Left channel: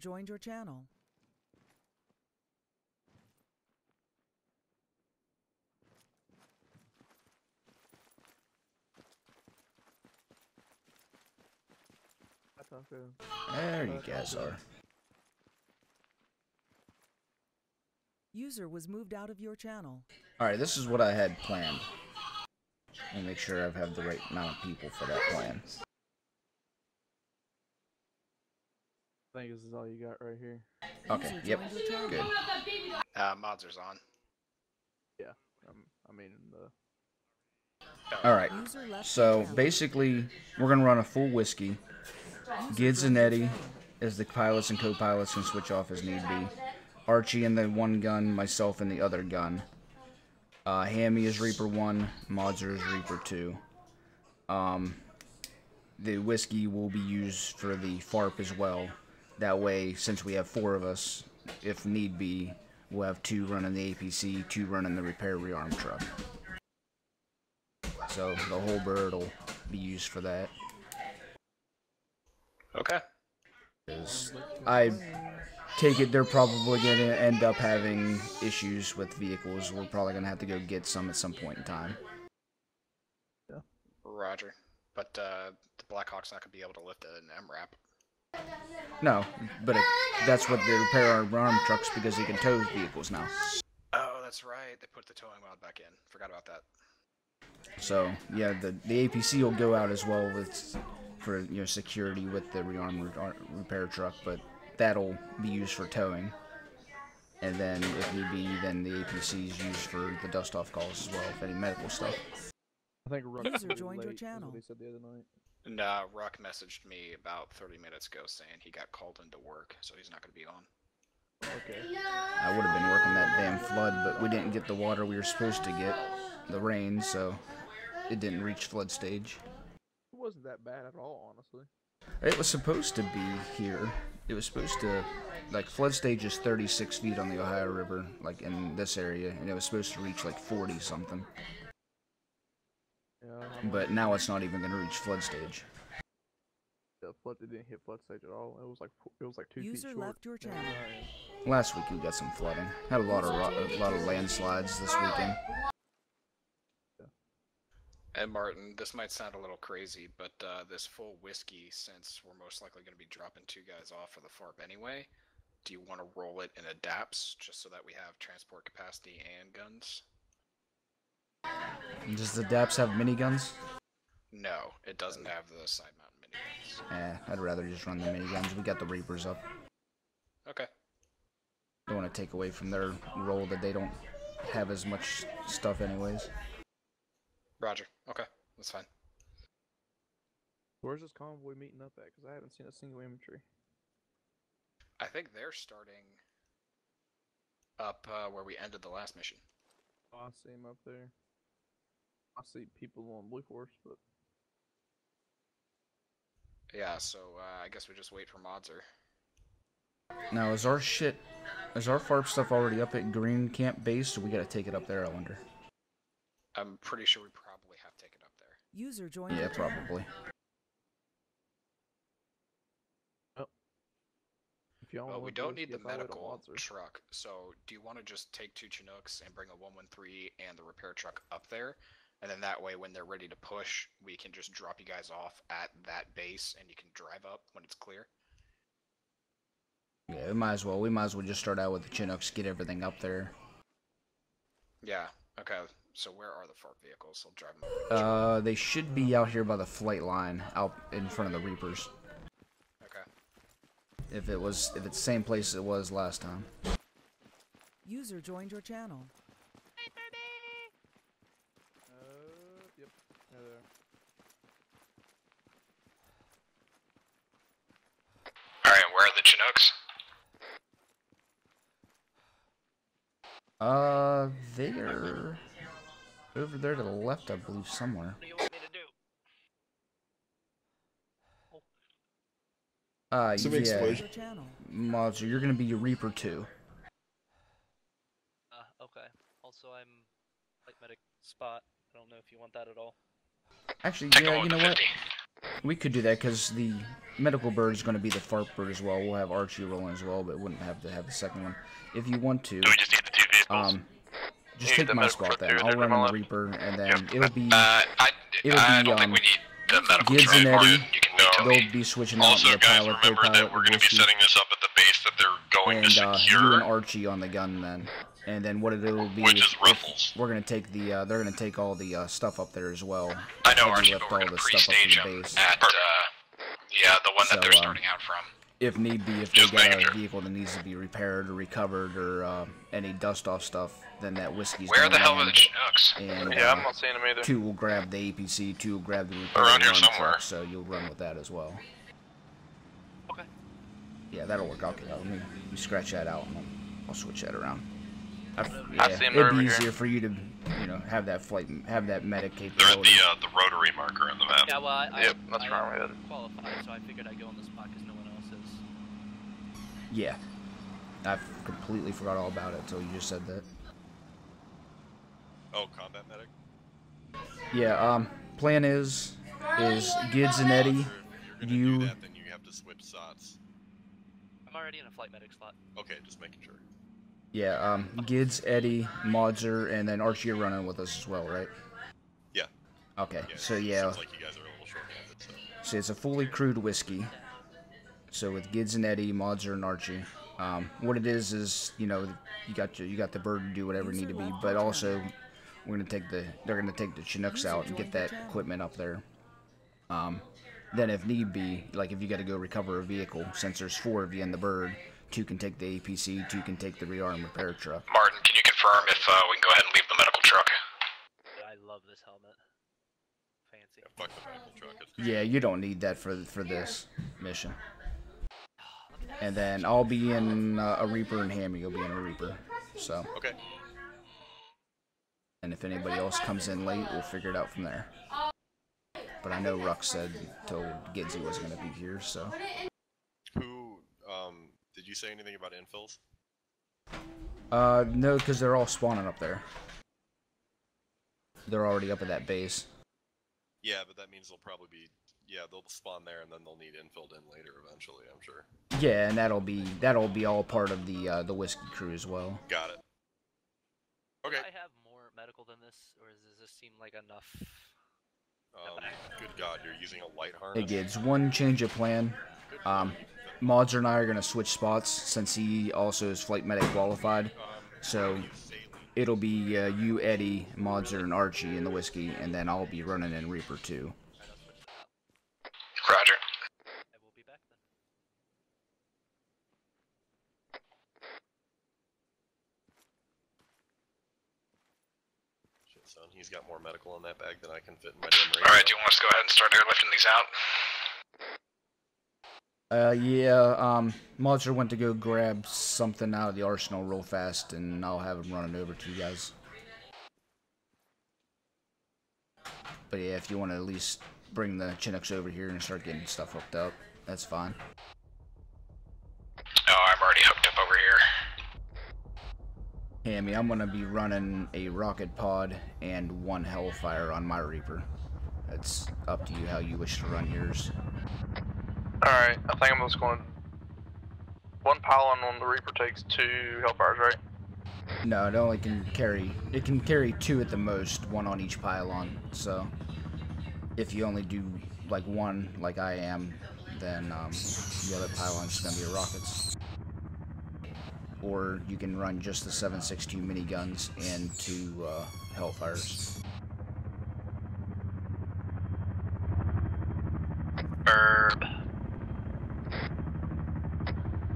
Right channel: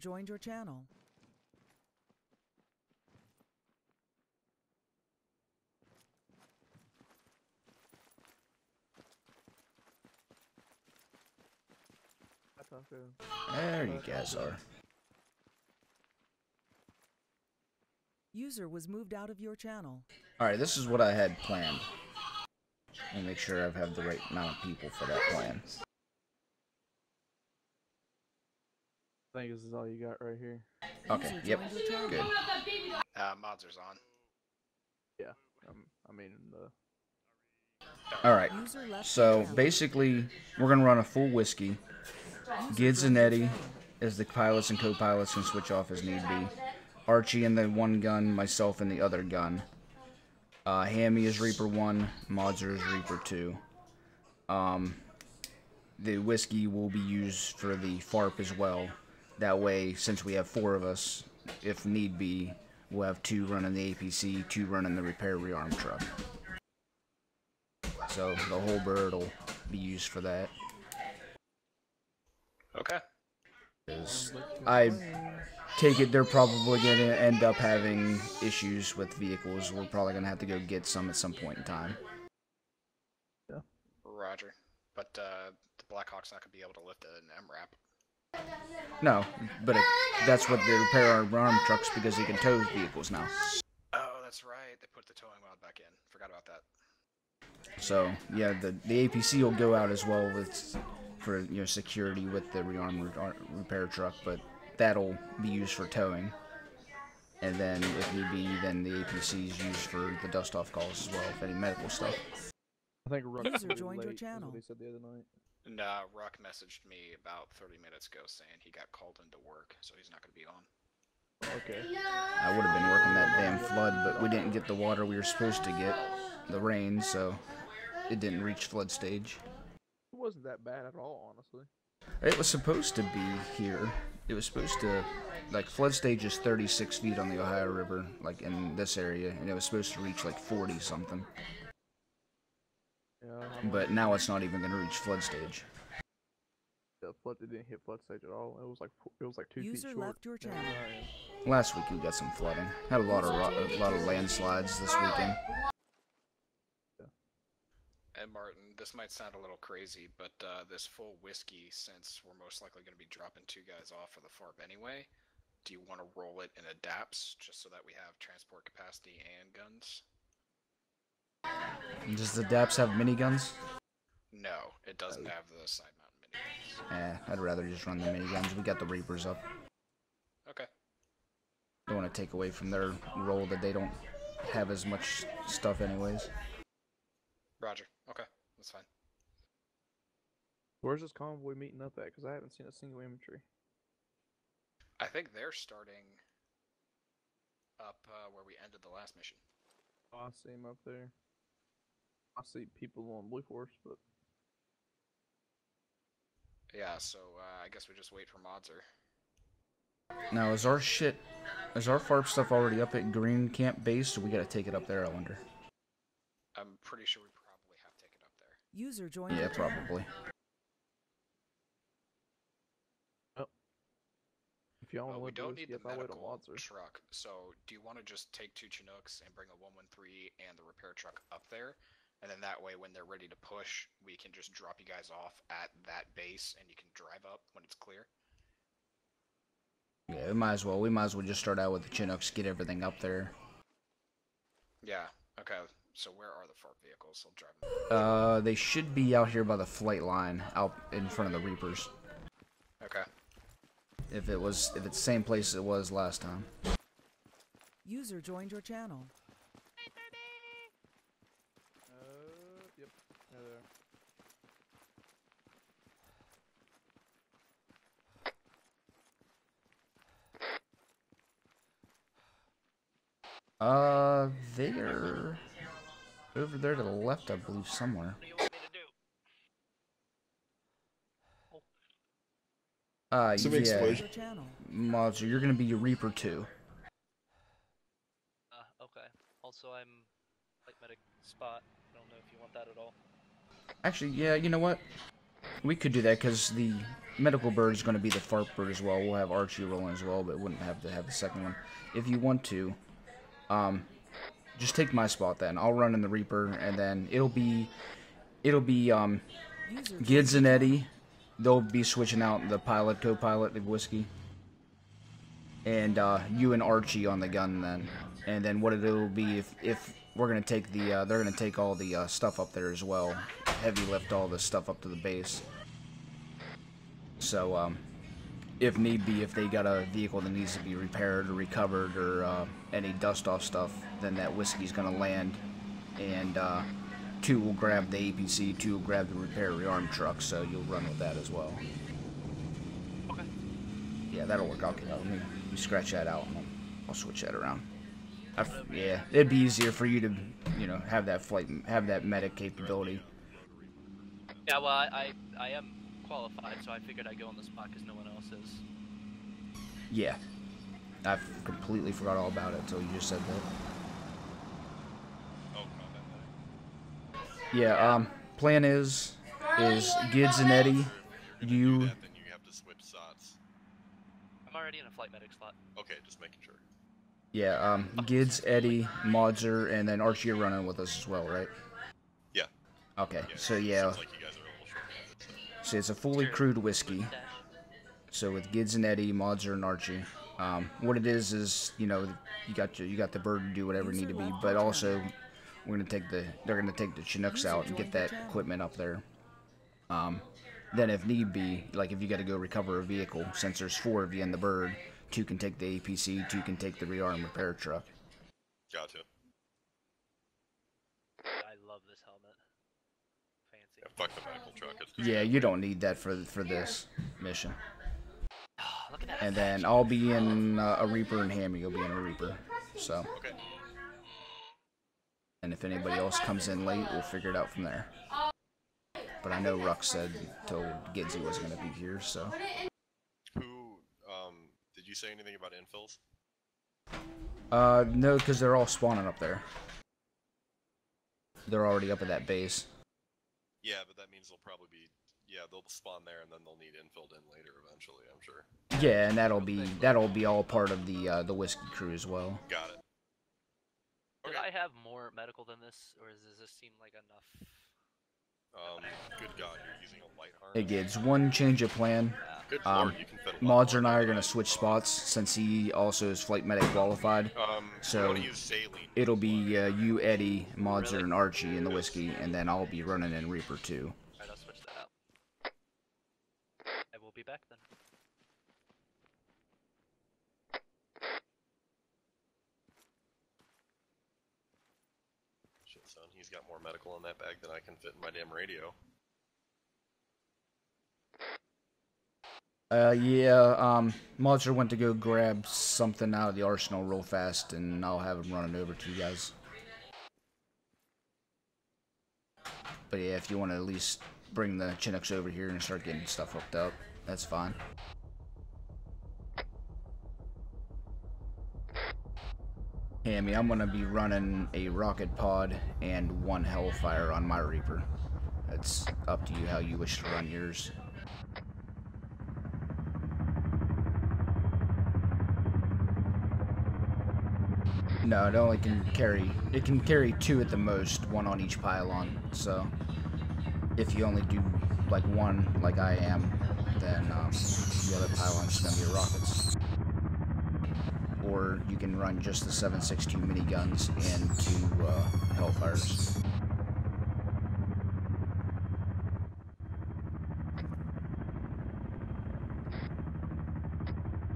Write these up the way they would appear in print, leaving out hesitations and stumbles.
joined your channel. There you guys are. User was moved out of your channel. Alright, this is what I had planned. Let me make sure I have the right amount of people for that plan. I think this is all you got right here. Okay, yep, good. Mods are on. Yeah, I mean the. Alright, so basically, we're gonna run a full whiskey. Gids and Eddie as the pilots and co-pilots can switch off as need be. Archie in the one gun, myself in the other gun. Hammy is Reaper 1, Modzer is Reaper 2. The whiskey will be used for the FARP as well. That way, since we have 4 of us, if need be, we'll have 2 running the APC, 2 running the repair rearm truck. So the whole bird will be used for that. Okay. I take it they're probably going to end up having issues with vehicles. We're probably going to have to go get some at some point in time. Yeah. Roger. But the Blackhawk's not going to be able to lift an MRAP. No, but that's what they repair our arm trucks because they can tow vehicles now. Oh, that's right. They put the towing mod back in. Forgot about that. So yeah, the APC will go out as well for security with the rearm repair truck, but that'll be used for towing. And then if need be, then the APC is used for the dust off calls as well, if any medical stuff. I think Ruck User joined your channel. They said the other night. Nah, Ruck messaged me about 30 minutes ago saying he got called into work, so he's not going to be on. Okay. I would have been working that damn flood, but we didn't get the water we were supposed to get, the rain, so it didn't reach flood stage. It wasn't that bad at all, honestly. It was supposed to be here. It was supposed to, like, flood stage is 36 feet on the Ohio River, like in this area, and it was supposed to reach like 40 something. Yeah. But now it's not even going to reach flood stage. The flood didn't hit flood stage at all. It was like 2 feet User short. left your channel. Last week we got some flooding. Had a lot of landslides this weekend. And Martin, this might sound a little crazy, but this full whiskey, since we're most likely going to be dropping 2 guys off of the FARP anyway, do you want to roll it in adapts just so that we have transport capacity and guns? Does the DAPS have miniguns? No, it doesn't have the side mount miniguns. I'd rather just run the miniguns. We got the Reapers up. Okay. Don't want to take away from their role that they don't have as much stuff anyways. Roger. Okay, that's fine. Where's this convoy meeting up at? Because I haven't seen a single infantry. I think they're starting up where we ended the last mission. Oh, I see him up there. I see people on Blue Force, but... Yeah, so I guess we just wait for Modzer. Now, is our FARP stuff already up at Green Camp Base, or we gotta take it up there, I wonder? I'm pretty sure we probably have to take it up there. User joined Yeah, your channel. probably. Oh. If y'all Well, we want to don't need the if I wait on medical Watson. truck, so do you want to just take 2 Chinooks and bring a 113 and the repair truck up there? And then that way, when they're ready to push, we can just drop you guys off at that base, and you can drive up when it's clear. Yeah, we might as well just start out with the Chinooks, get everything up there. Yeah, okay. So where are the FARP vehicles? I'll drive them. They should be out here by the flight line, out in front of the Reapers. Okay. If it's the same place it was last time. User joined your channel. Yep. Yeah, there. Alright, where are the Chinooks? They're over there to the left, I believe, somewhere. Yeah. Modzer, you're gonna be your Reaper 2. Okay. Also, I'm light medic spot. I don't know if you want that at all. Actually, yeah, you know what? We could do that because the medical bird is going to be the fart bird as well. We'll have Archie rolling as well, but wouldn't have to have the second one. If you want to, Do we just need the 2 vehicles? just take my spot then. I'll run in the Reaper, and then it'll be I don't think we need the medical Gids and truck, Eddie. Martin. You can go. They'll be switching out Also, the guys, pilot, remember that co-pilot, we're the going to be whiskey, setting this up at the base that they're going and to secure. you and Archie on the gun then. And then what it'll be Which is is if Ruffles. we're gonna take the they're gonna take all the stuff up there as well. I know, Heavy Archie, lift but we're all going the to stuff up to pre-stage the them base. at, yeah, the one So, that they're starting out from. If need be, if they Just got making a sure. vehicle that needs to be repaired or recovered or any dust off stuff, then that whiskey's Where gonna the hell are the land. Chinooks? And Yeah, I'm not seeing them either. 2 will grab the APC, 2 will grab the repair Around here run somewhere. truck, so you'll run with that as well. Okay. Yeah, that'll work. Okay, let me scratch that out, and I'll switch that around. I Yeah, see 'em it'd over be here. easier for you to, have that flight, have that medic They're at capability. the rotary marker on the map. Yeah, well, I Yep, that's where I'm am headed. qualified, so I figured I'd go on the spot because no one else is. Yeah, I completely forgot all about it until you just said that. Oh, combat medic. Yeah, plan is Gids and Eddie, you, Then you have to switch slots. I'm already in a flight medic slot. Okay, just making sure. yeah, Gids, Eddie, Modzer, and then Archie are running with us as well, right? Yeah. Okay, so yeah, Sounds like you guys are a little short-handed, so. so it's a fully crewed whiskey. So with Gids and Eddie, Modzer, and Archie, what it is you got the bird to do whatever it need to be, but also they're gonna take the Chinooks out and get that equipment up there. Then if need be, like if you got to go recover a vehicle, since there's 4 of you in the bird, 2 can take the APC, 2 can take the rearm repair truck. Martin, can you confirm if we can go ahead and leave the medical truck? I love this helmet. Fancy. Yeah, fuck the medical truck. Yeah, you don't need that for this mission. Look at that. And then I'll be in a Reaper, and Hammy will be in a Reaper. So, Okay. and if anybody else comes in late, we'll figure it out from there. But I know Ruck told Gids he wasn't gonna be here, so. Who, did you say anything about infills? No, because they're all spawning up there. They're already up at that base. Yeah, but that means they'll probably be, they'll spawn there and then they'll need infilled in later eventually, I'm sure. Yeah, and that'll be all part of the whiskey crew as well. Got it. Did Okay. I have more medical than this, or does this seem like enough? Good God, you're using a light harness? Hey Gids, one change of plan. Good Lord, you can fit him. Modzer and I are gonna switch spots since he also is flight medic qualified. So Use saline. it'll be you, Eddie, Modzer, and Archie in the whiskey, and then I'll be running in Reaper too. Alright, I'll switch that up. Roger. I will be back then. Shit, son, he's got more medical in that bag than I can fit in my damn radio. Alright, do you want us to go ahead and start airlifting these out? Yeah, Modzer went to go grab something out of the arsenal real fast, and I'll have him running over to you guys. But yeah, if you want to at least bring the Chinooks over here and start getting stuff hooked up, that's fine. Oh, I'm already hooked up over here. Hammy, I'm gonna be running a rocket pod and 1 Hellfire on my Reaper. It's up to you how you wish to run yours. Alright, I think I'm just going 1 pylon on the Reaper takes 2 Hellfires, right? No, it only can carry. It can carry 2 at the most, 1 on each pylon. So, if you only do like 1, like I am, then the other pylon's gonna be rockets. Or you can run just the 7.62 miniguns and 2 Hellfires. Herb.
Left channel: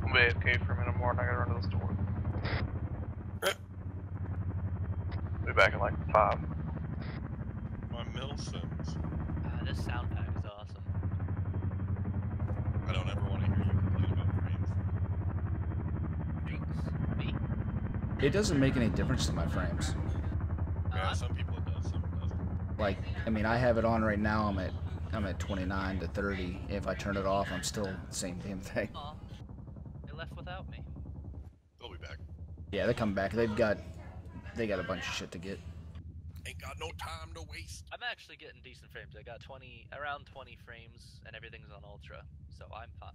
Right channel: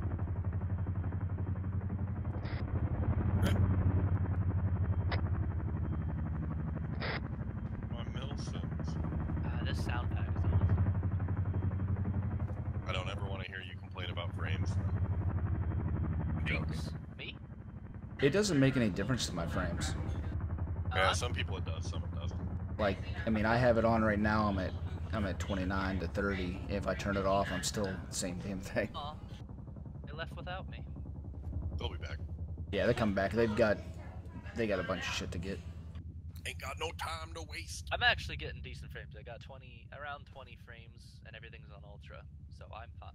I'll be AFK for a minute more and I gotta run to the store. Be back in like 5. My Milsons. This sound pack is awesome. I don't ever want to hear you complain about frames. Me? It doesn't make any difference to my frames. Yeah, some people it does, some it doesn't. Like, I mean, I have it on right now. I'm at 29 to 30. If I turn it off, I'm still the same damn thing. Aw. They left without me. They'll be back. Yeah, they come back. They got a bunch of shit to get. Thank got no time to waste. I'm actually getting decent frames. I got around 20 frames, and everything's on ultra, so I'm fine.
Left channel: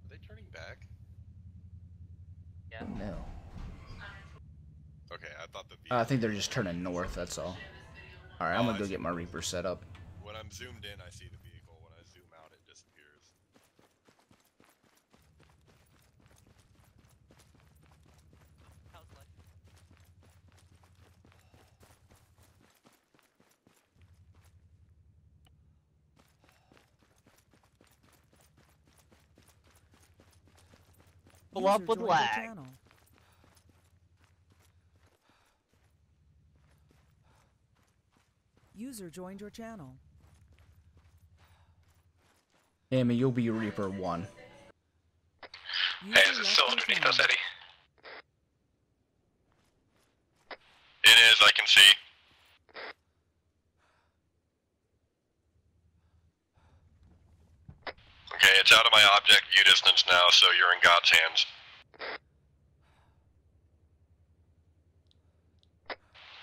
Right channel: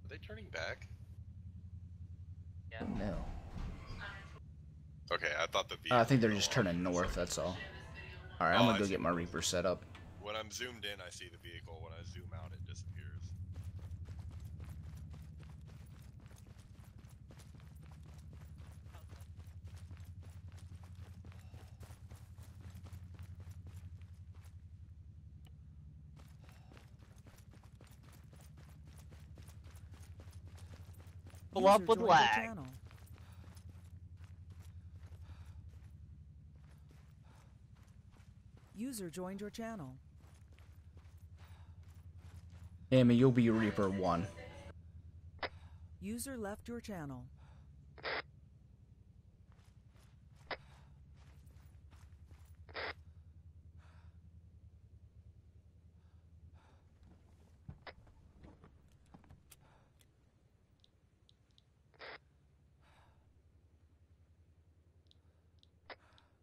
Are they turning back? Yeah. No. Okay, I thought the I think they're just turning north, that's all. Alright, I'm gonna go get my Reaper set up. When I'm zoomed in, I see the vehicle. When I zoom out, it disappears. Pull up User with joined your lag. channel. User joined your channel. Amy, you'll be Reaper 1. User Hey, is it left still your underneath channel. us, Eddie? It is, I can see. Okay, it's out of my object view distance now, so you're in God's hands.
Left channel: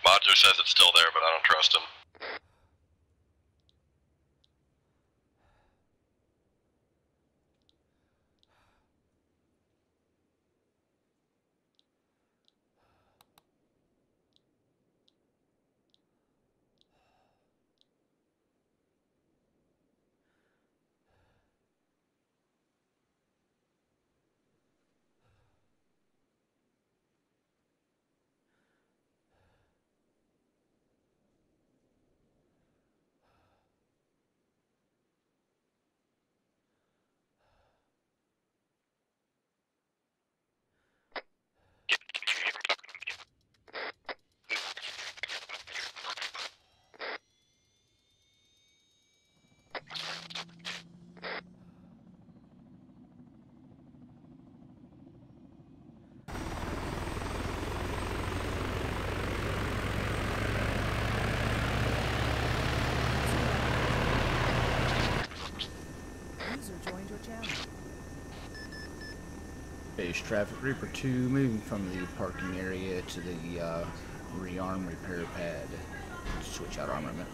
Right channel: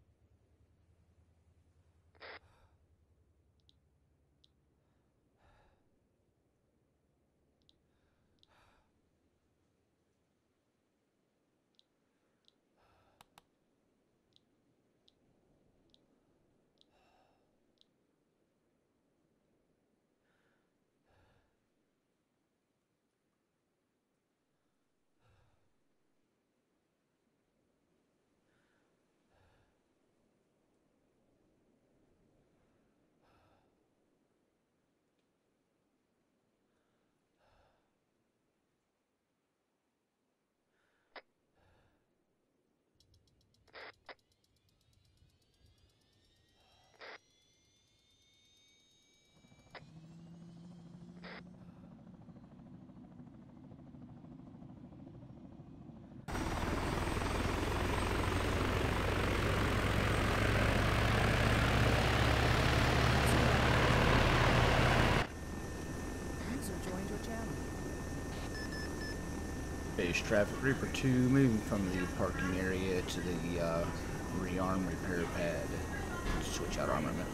Modzer says it's still there, but I don't trust him. User joined your channel. Base traffic, Reaper 2 moving from the parking area to the rearm repair pad. Switch out armament.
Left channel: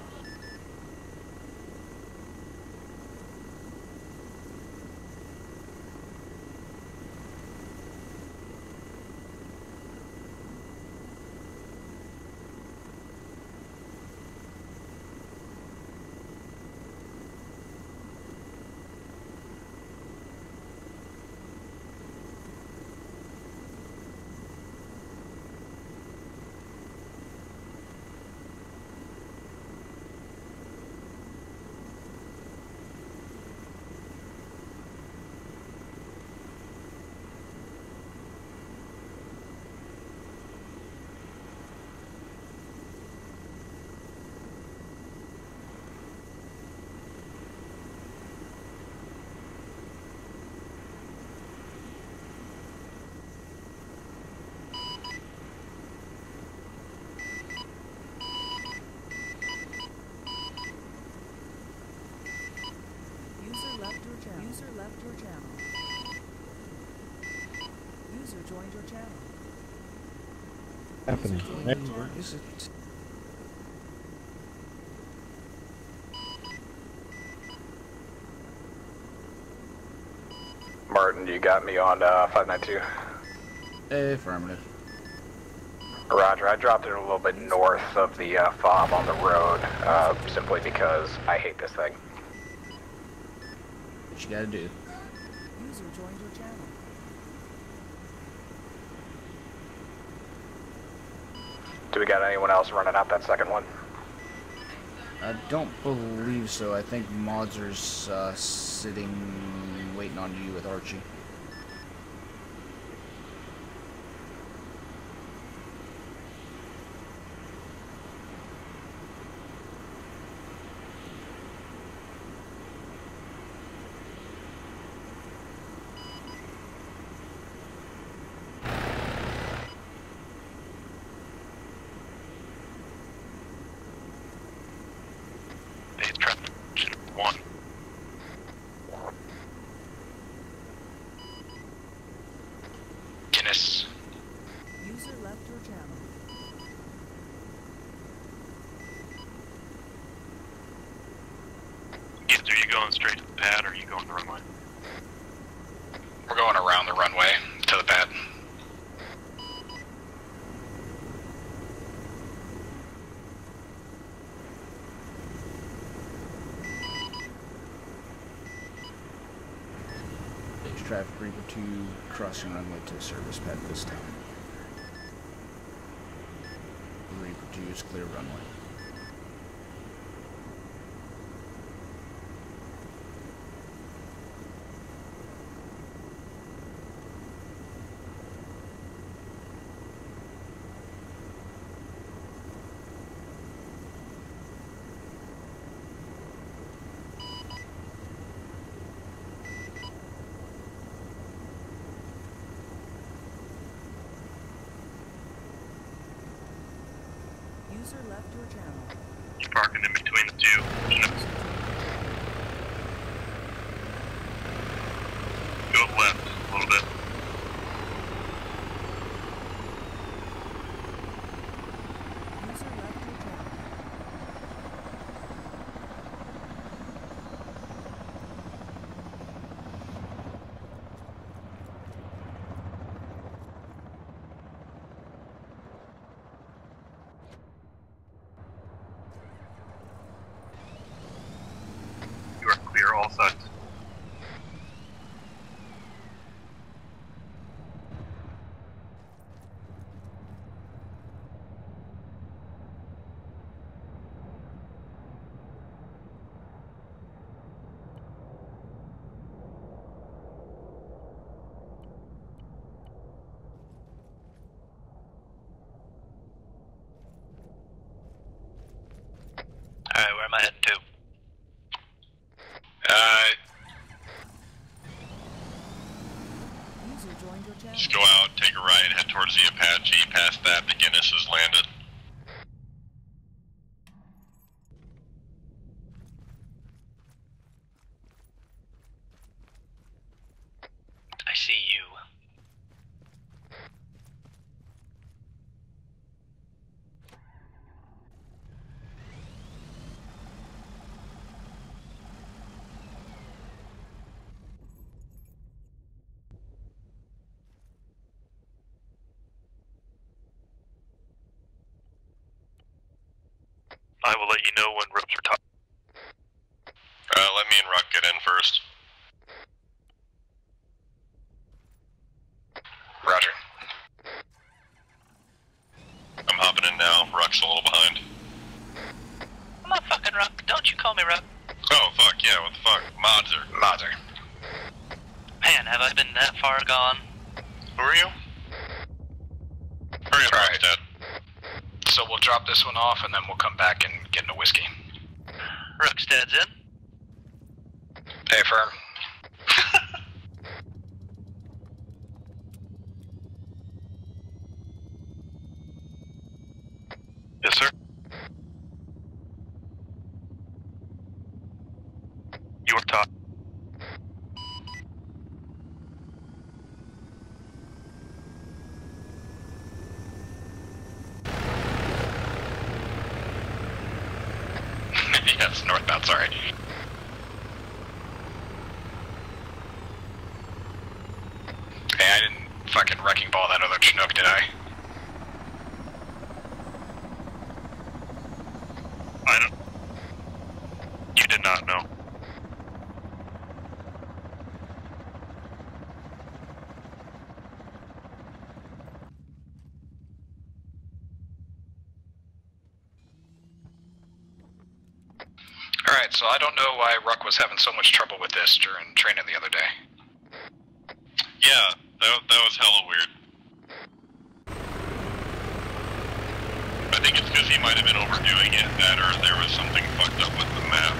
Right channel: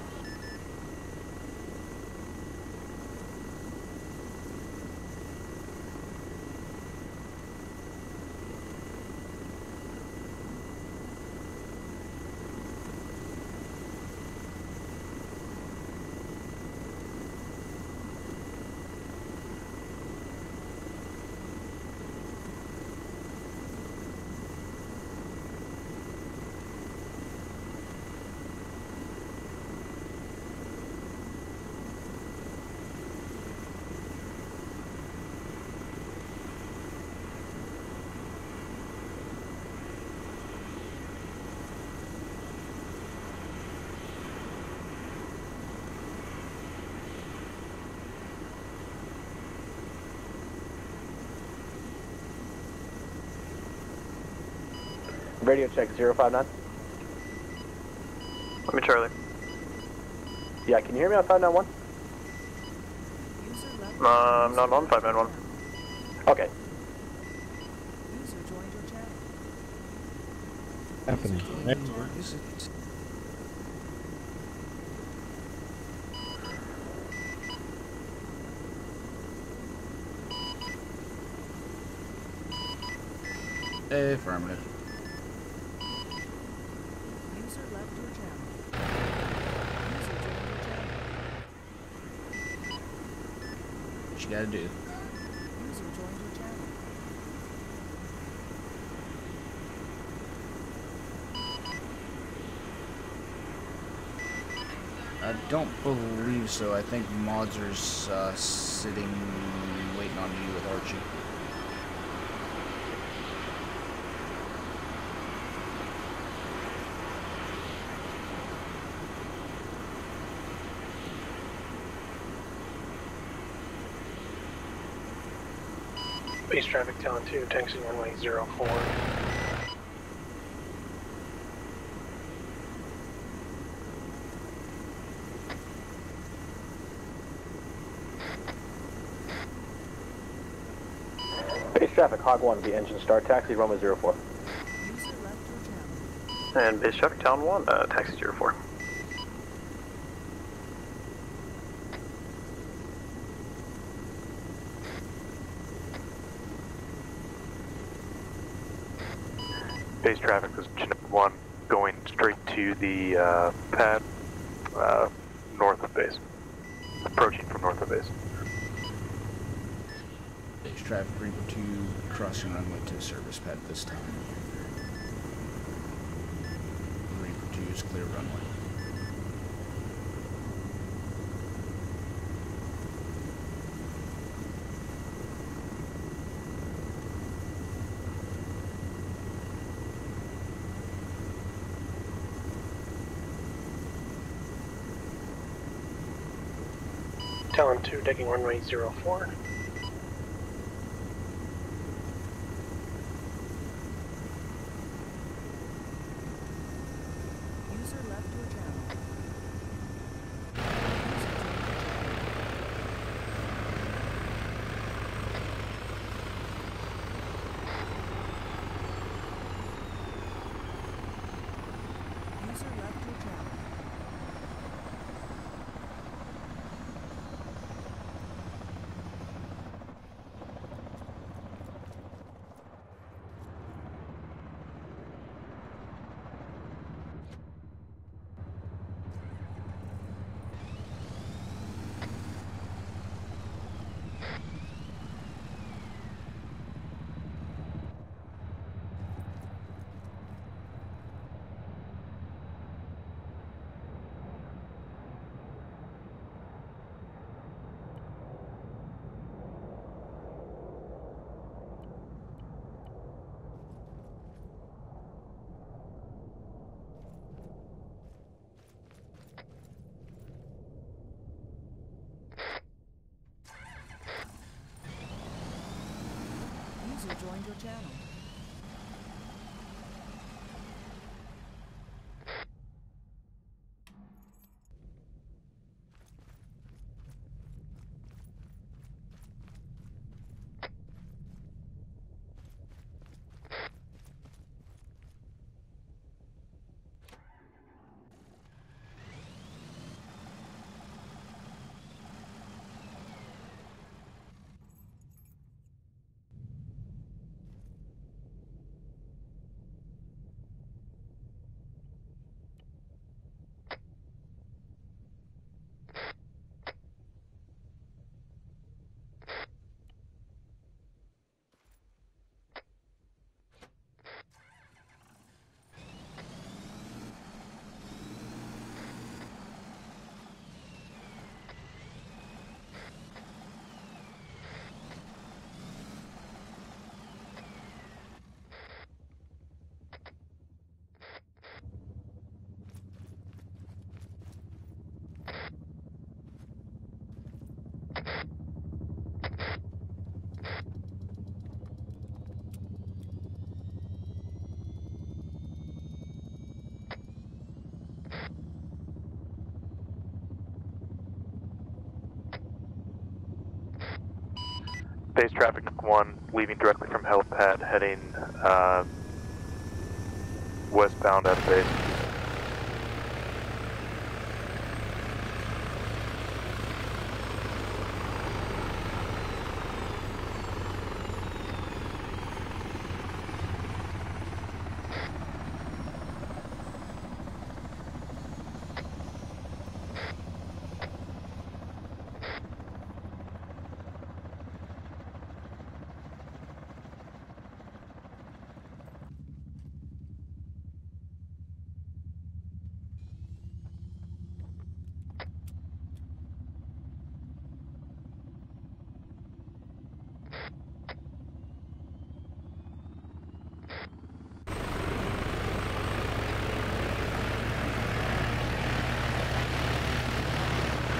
Radio check 059. Let me Charlie. Yeah, can you hear me on 591? User left I'm not on left your 591. channel. Okay. User joined your channel. Happening. Network. Is it? Martin, you got me on 592. Affirmative. Roger, I dropped it a little bit north of the fob on the road, simply because I hate this thing. What you gotta do? User joined your channel. Do we got anyone else running out that second one? I don't believe so. I think Modzer's sitting, waiting on you with Archie. Base traffic telling 2, taxi runway 04. Base traffic 1. Base traffic, Hog 1, the engine start, taxi Yes. runway 04. User left your channel. And base traffic town 1, taxi 04. Either are you going straight to the pad or are you going the runway? We're going around the runway to the pad. Base traffic was Chinook 1, going straight to the pad, north of base. Approaching from north of base. Base traffic Reaper 2 crossing runway to service pad this time. Reaper 2 is clear runway. Talon 2, taking runway 04. User left your channel. You're parking in between the two. Go left a little bit. User left your channel. You are clear all sides. Alright, where am I heading to? User joined your channel. Just go out, take a right, head towards the Apache. Past that, the Guinness has landed. I see you. I will let you know when ropes are tight. Let me and Ruck get in first. Roger. I'm hopping in now. Ruck's a little behind. I'm not fucking Ruck. Don't you call me Ruck. Oh, fuck, yeah, what the fuck? Mods are. Man, have I been that far gone? Who are you? Hurry up, Alright. Ruck's dead. So we'll drop this one off and then we'll come back and get into whiskey. Ruckstead's in. Hey, firm. Yes, sir. Your top. Base traffic 1, leaving directly from helipad, heading westbound at base. Yeah, it's northbound, sorry. Hey, I didn't fucking wrecking ball that other Chinook, did I? I don't. You did not know. Alright, so I don't know why Ruck was having so much trouble with this during training the other day. Yeah, that was hella weird. I think it's because he might have been overdoing it, that or there was something fucked up with the map.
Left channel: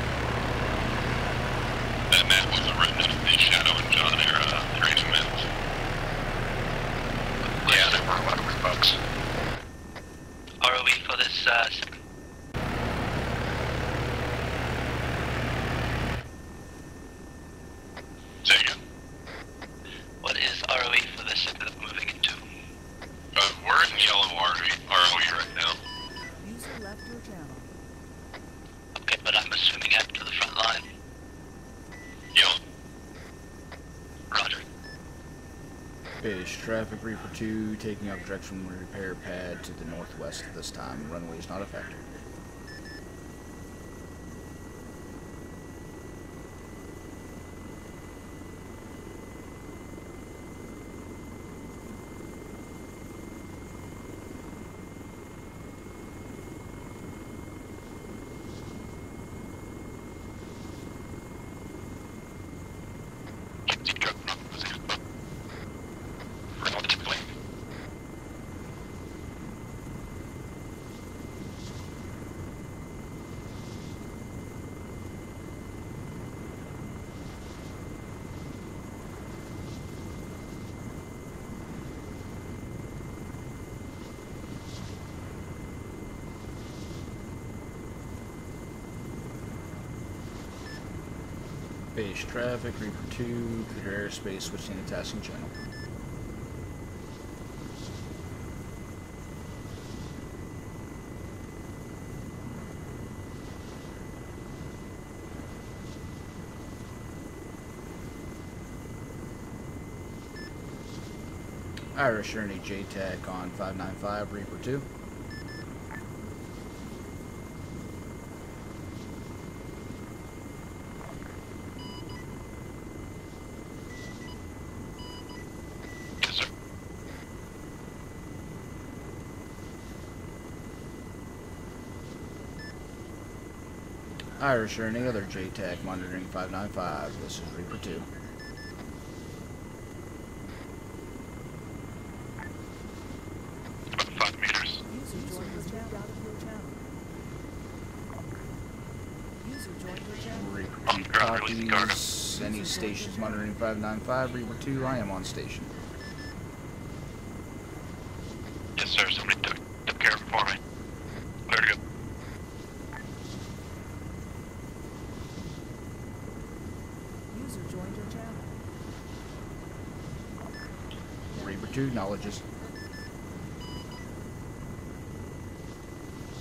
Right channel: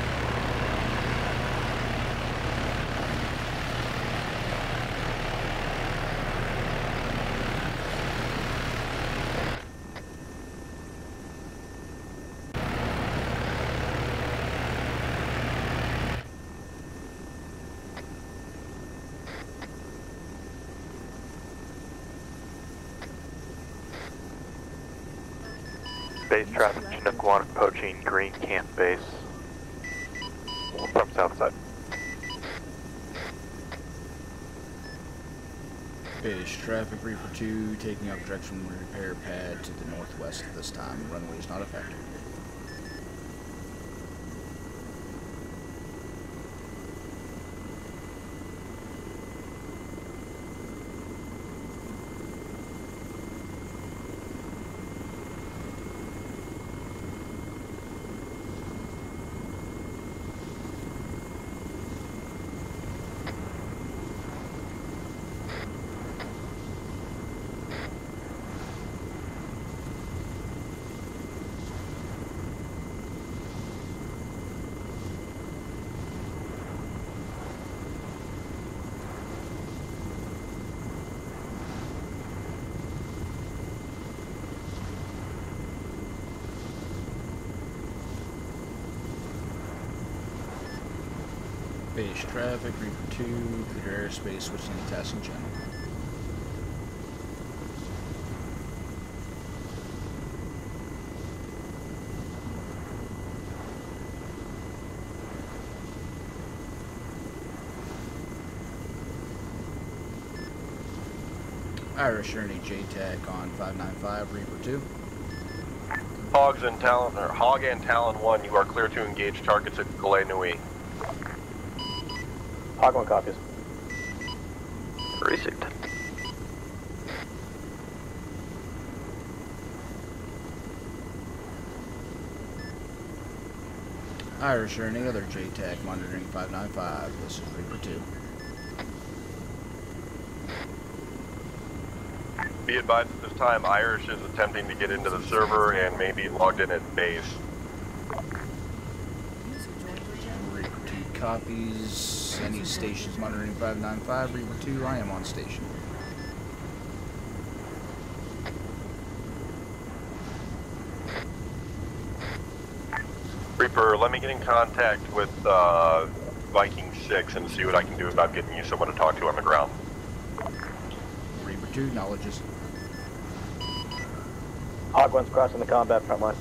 That map was written up the Shadow and John era training maps. Yeah, they were one of the folks. ROE for this, Say again. what is ROE for this moving into? We're in yellow ROE right Chinook 1 approaching Green Camp Base. Okay, but I'm assuming after the front line. From south side. Yo. Roger. Base traffic Reaper 2 taking up direction from repair pad to the northwest at this time. Runway is not affected. Base traffic, Reaper 2, clear airspace, switching to tasking channel. Irish Ernie JTAC on 595, Reaper 2. Hog and Talon 1, you are clear to engage targets at Gale Nui. Hog 1 copies. Received. Yes, sir. Irish Ernie, other JTAC monitoring 595, this is Reaper 2. Be advised at this time, Irish is attempting to get into the server and may be logged in at base. User joined your channel. Reaper 2 copies. Any stations monitoring 595, Reaper 2, I am on station. Yes, sir. Somebody took care of it for me. Where to go? Reaper, let me get in contact with Viking 6 and see what I can do about getting you someone to talk to on the ground. Reaper 2 acknowledges. Hog 1's crossing the combat front line.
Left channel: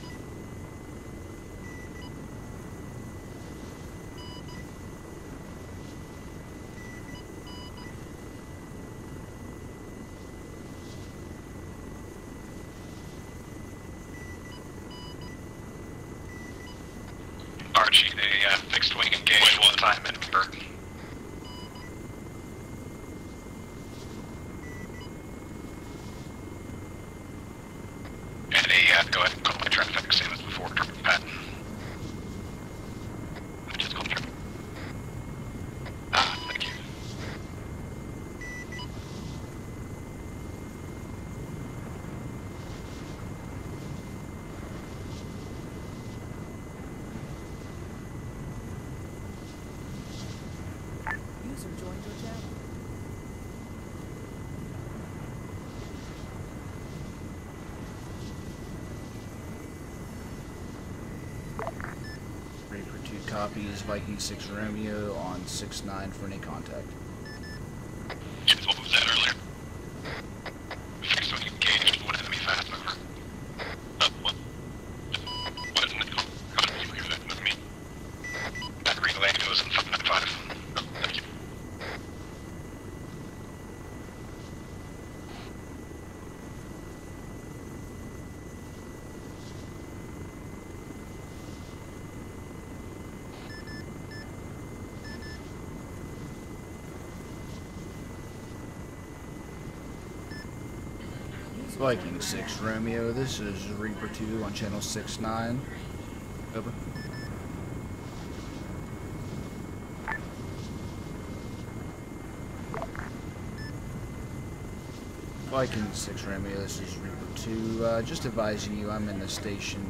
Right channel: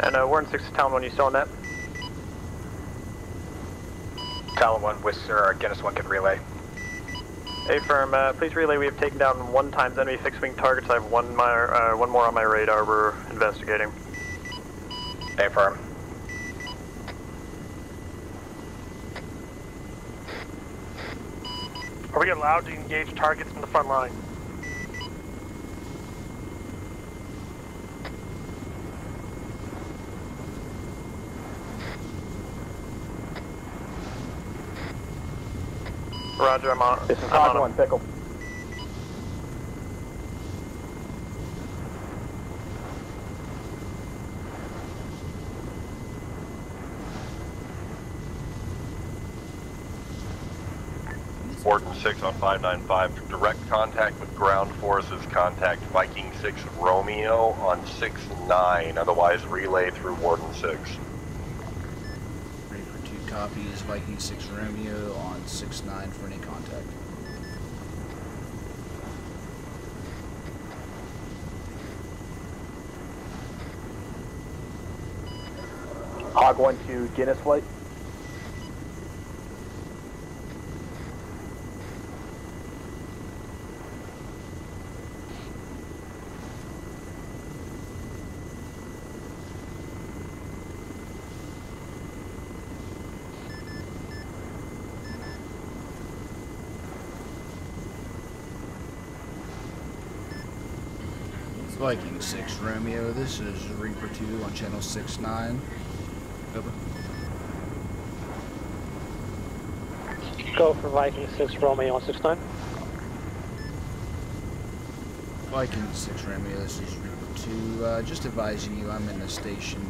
And Warden 6 to Talon 1, you still on that? Talon 1, Whistler, Guinness 1 can relay. Affirm, please relay, we have taken down 1 times enemy fixed-wing targets. I have one more on my radar we're investigating. Affirm. Archie, the fixed wing engaged 1 time in Burton. Are we allowed to engage targets in the front line? Any, go ahead and call my traffic, same as before, Pat. Roger, I'm on. This is Hog 1, Pickle. Warden 6 on 595, direct contact with ground forces, contact Viking 6 Romeo on 6-9, otherwise relay through Warden 6. Reaper 2 copies, Viking 6 Romeo on 6-9 for any contact. What was that earlier? Fixed wing engaged 1 enemy fast over. What isn't it? Hog 1 to Guinness flight. That relay goes in 595. Thank you. Viking 6 Romeo, this is Reaper 2 on channel 6-9. Over. Go for Viking 6 Romeo on 6-9. Viking 6 Romeo, this is Reaper 2. Just advising you, I'm in the station,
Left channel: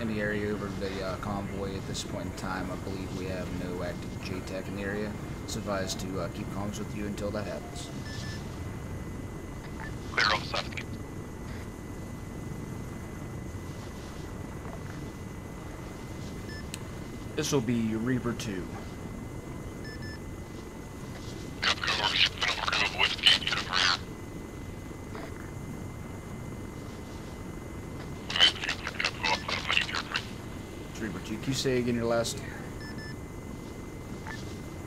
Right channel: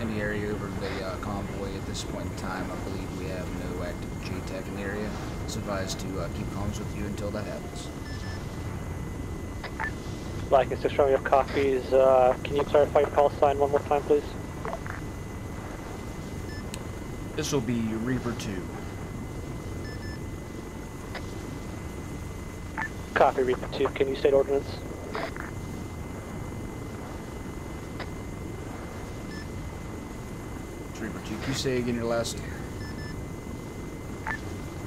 in the area over the convoy at this point in time. I believe we have no active JTAC in the area. It's advised to keep comms with you until that happens. Viking 6 Romeo copies. Can you clarify your call sign one more time, please? This will be Reaper 2. Copy, please can you state ordinance? you. Can you say again your last?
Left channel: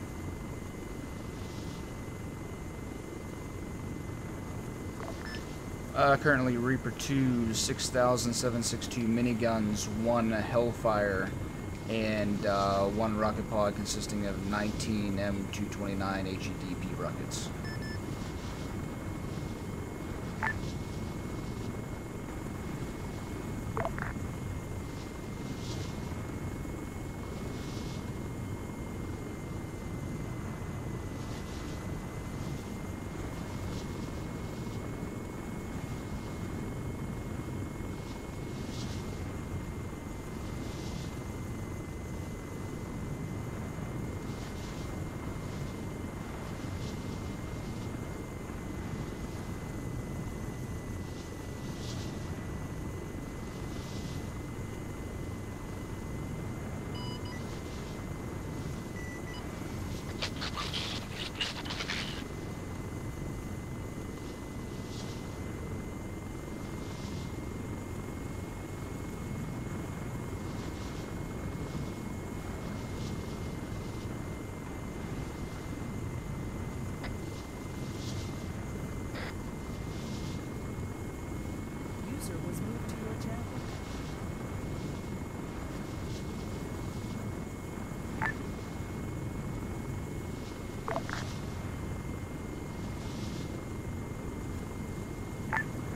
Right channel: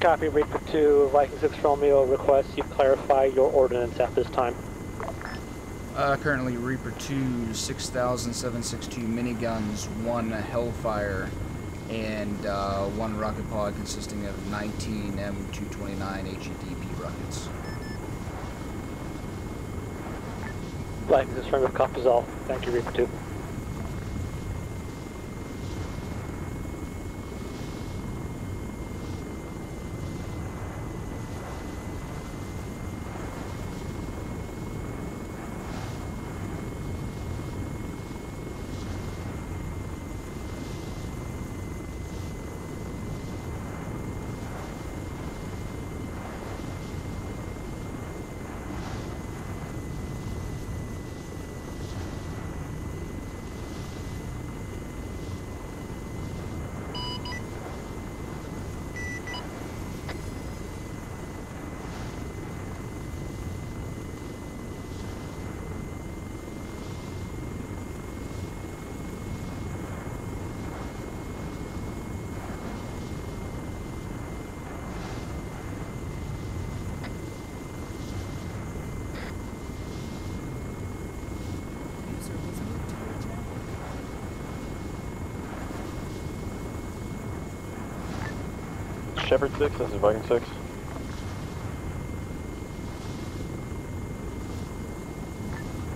Copy, Reaper 2, Viking 6 Romeo requests you clarify your ordinance at this time. Currently Reaper 2, 6,762 miniguns, 1 Hellfire, and 1 rocket pod consisting of 19 M229 HEDP rockets. Viking 6 Romeo, copies all. Thank you, Reaper 2. User was moved to your channel. Shepherd 6, this is Viking 6.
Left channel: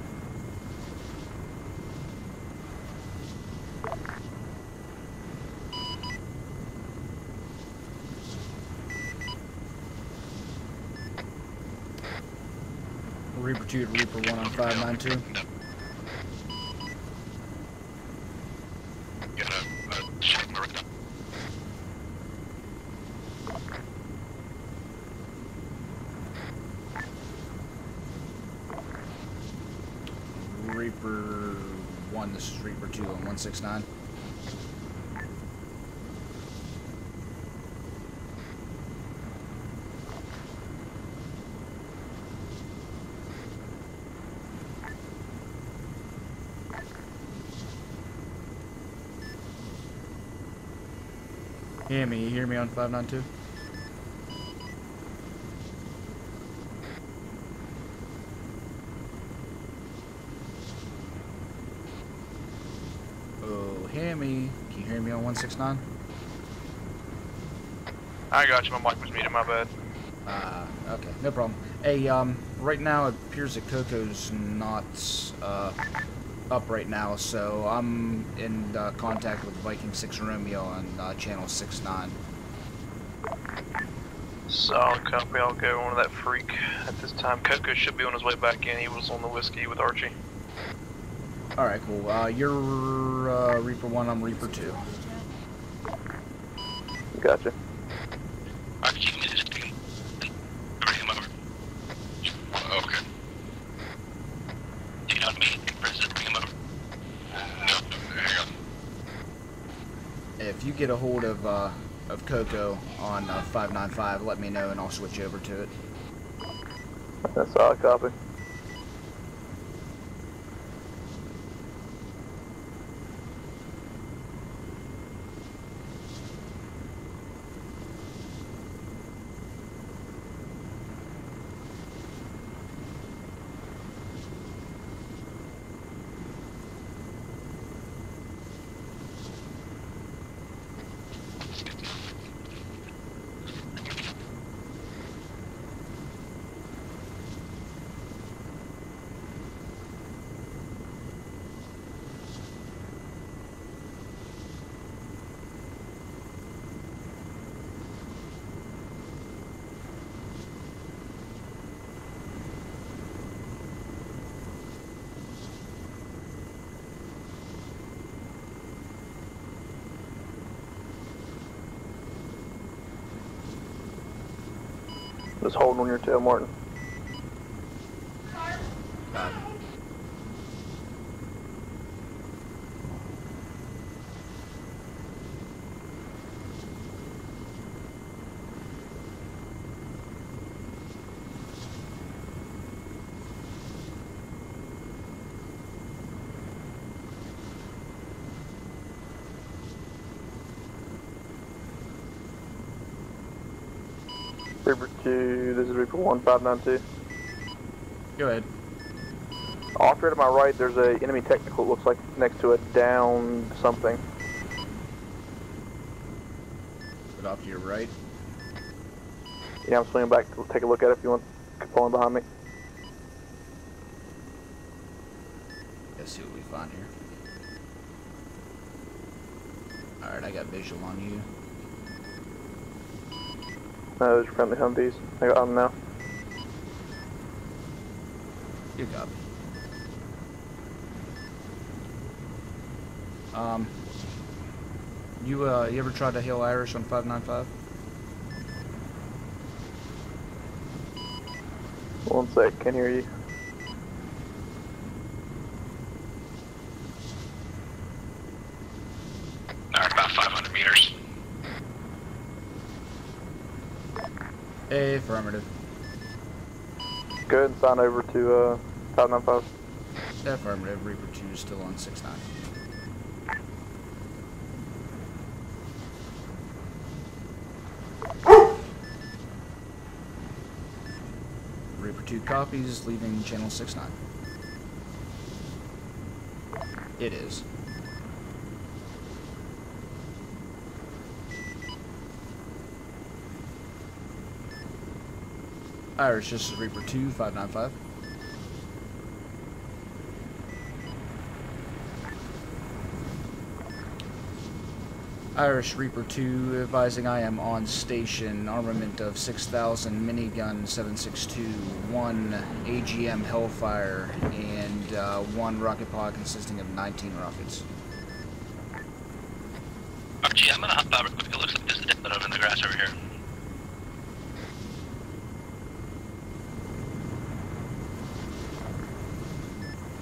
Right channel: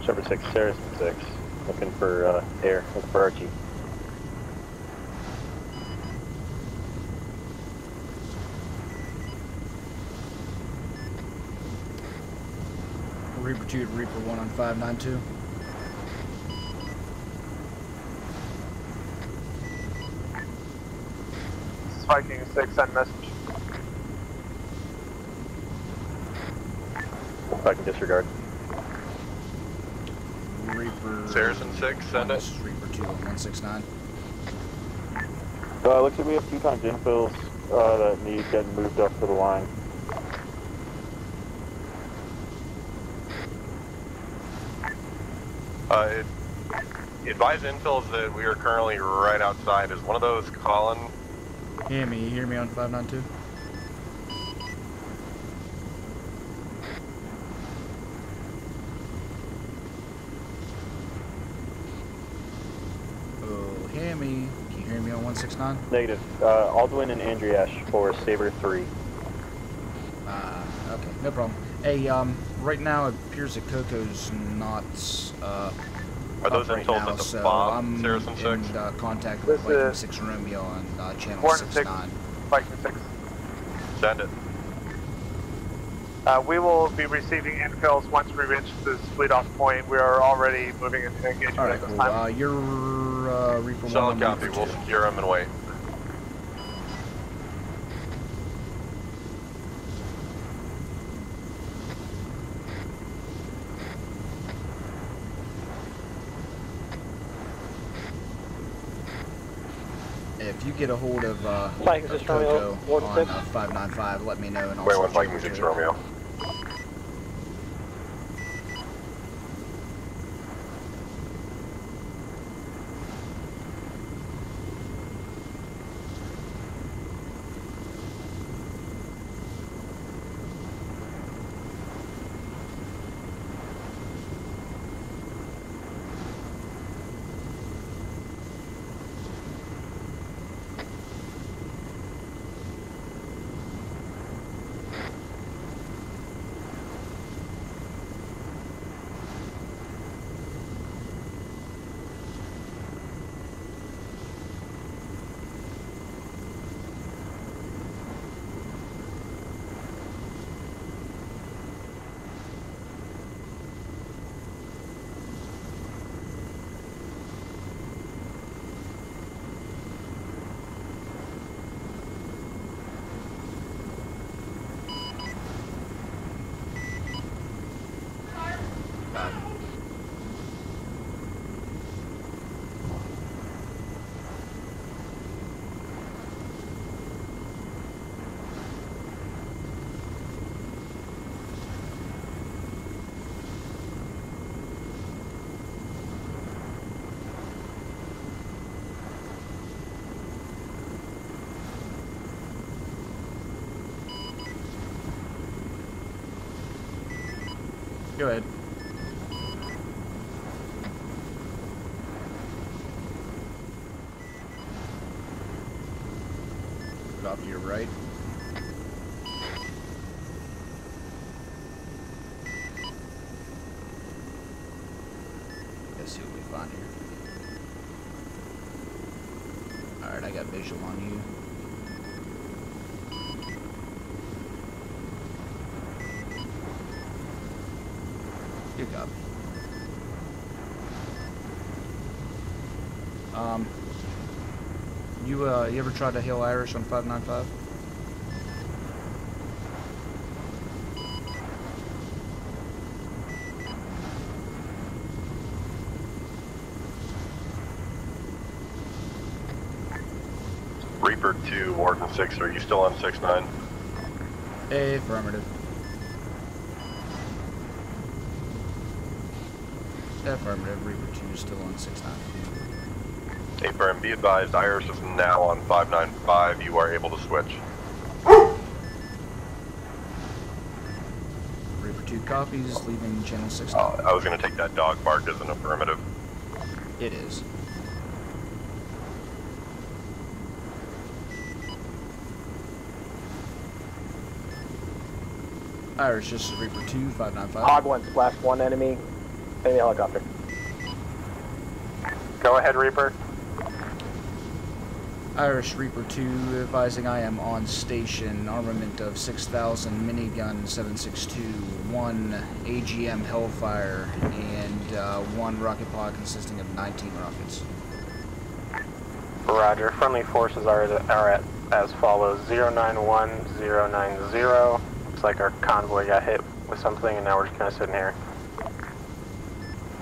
Shepherd 6, Saracen 6. Looking for air, looking for Archie. Reaper 2 to Reaper 1 on 592. Viking 6, send message. Viking disregard. Reaper Saracen 6, 1, send this it. is Reaper 2 on 169. Looks like we have 2 times infills that need getting moved up to the line. Advise infills that we are currently right outside. Is one of those Colin? Hear me? You hear me on 592? Oh, hear me? Can you hear me on 169? Negative. Aldwin and Andriash for Saber I got 3. you. I'm watching meeting. My bad. Okay, no problem. Hey, right now it appears that Coco's not up right now, so I'm in contact with Viking 6 Romeo on channel 69. Viking 6. Send it. So copy. I'll go on that. We will be receiving Coco should be on intel his way back in. He was on split the off whiskey point. with We RG. are already moving into engagement. Alright, cool. You're Reaper 1 on Solid Reaper copy. 2. We'll secure him and wait. Gotcha. Archie, is this thing? Bring him over. Okay. Do you know me? Where's this? Bring him over. No, hang on. If you get a hold of Coco on 595, let me know and I'll Wait, with switch over Viking 6 to it. Romeo. That's all, copy. Just holding on your tail, Martin. to, this is Reaper 1592. Go ahead. Off here to my right, there's a enemy technical, it looks like next to it, down something. Put off to your right. Yeah, I'm swinging back to take a look at it if you want. Falling behind me. Let's see what we find here. Alright, I got visual on you. No, those are friendly Humvees. I got them now. Good copy. You ever tried to hail Irish on 595? One sec, can't hear you. Alright, about 500 meters. Reaper 2, Warden 6, are you still on 6-9? Affirmative. Good, sign over to 595. Affirmative. Reaper 2 is still on 6-9. Affirm, be advised, Iris is now on 595, you are able to switch. Reaper 2 copies, leaving channel 6-9. I was going to take that dog bark as an affirmative. It is. Irish, this is Reaper 2, 595. Hog went slash one enemy. Enemy helicopter. Go ahead, Reaper. Irish Reaper 2 advising I am on station. Armament of 6,000 minigun 7.62, 1 AGM Hellfire, and 1 rocket pod consisting of 19 rockets. Roger. Friendly forces are as follows: 091090. Looks like our convoy got hit with something, and now we're just kind of sitting here.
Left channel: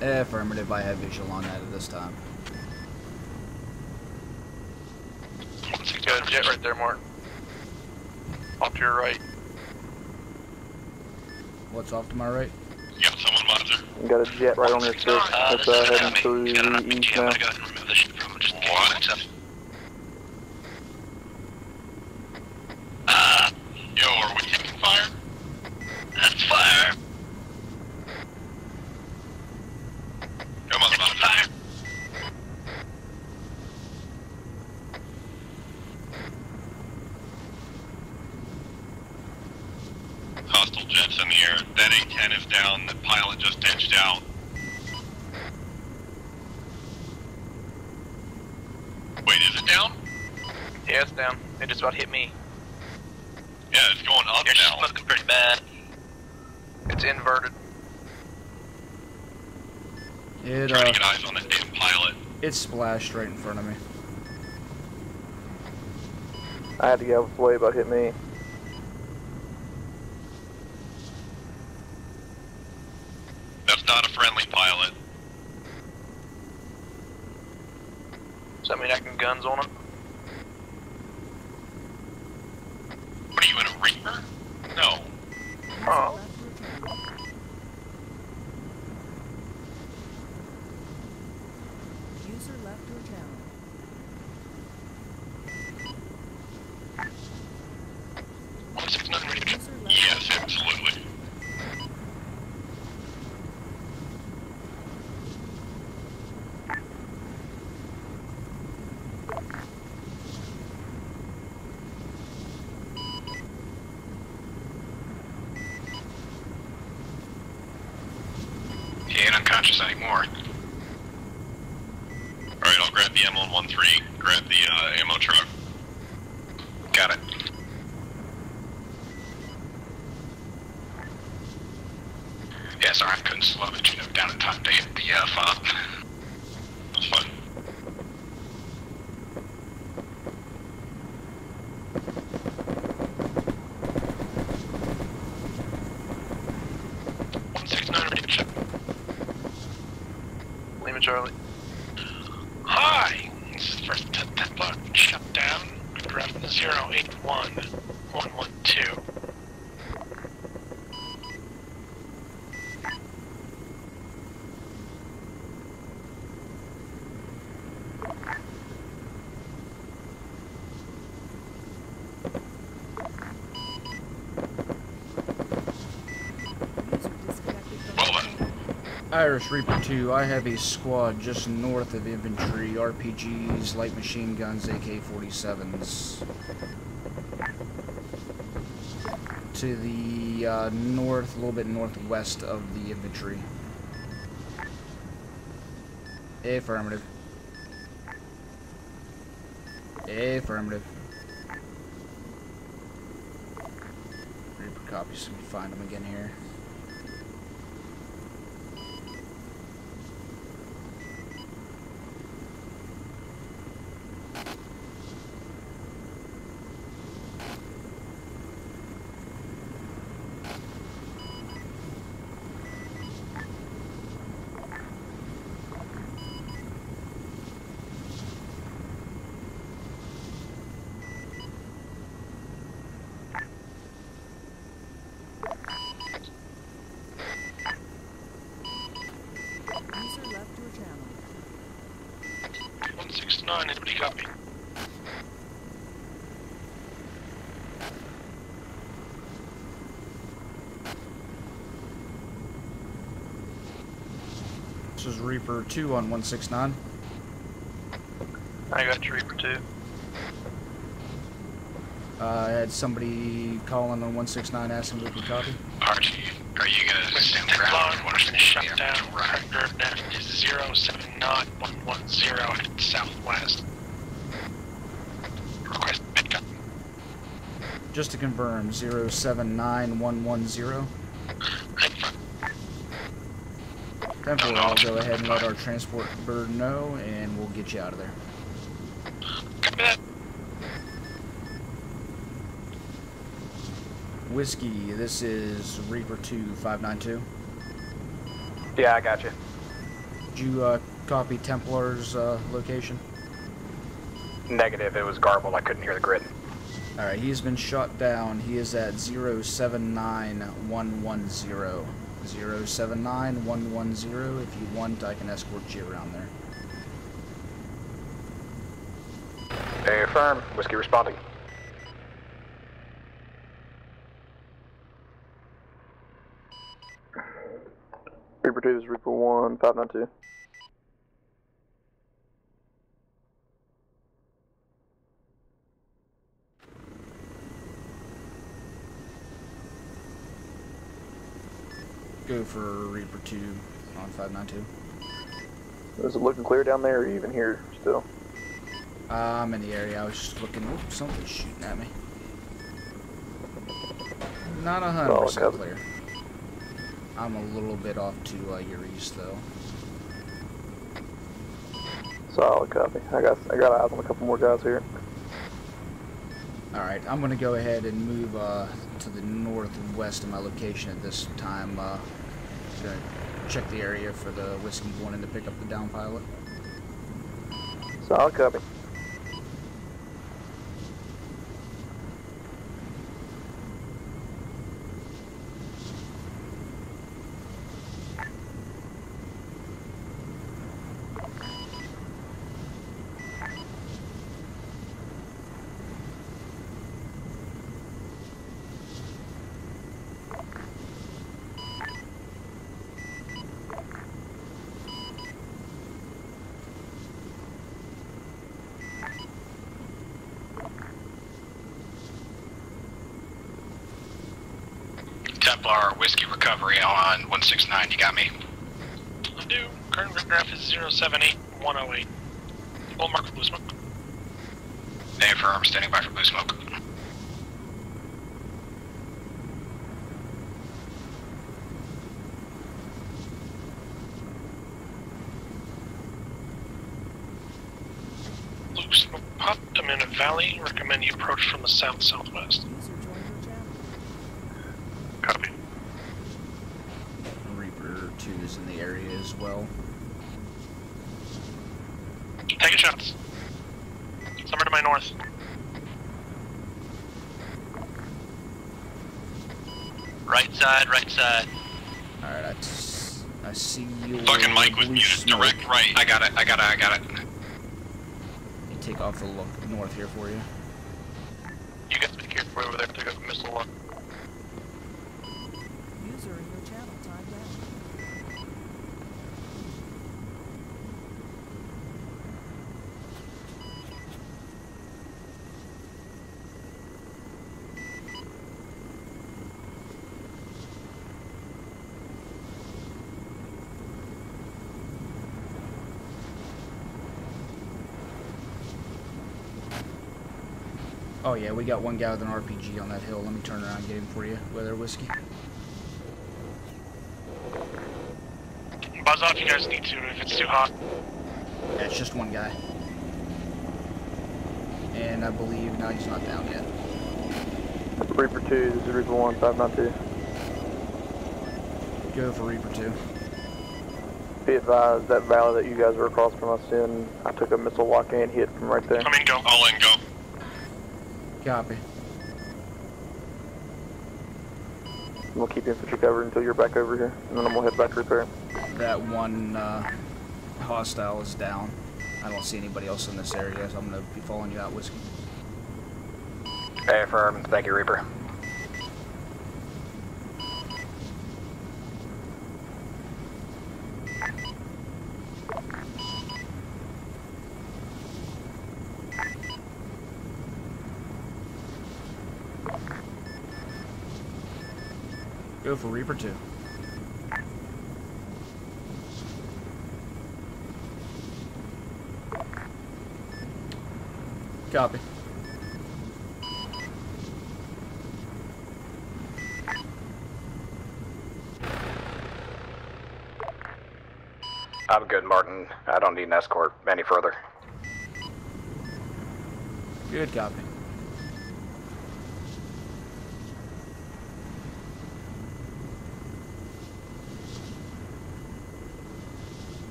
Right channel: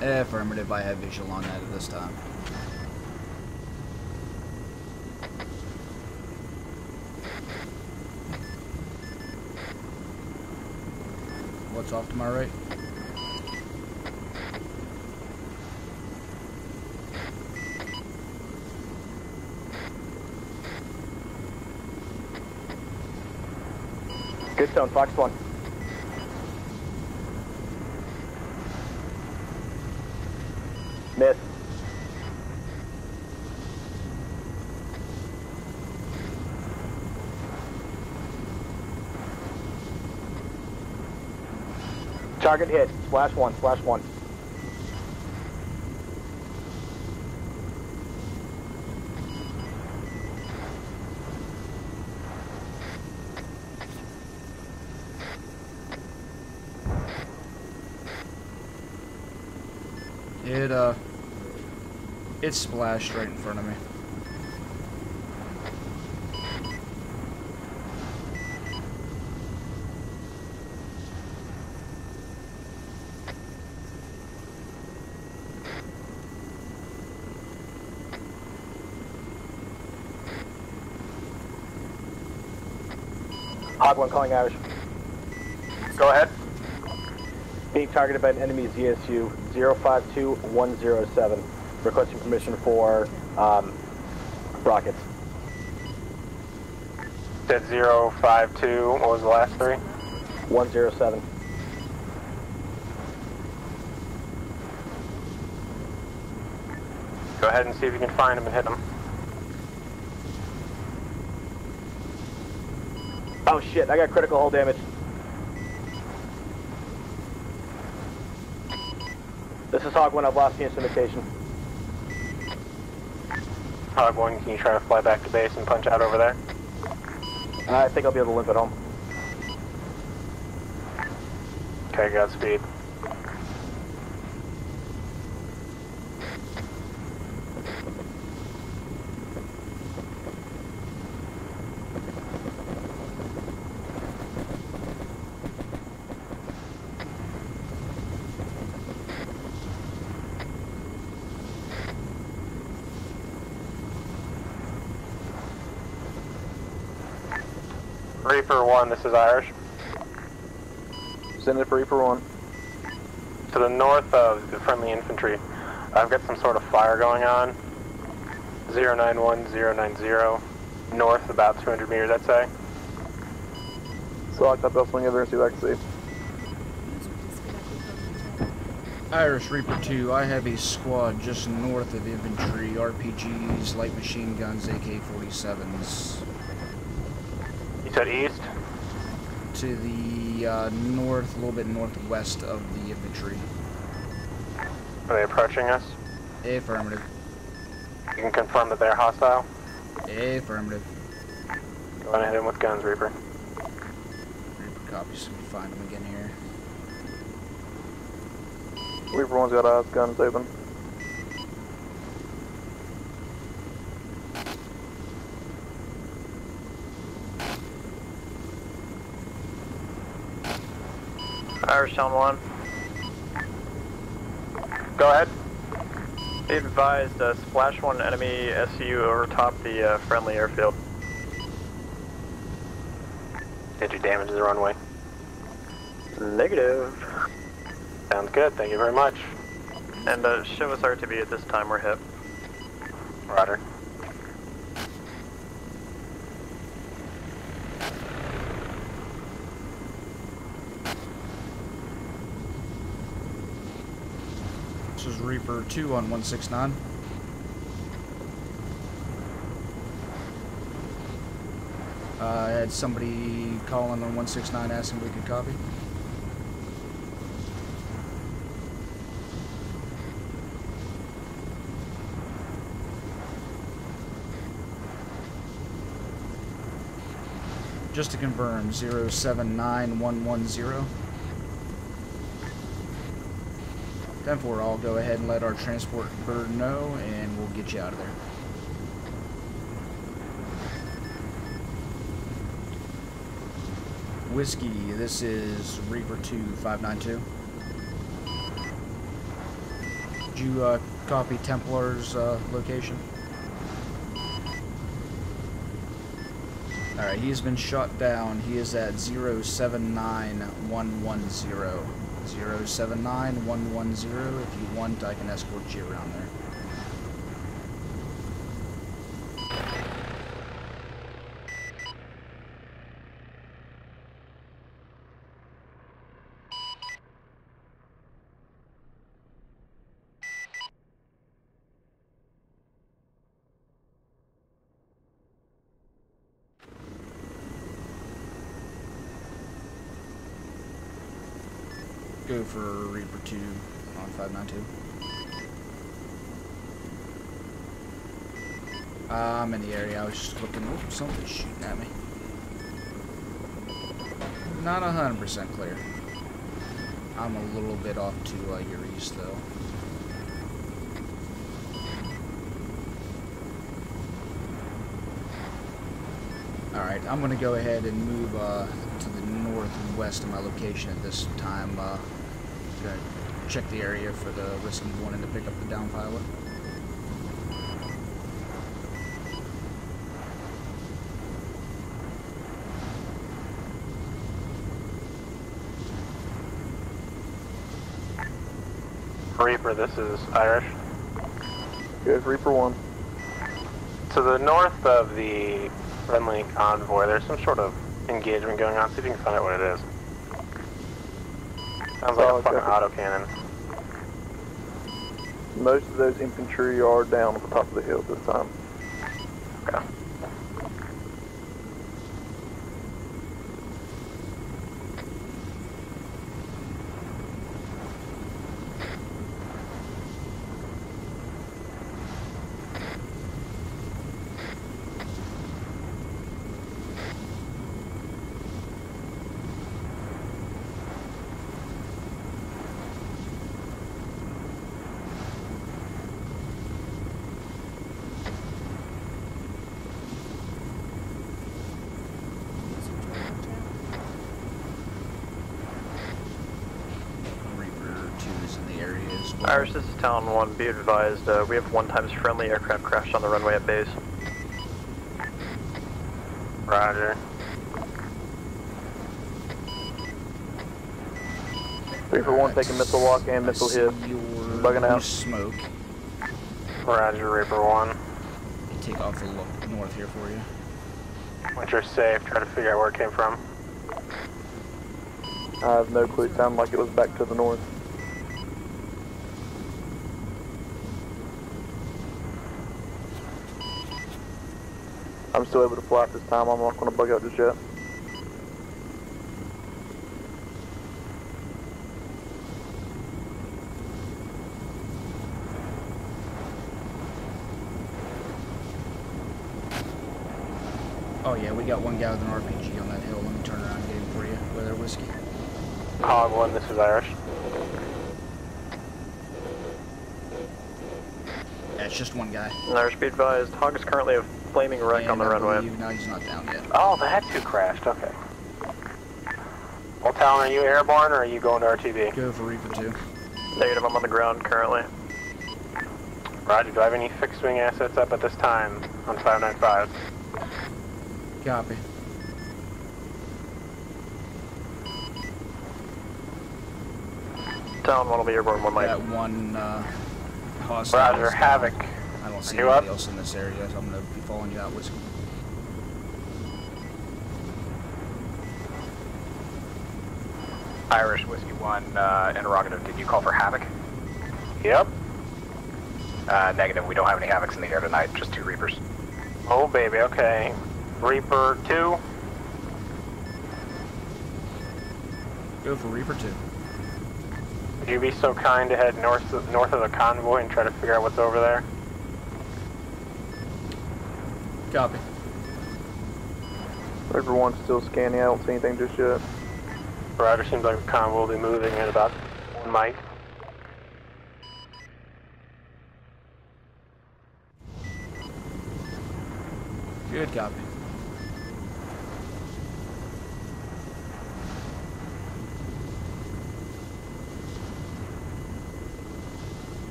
Affirmative, I have visual on that at this time. Good jet right there, Mark. Off to your right. What's off to my right? You got someone monitor? You got a jet right on your stick. That's heading through east now. Yo, are we Good stuff, that's one. That's fire. Come on, Nope. fire. Hostile jets in the air. That A-10 is Target down. hit. The pilot Last one, just touched last one. down. Wait, is it down? Yeah, it's down. It just about hit me. Yeah, it's going up You're now. smoking pretty bad. It's inverted. It Trying to get eyes on the damn pilot. it splashed right in front of me. I had to get out of the way, but hit me. That's not a friendly pilot. Does that mean I can guns on him? What are you in a Hog one Reaper? calling Irish. No. Go ahead. Being targeted by an enemy ZSU 052107. Requesting permission for rockets. Said 052. What was the last three? Yes, absolutely. 107. Go ahead and see if you can find him and hit him. Oh shit, I got critical hull damage. He ain't unconscious This is Hog one, anymore. I've lost the instrumentation. Alright, I'll grab the M113. Hog one, Grab can you try to the fly ammo back to truck. base and punch out over there? Got it. I think I'll be able to limp it home. Okay, Godspeed. Yeah, sorry, I couldn't slow it. You know, down in time to hit the fob. It's fine. Lima Charlie. Hi! This is first Tetla shut down. Craft 081. 3 for 1, this is Irish. Send it for Reaper 1. To the north of the friendly infantry, I've got some sort of fire going on. 091090. North about 200 meters, I'd say. So I'll cut off wing over and see what I can see. User disconnected from your channel. Irish Reaper 2, I have a squad just north of infantry, RPGs, light machine guns, AK-47s. You said east? To the north, a little bit northwest of the infantry. Are they approaching us? Affirmative. You can confirm that they're hostile? Affirmative. Go on ahead with guns, Reaper. Reaper copies, let me find them again here. Reaper 1's got eyes, guns open. Irish Town 1. Go ahead. Be advised, splash 1 enemy SU over top the friendly airfield. Did you damage the runway? Negative. Sounds good, thank you very much. And show us RTB at this time, we're hit. 169, anybody copy? This is Reaper 2 on 169. I got you, Reaper 2. I had somebody calling on 169 asking if we could copy. Archie, are you gonna stand the ground? What is shut down? That is 079110 at southwest. Request pickup. Just to confirm, 079110. 10-4, I'll go ahead and let our transport bird know, and we'll get you out of there. Copy that. Whiskey, this is Reaper 2 592. Yeah, I got you. Did you copy Templar's location? Negative, it was garbled, I couldn't hear the grid. Alright, he has been shot down. He is at 079110. 079110. If you want, I can escort you around there. Hey, affirm. Whiskey responding. Reaper 2 is Reaper 1, 592. Go for Reaper 2 on 592. Is it looking clear down there, or even here still? I'm in the area. I was just looking. Oh, something's shooting at me. Not 100% clear. I'm a little bit off to your east, though. Solid copy. I got eyes on a couple more guys here. Alright, I'm going to go ahead and move to the northwest of my location at this time. Going to check the area for the Whiskey wanting to pick up the down pilot. Solid copy. Reaper, this is Irish. Here's Reaper 1. To the north of the friendly convoy, there's some sort of engagement going on. See if you can find out what it is. Sounds like a fucking autocannon. Most of those infantry are down at the top of the hill at this time. Okay. Templar Whiskey Recovery on 169, you got me? I do. Current graph is 078108. Full mark for blue smoke. Name firm, standing by for blue smoke. Blue smoke popped. I'm in a valley. Recommend you approach from the south-southwest. Copy. Reaper 2 is in the area as well. Irish, this is Town 1. Be advised, we have 1x friendly aircraft crashed on the runway at base. Somewhere to my north. Roger. Right side, right side. Reaper 1 taking missile walk and missile hit. Fucking Mike with out. units direct right. I got it. Roger, Reaper 1. Take off a look north here for you. Once you're safe, try to figure out where it came from. I have no clue. Sounded like it was back to the north. I'm still able to fly at this time. I'm not going to bug out just yet. Oh yeah, we got one guy with an RPG on that hill. Let me turn around and get him for you. Weather whiskey. Hog 1, this is Irish. Buzz off if you guys need to, if it's too hot. Yeah, it's just one guy. Irish, be advised, Hog is currently a flaming wreck on the runway. No, he's not down yet. Oh, the had 2 crashed. Okay. Reaper 2, this is Reaper 1, 592. Well, Talon, are you airborne or are you going to RTB? Go for Reaper 2. Negative, I'm on the ground currently. That valley that you guys were across from. Roger, do I have any fixed wing assets up at this time? Right there. Coming down, I'll let go. Copy. We'll keep infantry covered until you're back over here, and then I'm gonna head back over there. That one hostile Roger, is down. Havoc. I don't see You anybody up? else in this area, so I'm gonna be following you out, Whiskey. Affirm, thank you, Reaper. Irish Whiskey 1, interrogative, did you call for Havoc? Yep. Negative, we don't have any Havocs in the air tonight, just 2 Reapers. Oh baby, okay. Reaper 2. Go for Reaper 2. Would you be so kind to head north of the convoy and try to figure out what's over there? Copy. Reaper 1's still scanning, I don't see anything just yet. Roger, seems like the convoy will be moving in about a might. I'm good, Martin. I don't need an escort any further. Good copy.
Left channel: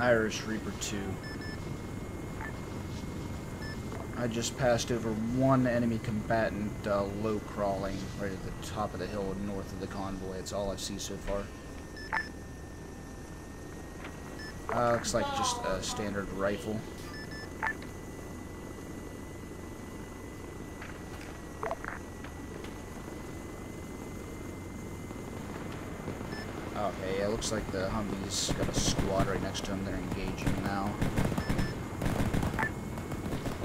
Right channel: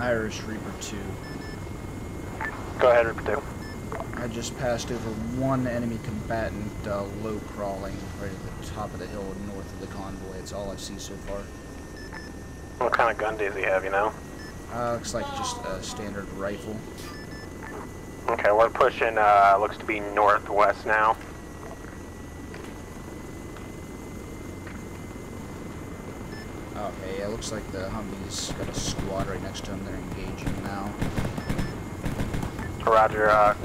Irish Reaper 2. Go ahead, Reaper 2. I just passed over one enemy combatant low crawling right at the top of the hill north of the convoy. It's all I see so far. What kind of gun does he have, you know? Looks like just a standard rifle. Okay, we're pushing, looks to be northwest now. Okay, yeah, looks like the Humvee's got a squad right next to him. They're engaging now. Roger,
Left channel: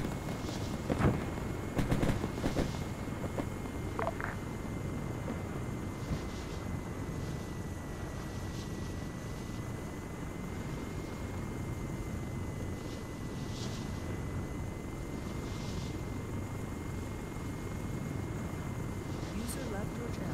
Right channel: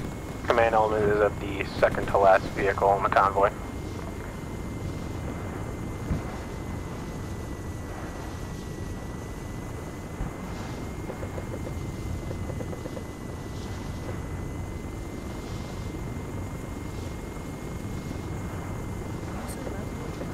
command element is at the second to last vehicle in the convoy. User left your channel.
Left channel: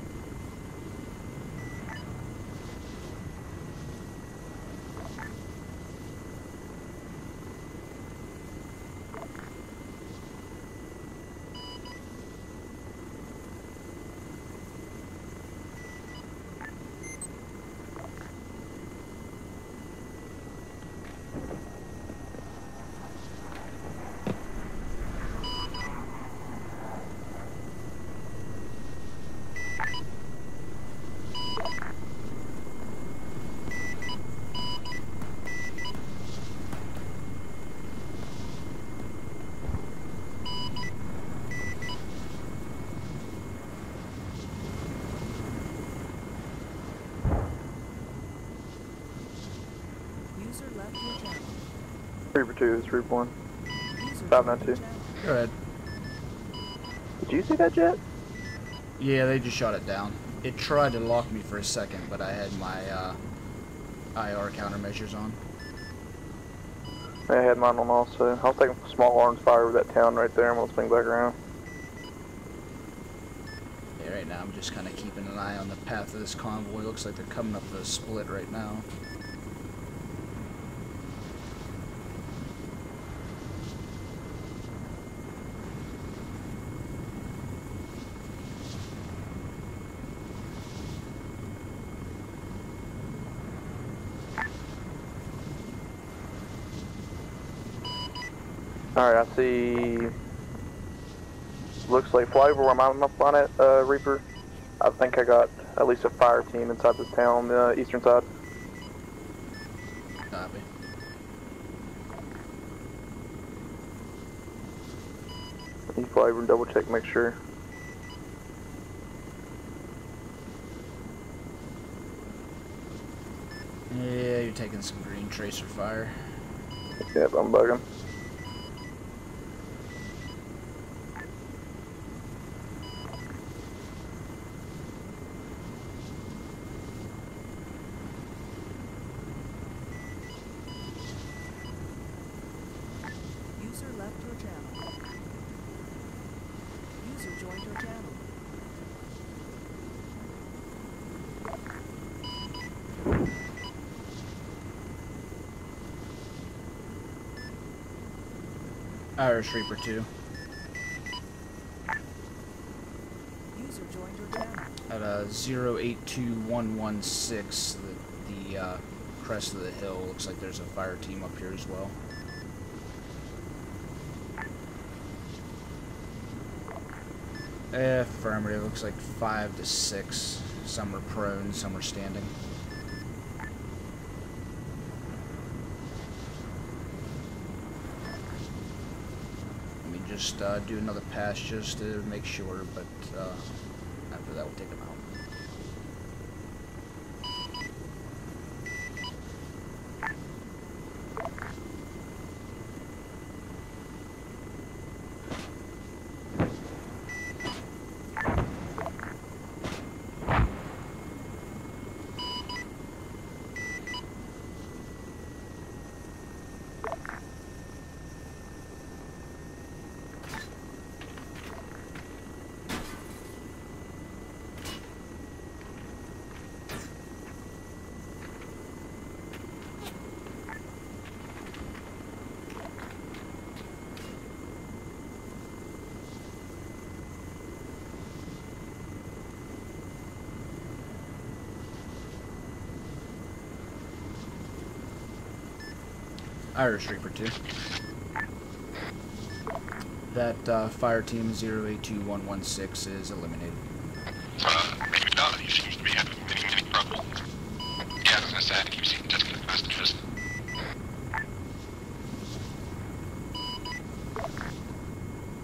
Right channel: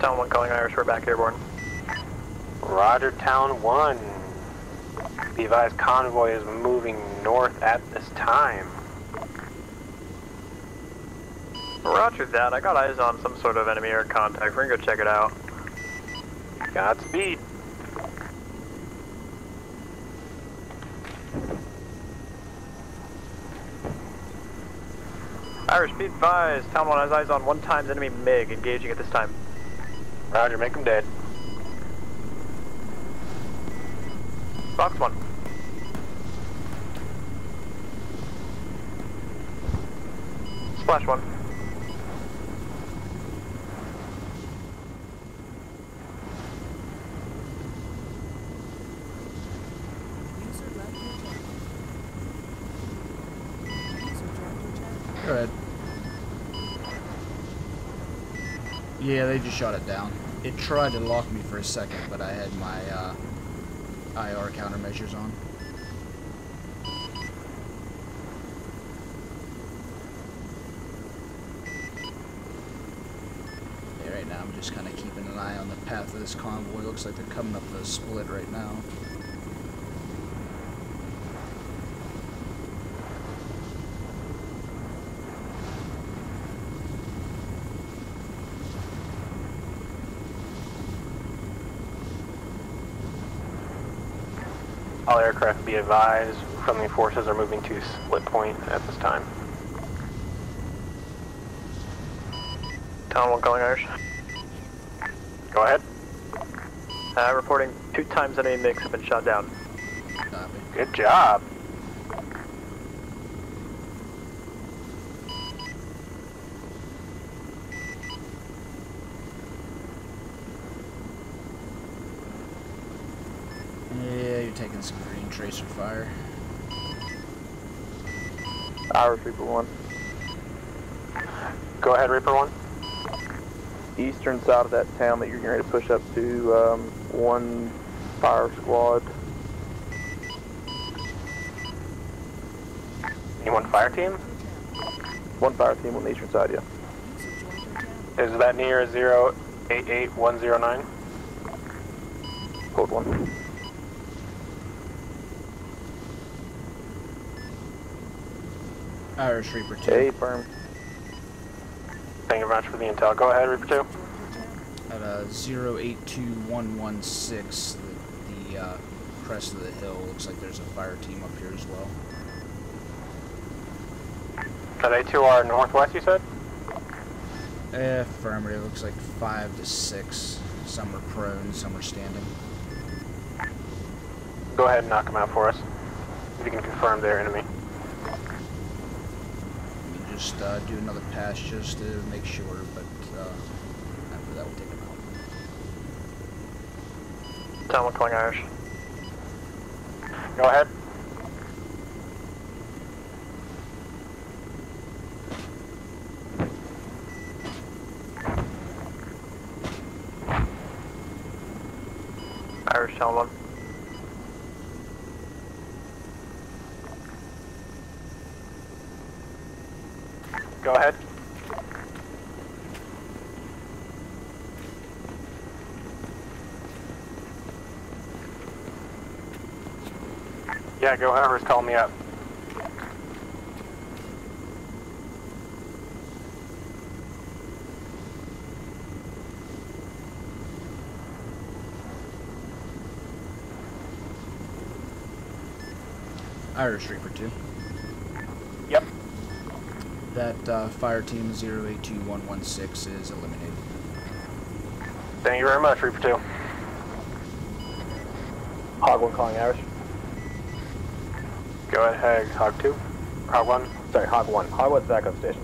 Town 1 calling Irish, we're back airborne. Roger, Town 1. The advised convoy is moving north at this time. Roger that, I got eyes on some sort of enemy air contact. We're gonna go check it out. Godspeed. Irish, be advised. Town 1 has eyes on one times enemy MiG engaging at this time. Roger, make them dead. Fox 1. Flash 1. User left your channel. Reaper 2 is Reaper 1. User 592. Go ahead. Did you see that jet? Yeah, they just shot it down. It tried to lock me for a second, but I had my IR countermeasures on. I had mine on also. I'll take a small orange fire over that town right there and we'll swing back around. Yeah, right now I'm just kind of keeping an eye on the path of this convoy. Looks like they're coming up the split right now. All aircraft be advised, friendly forces are moving to split point at this time. Alright, I see. Looks like fly over where I'm up Town on going it, Irish. Reaper. I think I got at least a fire team inside the town. Reporting Eastern 2 side. times enemy mix have been shot down. Copy. Good job. You fly over and double check, make sure. Yeah, you're taking some green tracer fire. Yep, I'm bugging. Irish Reaper 1. Go ahead, Reaper 1. Eastern side of that town that you're getting ready to push up to, one fire squad. You want fire team? One fire team on the eastern side, yeah. User joined your channel. Is that near 088109? Code 1. Irish Reaper 2. Okay, firm. Thank you very much for the intel. Go ahead, Reaper 2. Joined your channel. At 082116, the crest of the hill, looks like there's a fire team up here as well. Are they to our northwest, you said? Affirmative, looks like 5 to 6. Some are prone, some are standing. Go ahead and knock them out for us. If you can confirm they're enemy. Let me just do another pass just to make sure, but after that we'll take them out. Town 1 calling Irish. Go ahead. Irish Town 1. Go ahead. Yeah, go whoever's calling me up. Irish Reaper 2. Yep. That fire team 082116 is eliminated. Thank you very much, Reaper 2. Hog 1 calling Irish. Go ahead, Hog 2. Hog 1. Sorry, Hog 1. Hog 1's back up station.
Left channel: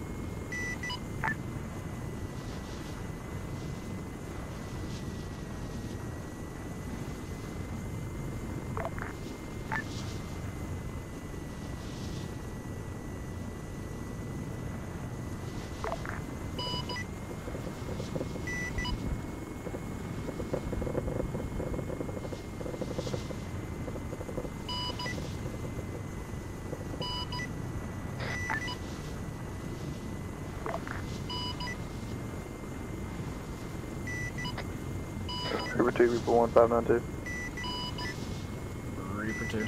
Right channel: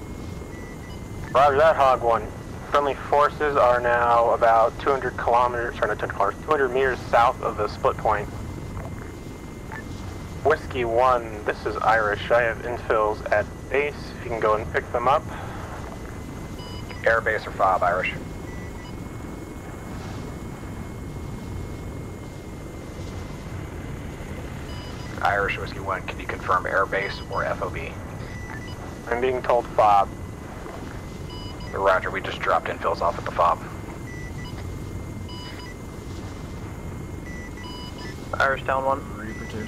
Roger that, Hog 1. Friendly forces are now about 200 kilometers, sorry, not 200 meters south of the split point. Whiskey 1, this is Irish. I have infills at base. If you can go and pick them up. Air base or FOB, Irish. Irish Whiskey 1, can you confirm air base or FOB? I'm being told FOB. Roger, we just dropped infills off at the FOB. Reaper 2, Reaper 1, 592. Irish Town 1. Reaper 2.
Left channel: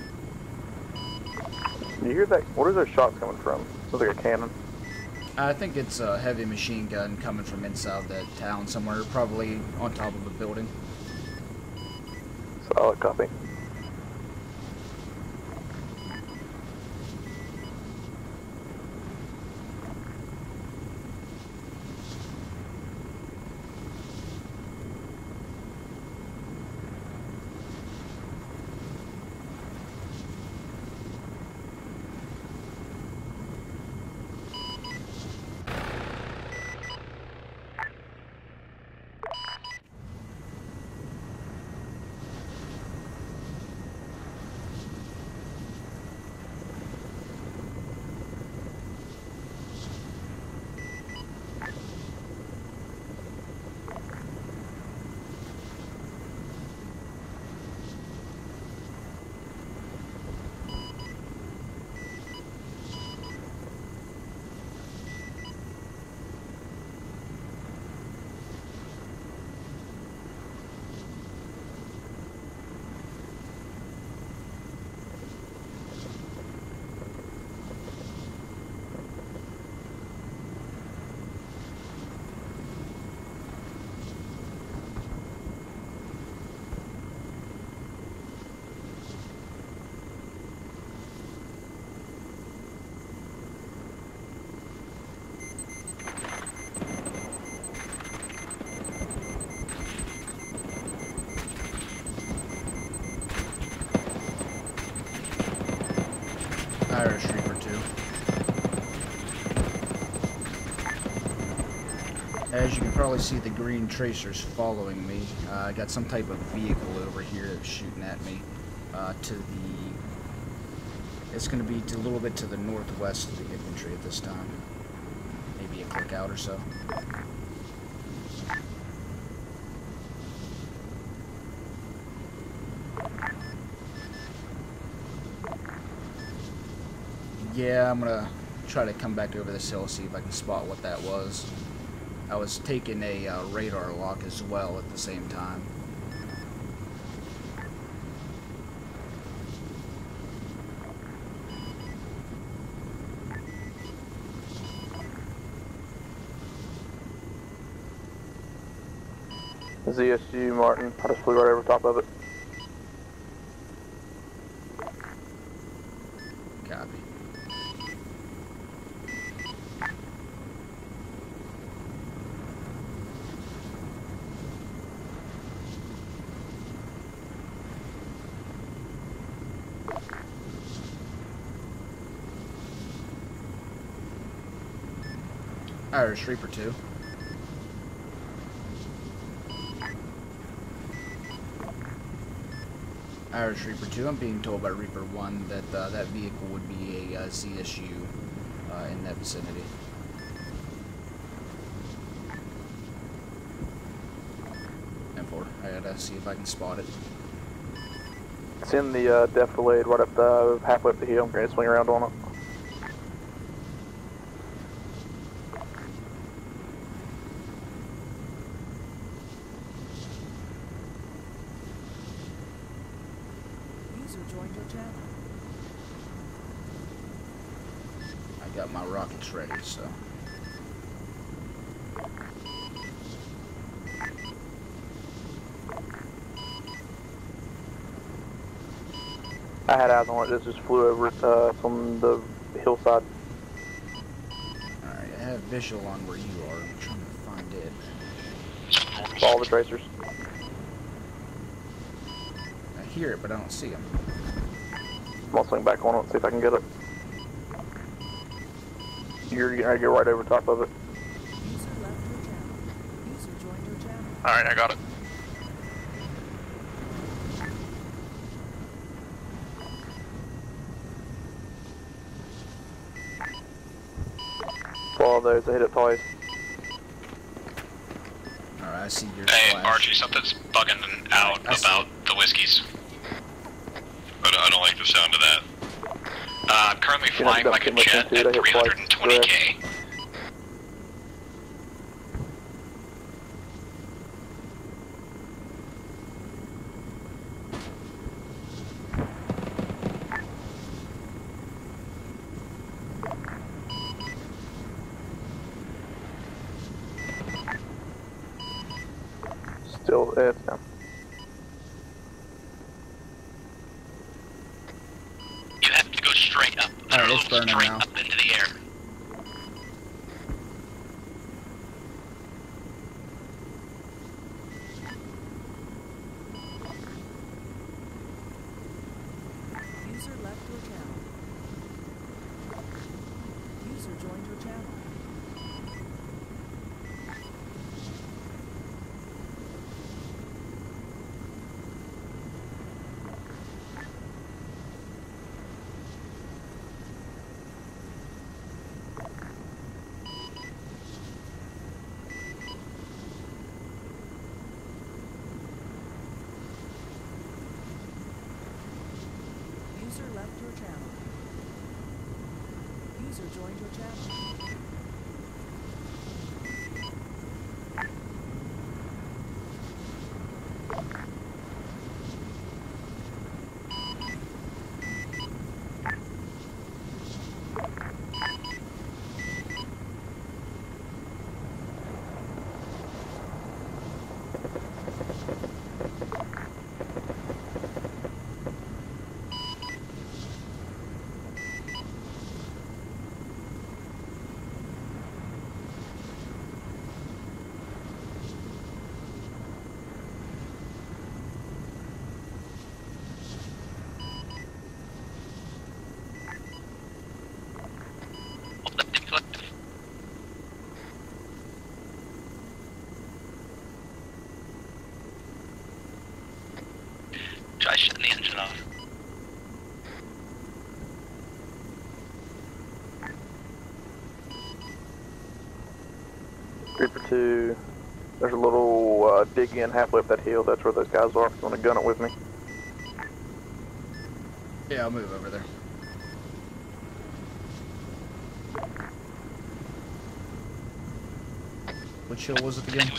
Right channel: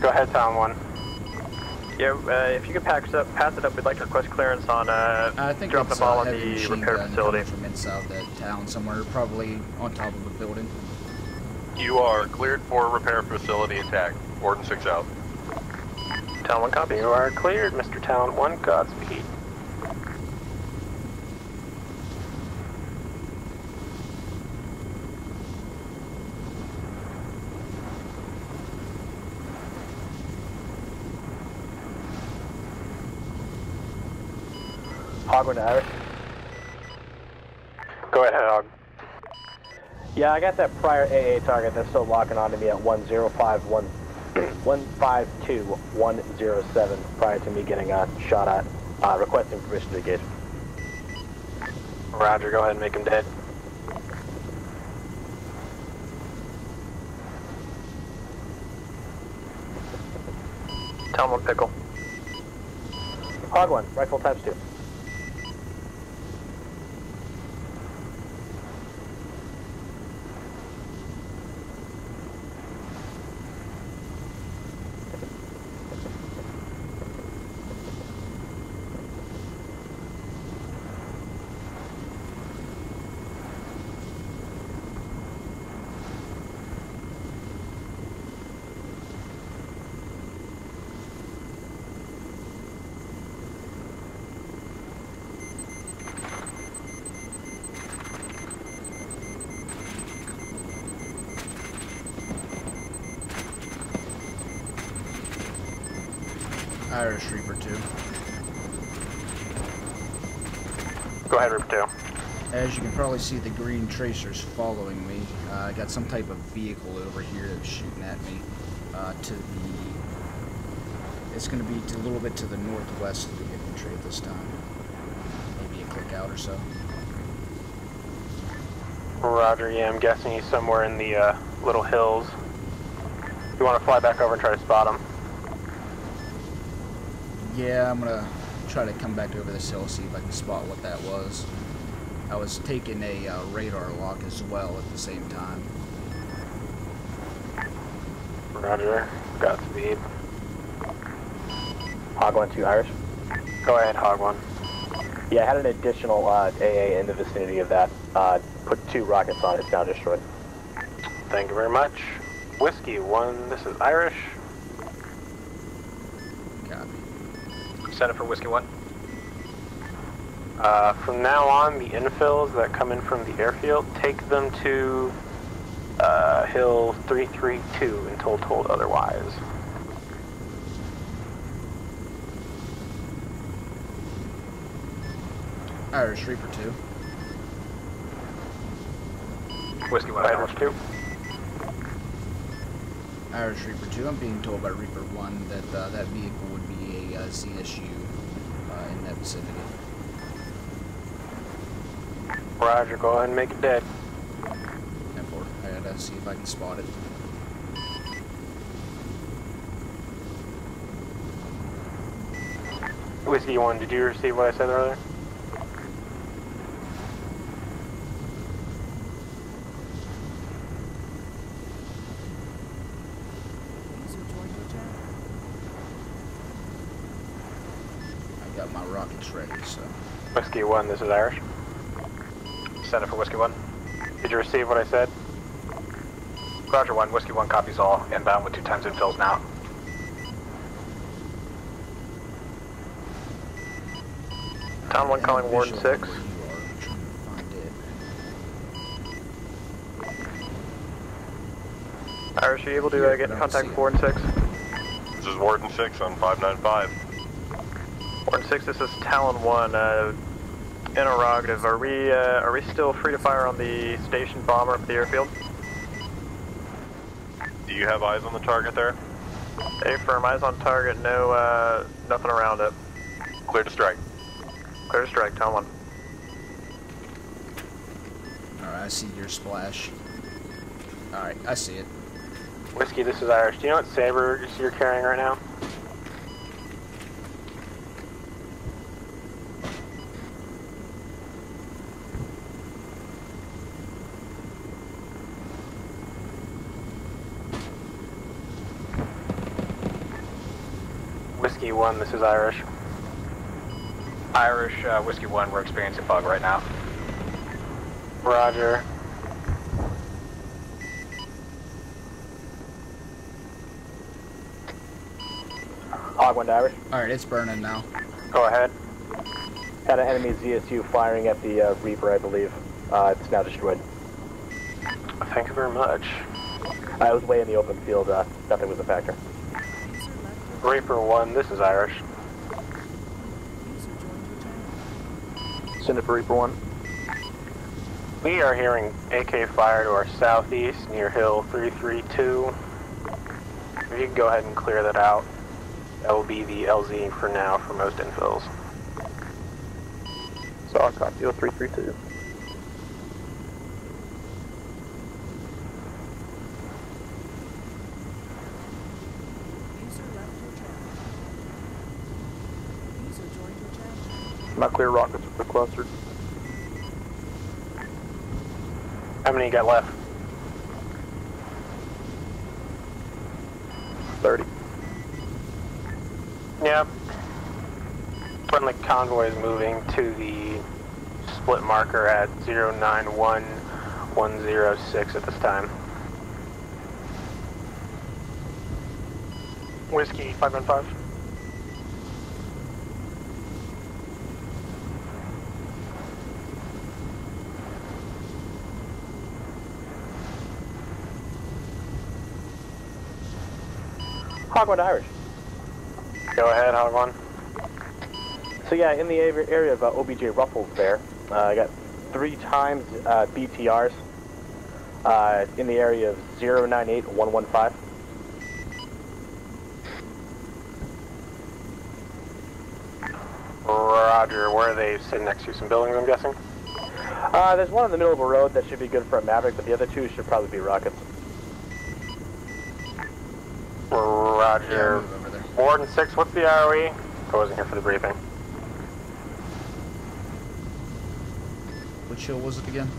Go ahead, Town 1. Yeah, Where if you can are they pass talking it up, we'd like to request clearance on I think dropping it's the ball a on heavy the machine repair gun facility. coming from inside that town somewhere, probably on top of a building. You are cleared for repair facility attack. Warden 6 out. Town 1 copy. You are cleared, Mr. Town 1. Godspeed. Hog went to Irish. Go ahead, Hog. Yeah, I got that prior AA target that's still locking on to me at 1052107 prior to me getting shot at. Requesting permission to engage. Roger, go ahead and make him dead. Tell him one pickle. Hog 1, rifle times 2. Irish Reaper 2. Go ahead, Reaper 2. As you can probably see, the green tracers following me. I got some type of vehicle over here that's shooting at me. It's going to be a little bit to the northwest of the infantry at this time. Maybe a click out or so. Roger, yeah, I'm guessing he's somewhere in the little hills. You want to fly back over and try to spot him? Yeah, I'm gonna try to come back over this hill, see if I can spot what that was. I was taking a radar lock as well at the same time. Roger, got speed. Hog 1 to Irish. Go ahead, Hog 1. Yeah, I had an additional AA in the vicinity of that. Put 2 rockets on it now. ZSU, Martin. Thank you very much. Whiskey 1, this is Irish. Copy. Send it for Whiskey 1. From now on, the infills that come in from the airfield, take them to Hill 332 until told otherwise. Irish Reaper 2. Whiskey 1, Irish 2. Irish Reaper 2. I'm being told by Reaper 1 that that vehicle would be a ZSU in that vicinity. Roger, go ahead and make it dead. And 4. I gotta see if I can spot it. It's in the depth delayed right up the halfway up the hill. I'm going to swing around on it. Whiskey 1, did you receive what I said earlier? User joined your channel. I got my rockets ready, so. Whiskey 1, this is Irish. Send it for Whiskey 1. Did you receive what I said? Roger 1, Whiskey 1 copies all. Inbound with 2 times infills now. I had eyes on it. It just flew over from the hillside. Tom 1 calling Warden 6. Where you are, I'm trying to find it. All the tracers. Irish, are you able to Here, get but in I don't contact see with Warden 6? This is Warden 6 on 595. Warden 6, this is Talon 1. You're right over top of it. Interrogative. Are we still free to fire on the station bomber at the airfield? Do you have eyes on the target there? Affirm, eyes on target, no, nothing around it. Clear to strike. Clear to strike, Talon. Alright, I see your Hey, splash. Archie, something's bugging out I see about the whiskeys. Whiskey, this is Irish. Do you know what Saber I is don't like the carrying sound right of now? that. I'm currently flying like a jet at 320k. Whiskey 1, this is Irish. Irish, Whiskey 1, we're experiencing bug right now. Roger. Still no. You have to go Hog straight got up. it. Alright, it's burning now. Up into the Go air. ahead. Had an enemy ZSU firing at the Reaper, I believe. It's now destroyed. Thank you very much. I was way in the open field. Nothing was a factor. User left your Reaper 1, this is Irish. User joined your channel. Send it for Reaper 1. We are hearing AK fire to our southeast near Hill 332. If you can go ahead and clear that out, that will be the LZ for now for most infills. So I'll copy Hill 332. User left your channel. User joined your channel. Not clear rockets for the cluster. How many you got left? 30. Yeah. Friendly convoy is moving to the split marker at 091106 at this time. Whiskey 515. Hog1 Irish. Go ahead, Hog1. So yeah, in the area of OBJ Ruffles there, I got 3 times BTRs in the area of 098115. I shut the engine off. Roger, where are they sitting next to? Some buildings, I'm guessing? There's one in the middle of the road that should be good for dig in halfway up that hill, that's where those guys are. I'm gonna gun it with me. Roger. Yeah, I'll move over there. Warden 6, what's the ROE? I wasn't here for the briefing. Which hill was it again?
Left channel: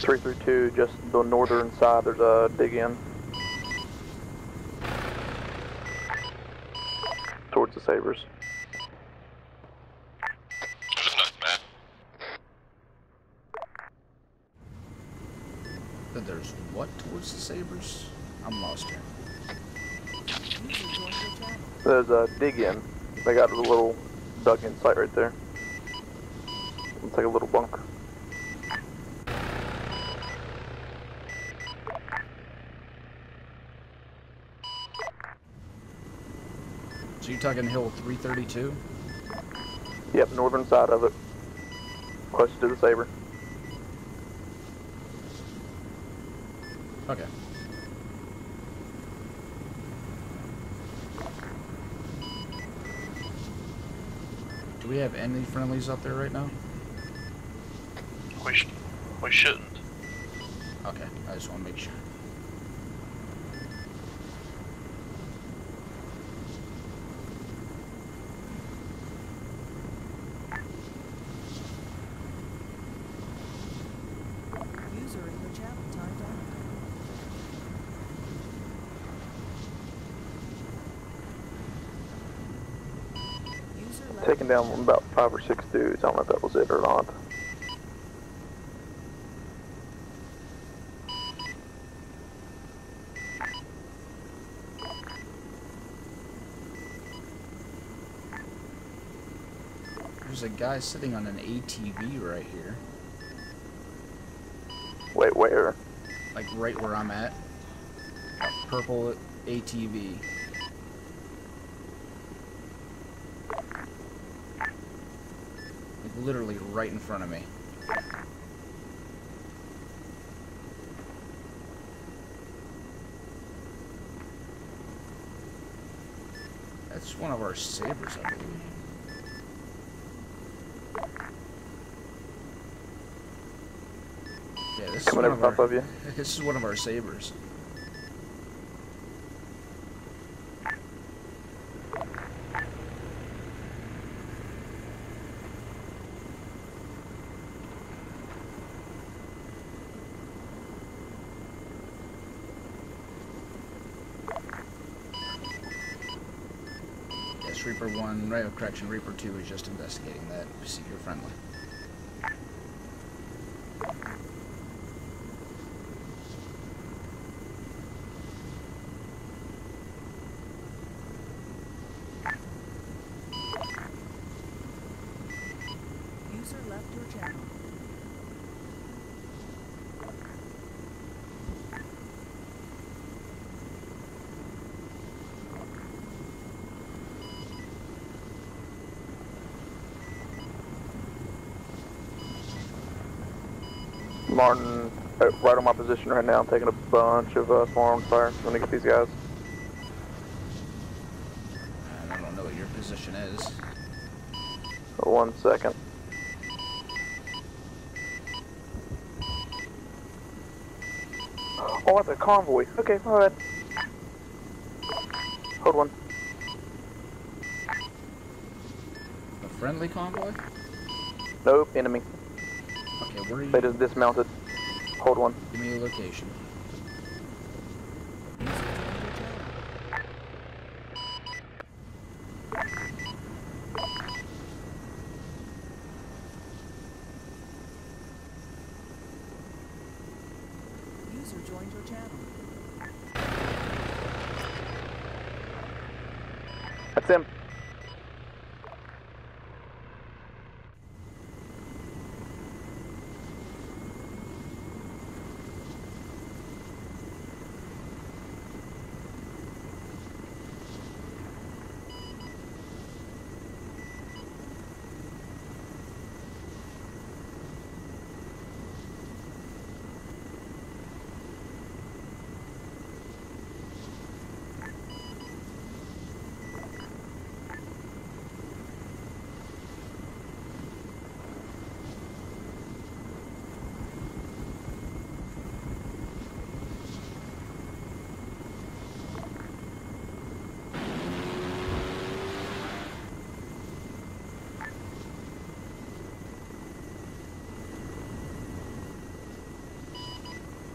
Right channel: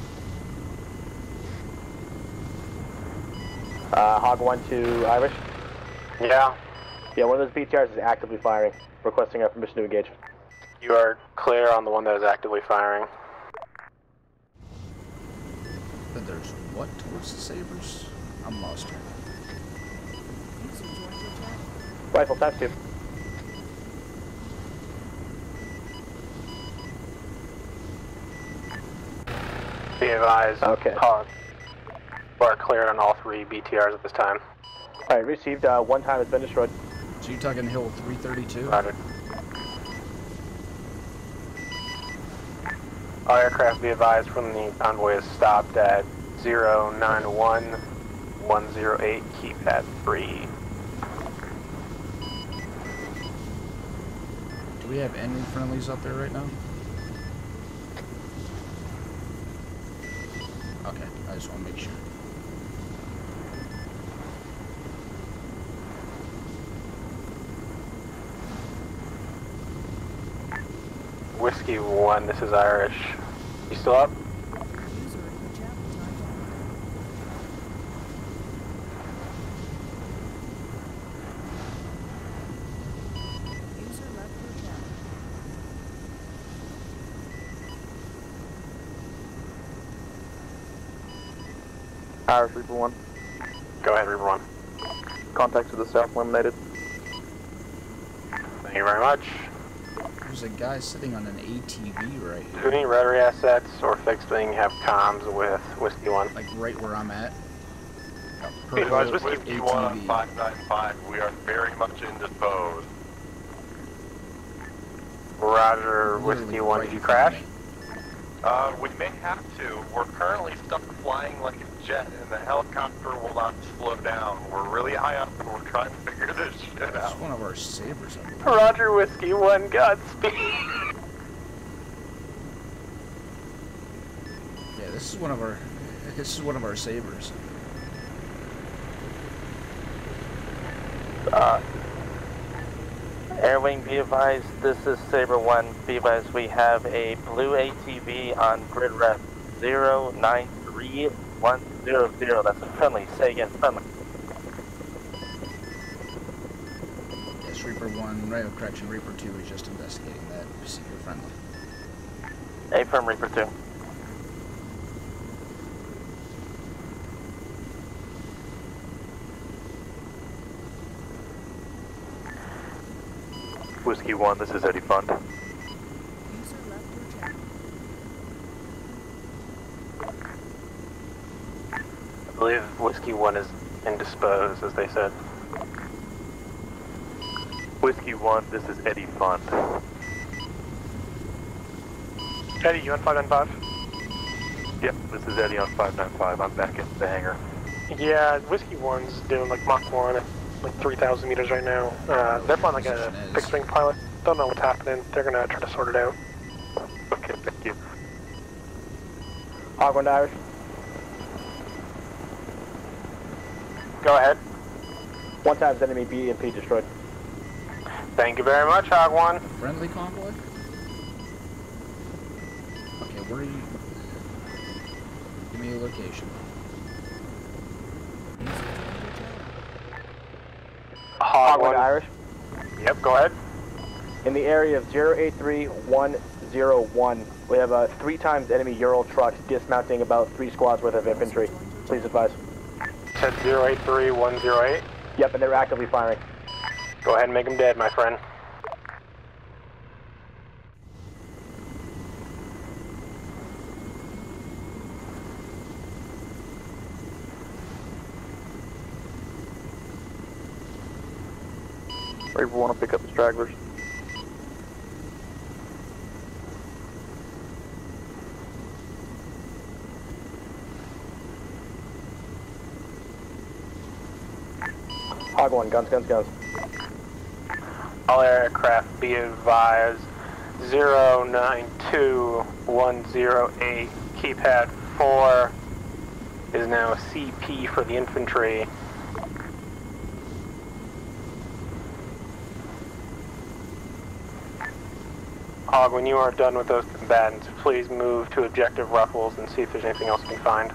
332, just the northern side of the dig in. Hog1 to Irish. Yeah. Yeah, one of those BTRs is actively firing, requesting our permission to engage. You are clear on the one that is actively firing. But there's what towards the Sabres? I'm lost here. There's a dig in. They got a little dug in site right there. It's like a little bunk. Be advised, Hog. We're cleared on all 3 BTRs at this time. Alright, received. 1 time it's been destroyed. So you're talking Hill 332? Yep, northern side of it. Close to the Sabre. All aircraft be advised from the convoy is stopped at 091108. Keep that free. Do we have any friendlies up there right now? We shouldn't. Okay, I just want to make sure. Whiskey 1, this is Irish. You still up? User in your channel timed out. Taking down about 5 or 6 dudes. I don't know if that was it or not. Irish Reaper 1. Go ahead, Reaper 1. Contacts to the south eliminated. Thank you very much. There's a guy sitting on an ATV right Do here. any rotary assets or fixed wing have comms with Whiskey 1? Like right where I'm at. Purple Advise Whiskey 1 on ATV. 595, we are very much indisposed. Roger, Literally Whiskey 1, right did you in front of crash? me. We may have to. We're currently stuck flying like a jet, and the helicopter will not slow down. We're really high up, and we're trying to figure this shit out. That's one of our Sabres, I believe. Roger, Whiskey 1, Godspeed. Yeah, this is one of our. This is one of our Sabres. Airwing, be advised, this is Sabre 1. Be advised, we have a blue ATV on grid ref 093100. That's a friendly. Say again, friendly. Yes, Reaper 1, right, correction, Reaper 2 is just investigating that. See, you're friendly. Affirm, Reaper 2. Whiskey 1, this is Eddie Fund. User left your channel. I believe Whiskey 1 is indisposed, as they said. Whiskey 1, this is Eddie Fund. Eddie, you on 595? Martin, Yep, that's right on my position right now, taking up a bunch of forearms. Yeah, let me get these guys. doing like Mach 1 at like 3,000 meters right now. They're flying like a fixed-wing pilot. Don't know what's happening. They're gonna have to sort it out. Okay, thank you. Hog 1 to Irish. Oh, that's a convoy. Okay, alright. Go ahead. One time enemy B&P destroyed. Thank you very much, Hog 1. A friendly convoy? Nope, enemy. Okay, where are you? They just dismounted. Hold one. Give me a location. Hog 1 to Irish. Yep, go ahead. In the area of 083101, we have 3 times enemy Ural truck dismounting about 3 squads worth of infantry. Please advise. That's 083108. Yep, and they're actively firing. Go ahead and make them dead, my friend. Reaper want to pick up the stragglers. Hog 1, guns, guns, guns. All aircraft be advised 092108 keypad 4 is now a CP for the infantry. Hog, when you are done with those combatants, please move to objective Ruffles and see if there's anything else you can find.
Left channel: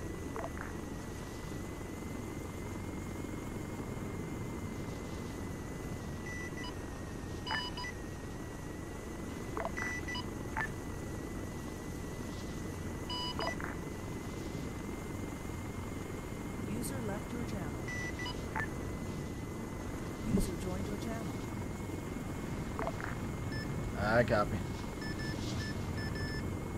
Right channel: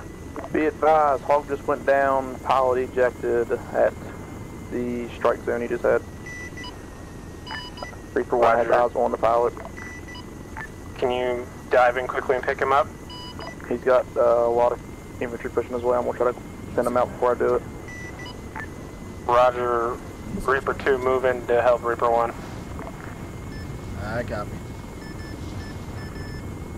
Be advised, Hog just went down, pilot ejected at the strike zone he just had. Reaper 1 has eyes on the pilot. Can you dive in quickly and pick him up? He's got a lot of infantry pushing his way. I'm going to try to send him out before I do it. Roger, Reaper 2 move in to help Reaper 1. I copy.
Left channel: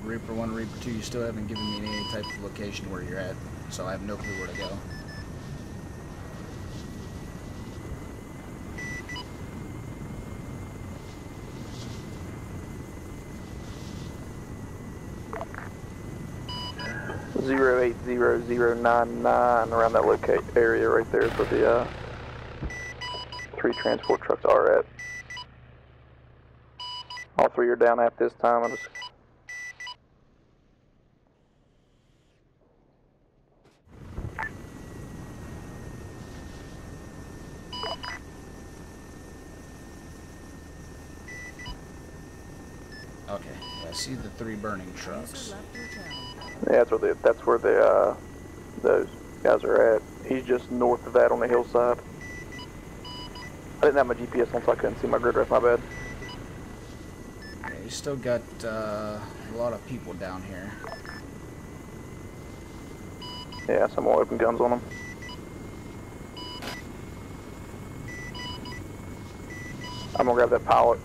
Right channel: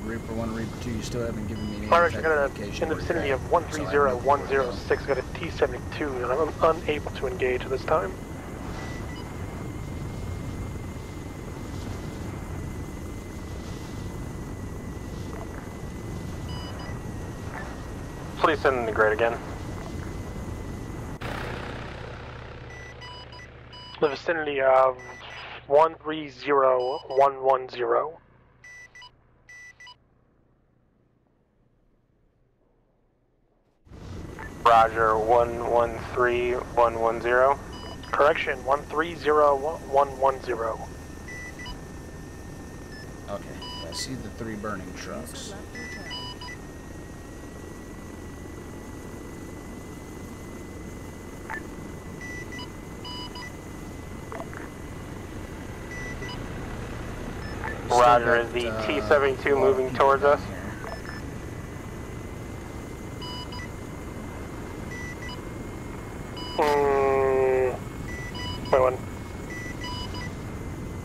Reaper 1, Reaper 2, you still haven't given me any type of location in the where vicinity you're of at. So I have no clue where to go. 130-106, got a T-72, and I'm unable to engage at this time. Please send them right again. Around that locate area right there for the 3 transport. Vicinity of 130110. I'll clear down at this time. I'm just... Roger, 113110. Correction, 130110. Okay, I see the 3 burning trucks. Yeah, that's where those guys are at. He's just north of that on the hillside. I didn't have my GPS on, so I couldn't see my grid rest, my bad. Roger, is the T-72 moving towards us? Here. Yeah, some more open guns on them. Wait one. I'm gonna grab that pilot.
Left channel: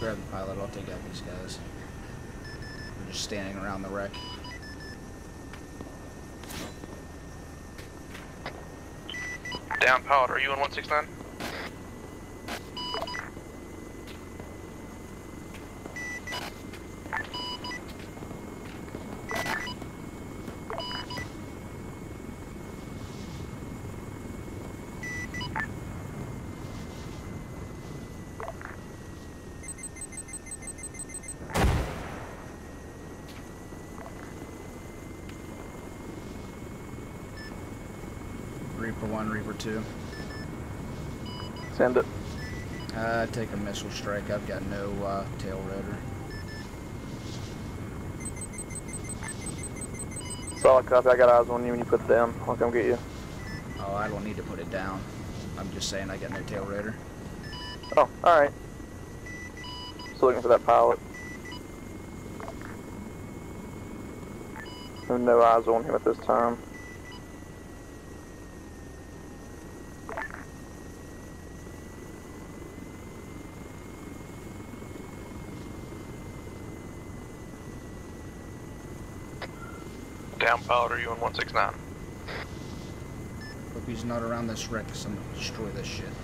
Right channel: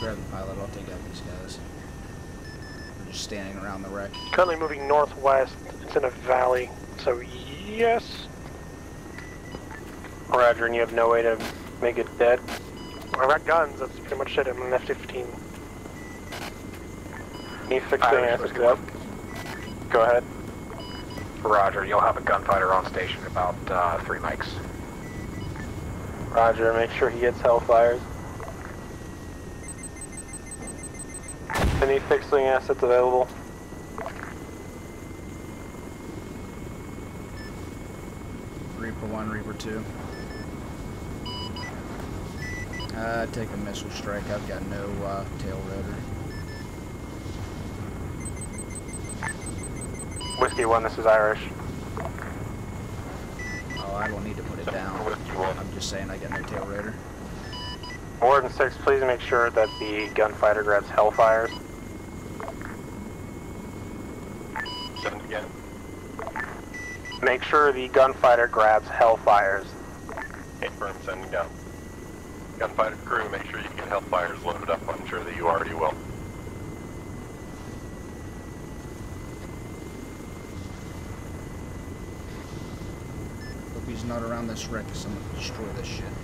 Grab the pilot, I'll take out these guys. They're just standing around the wreck. Currently moving northwest. It's in a valley, so yes. Down pilot. Roger, and you have no way to make it dead. I've got guns, that's pretty much it. I'm an F-15. Need fixing assets up. Go ahead. Roger, you'll have a gunfighter on station in about 3 mics. Roger, make sure he gets Hellfires. Any fixing assets available? Reaper 1, Reaper 2. Send it. Take a missile strike. I've got no tail rotor. Whiskey 1, this is Irish. When you put it down, I'll come get you. Oh, I don't need to put it down. I'm just saying I got no tail rotor. Oh, alright. 6, please make sure that the gunfighter grabs Hellfires. There's no eyes on him at this time. Make sure the gunfighter grabs Hellfires. Confirm, sending down. Gunfighter crew, make sure you get Hellfires loaded up. I'm sure that you already will. Down pilot, are you on 169? Hope he's not around this wreck, because I'm going to destroy this shit.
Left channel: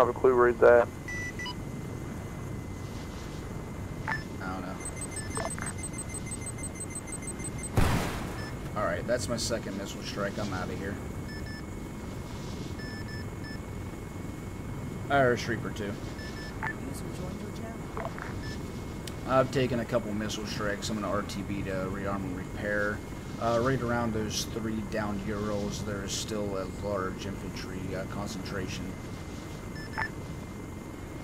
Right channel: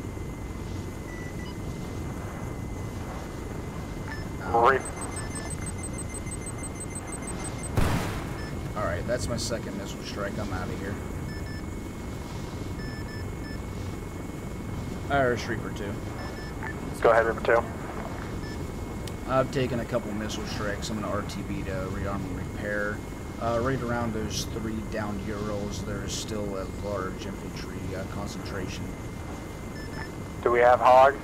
don't have a clue where he's at. Alright, that's my second missile strike. I'm out of here. Irish Reaper 2. Go ahead, Reaper 2. I've taken a couple missile strikes. I'm going to RTB to rearm and repair. Right around those 3 downed Urals, there's still a large infantry concentration. Do we have Hog?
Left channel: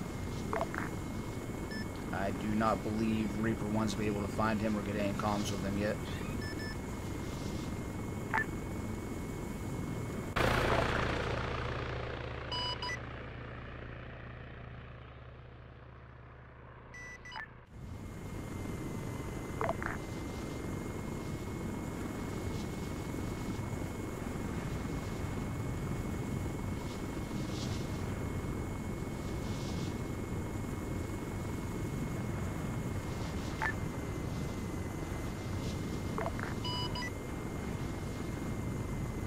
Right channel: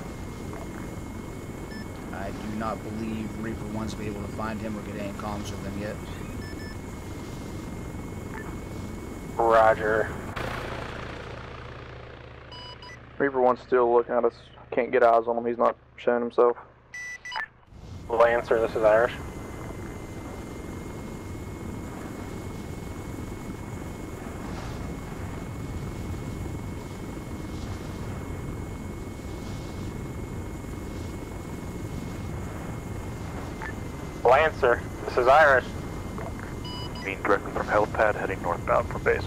I do not believe Reaper 1's be able to find him or get any comms with him yet. Roger. Reaper 1's still looking at us. Can't get eyes on him. He's not showing himself. Lancer, this is Irish. Lancer, this is Irish. Being directed from helipad, heading northbound from base.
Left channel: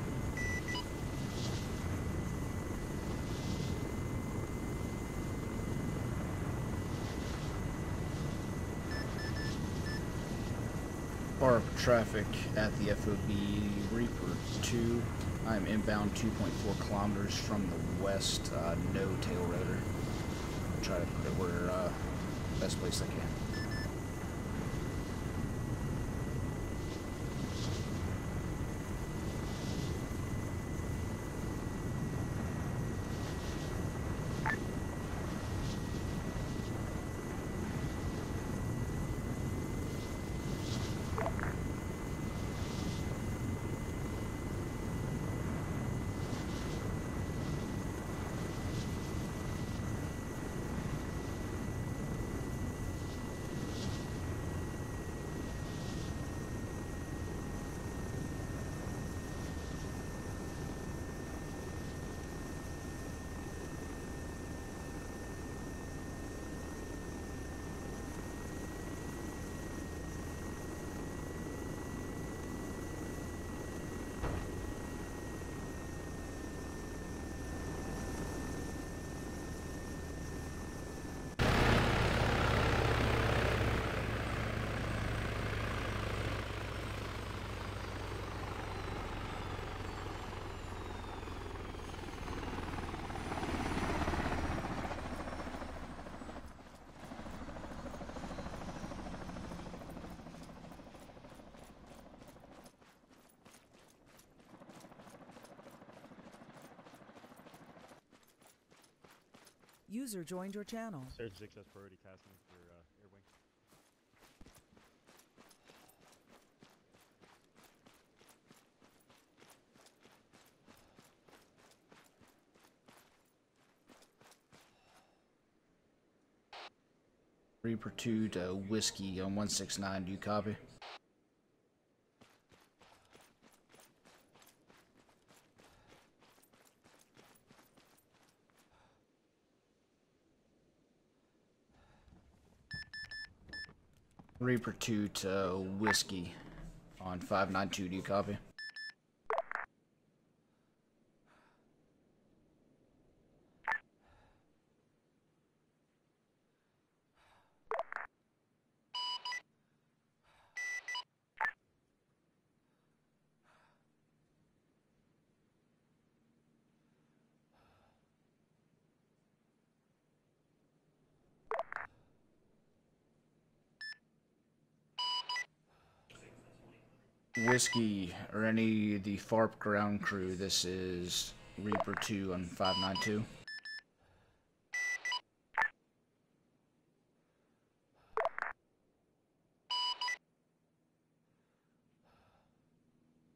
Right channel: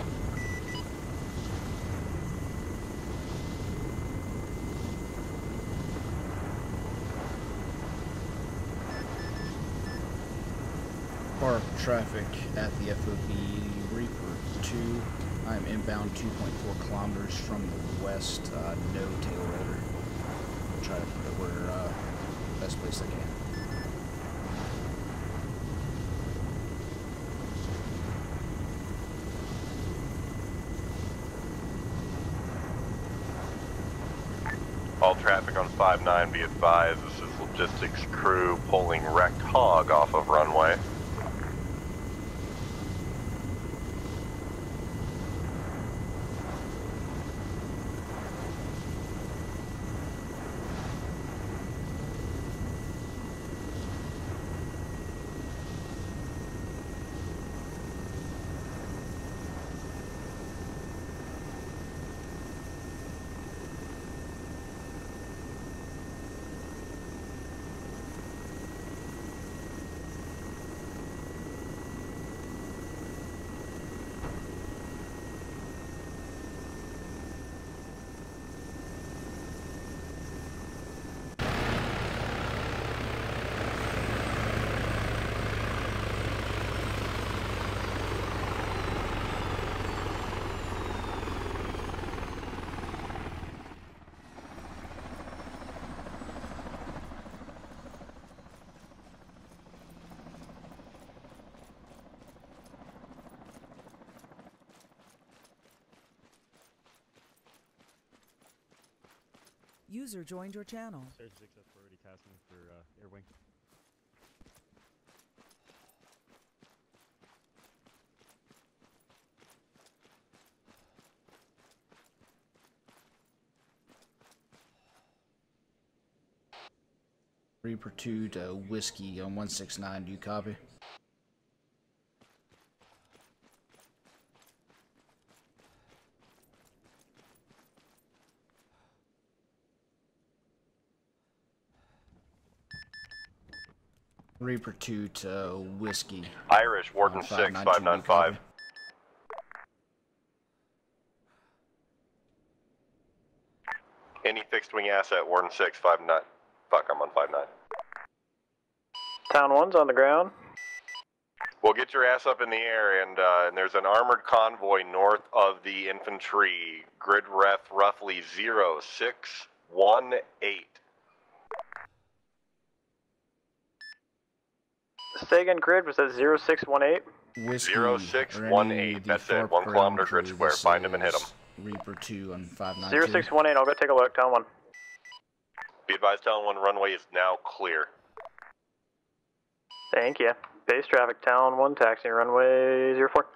Bar traffic at the FOB Reaper 2. I'm inbound 2.4 kilometers from the west, no tail rotor. I'll try to put it where, best place I can. All traffic on 5-9, be advised, this is logistics crew pulling wrecked Hog off of runway. User joined your channel. Surge 6 has priority tasking for air wing. Reaper 2 to Whiskey on 169, do you copy? Reaper 2 to Whiskey. Irish, Warden 6, 595. Any fixed wing asset, Warden 6, 59. Fuck, I'm on 59. Town 1's on the ground. Well, get your ass up in the air, and there's an armored convoy north of the infantry. Grid ref roughly 0618. Say again, Grid, was that 0618? Whiskey, or any of the FARP ground crew, this is Reaper 2 on 592. 0618, I'll go take a look, Town 1. Be advised, Town 1 runway is now clear. Thank you. Base traffic, Town 1, taxi runway 04.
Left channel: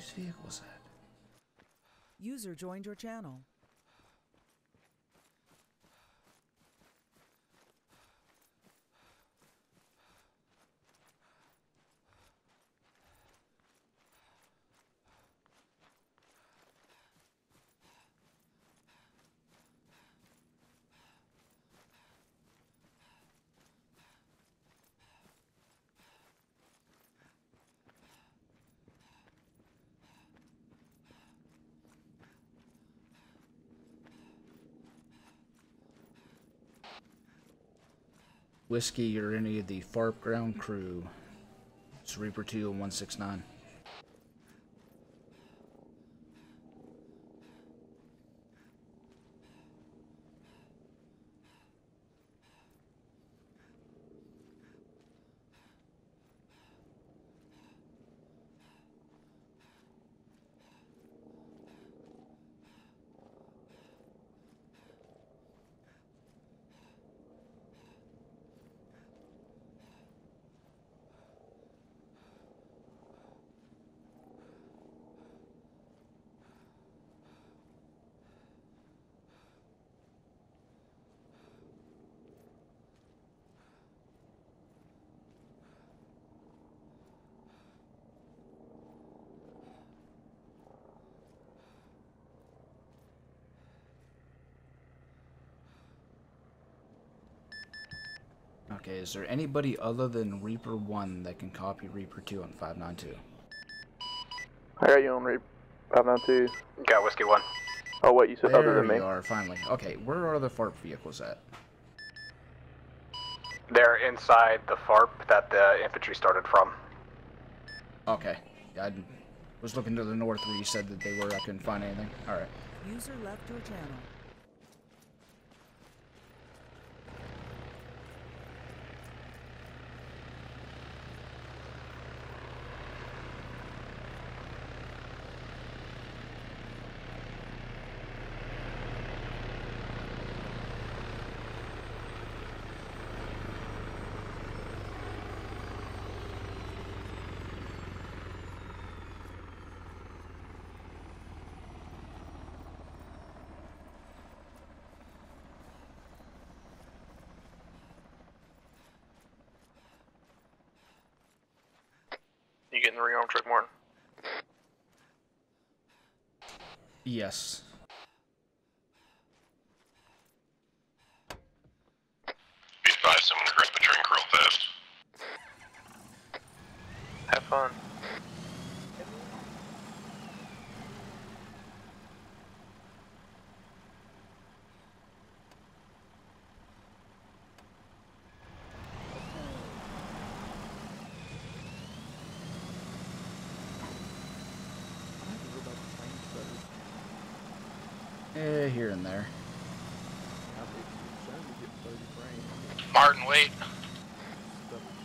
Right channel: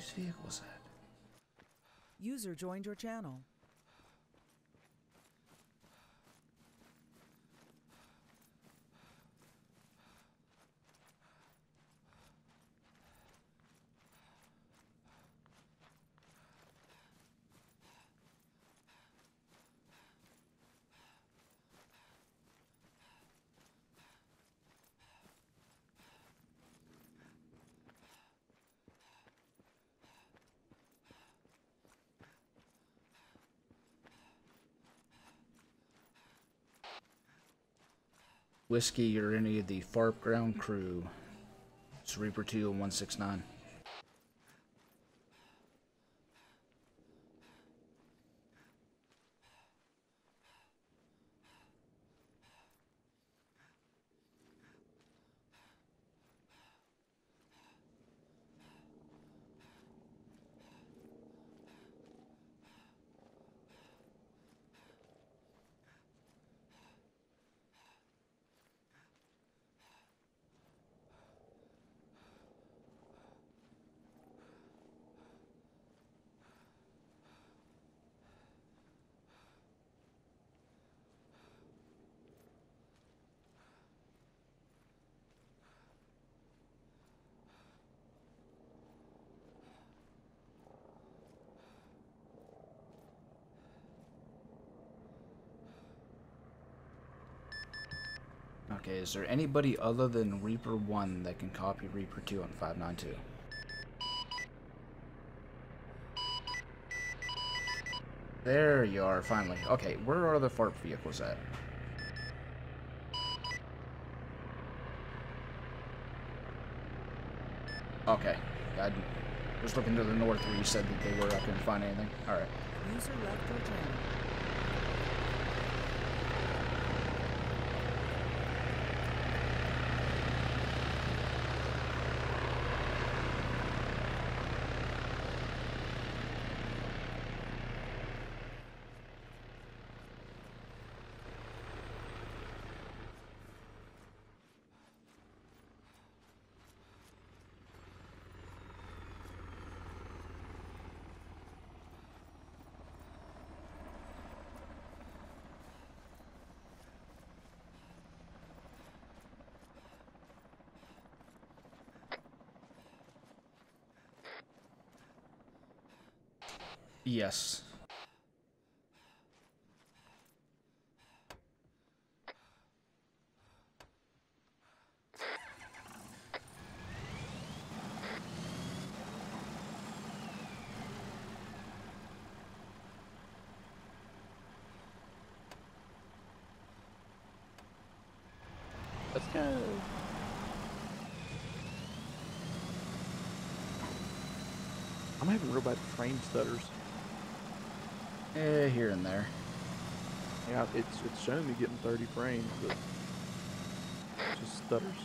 Whose vehicle is that? User joined your channel. Whiskey or any of the FARP ground crew. It's Reaper 2 and 169. Okay, is there anybody other than Reaper 1 that can copy Reaper 2 on 592? I got you on Reaper 592. Got Whiskey 1. Oh, wait, you said other There than me. you are, finally. Okay, where are the FARP vehicles at? They're inside the FARP that the infantry started from. Okay, I was looking to the north where you said that they were. I couldn't find anything. Alright. User left your channel. You getting the rearm truck, Martin? Yes. Be advised, I'm gonna grab a drink real fast. Have fun. Let's go. I'm having real bad train stutters. Here and there. Yeah, it's showing me getting 30 frames, but it Martin, wait. just stutters.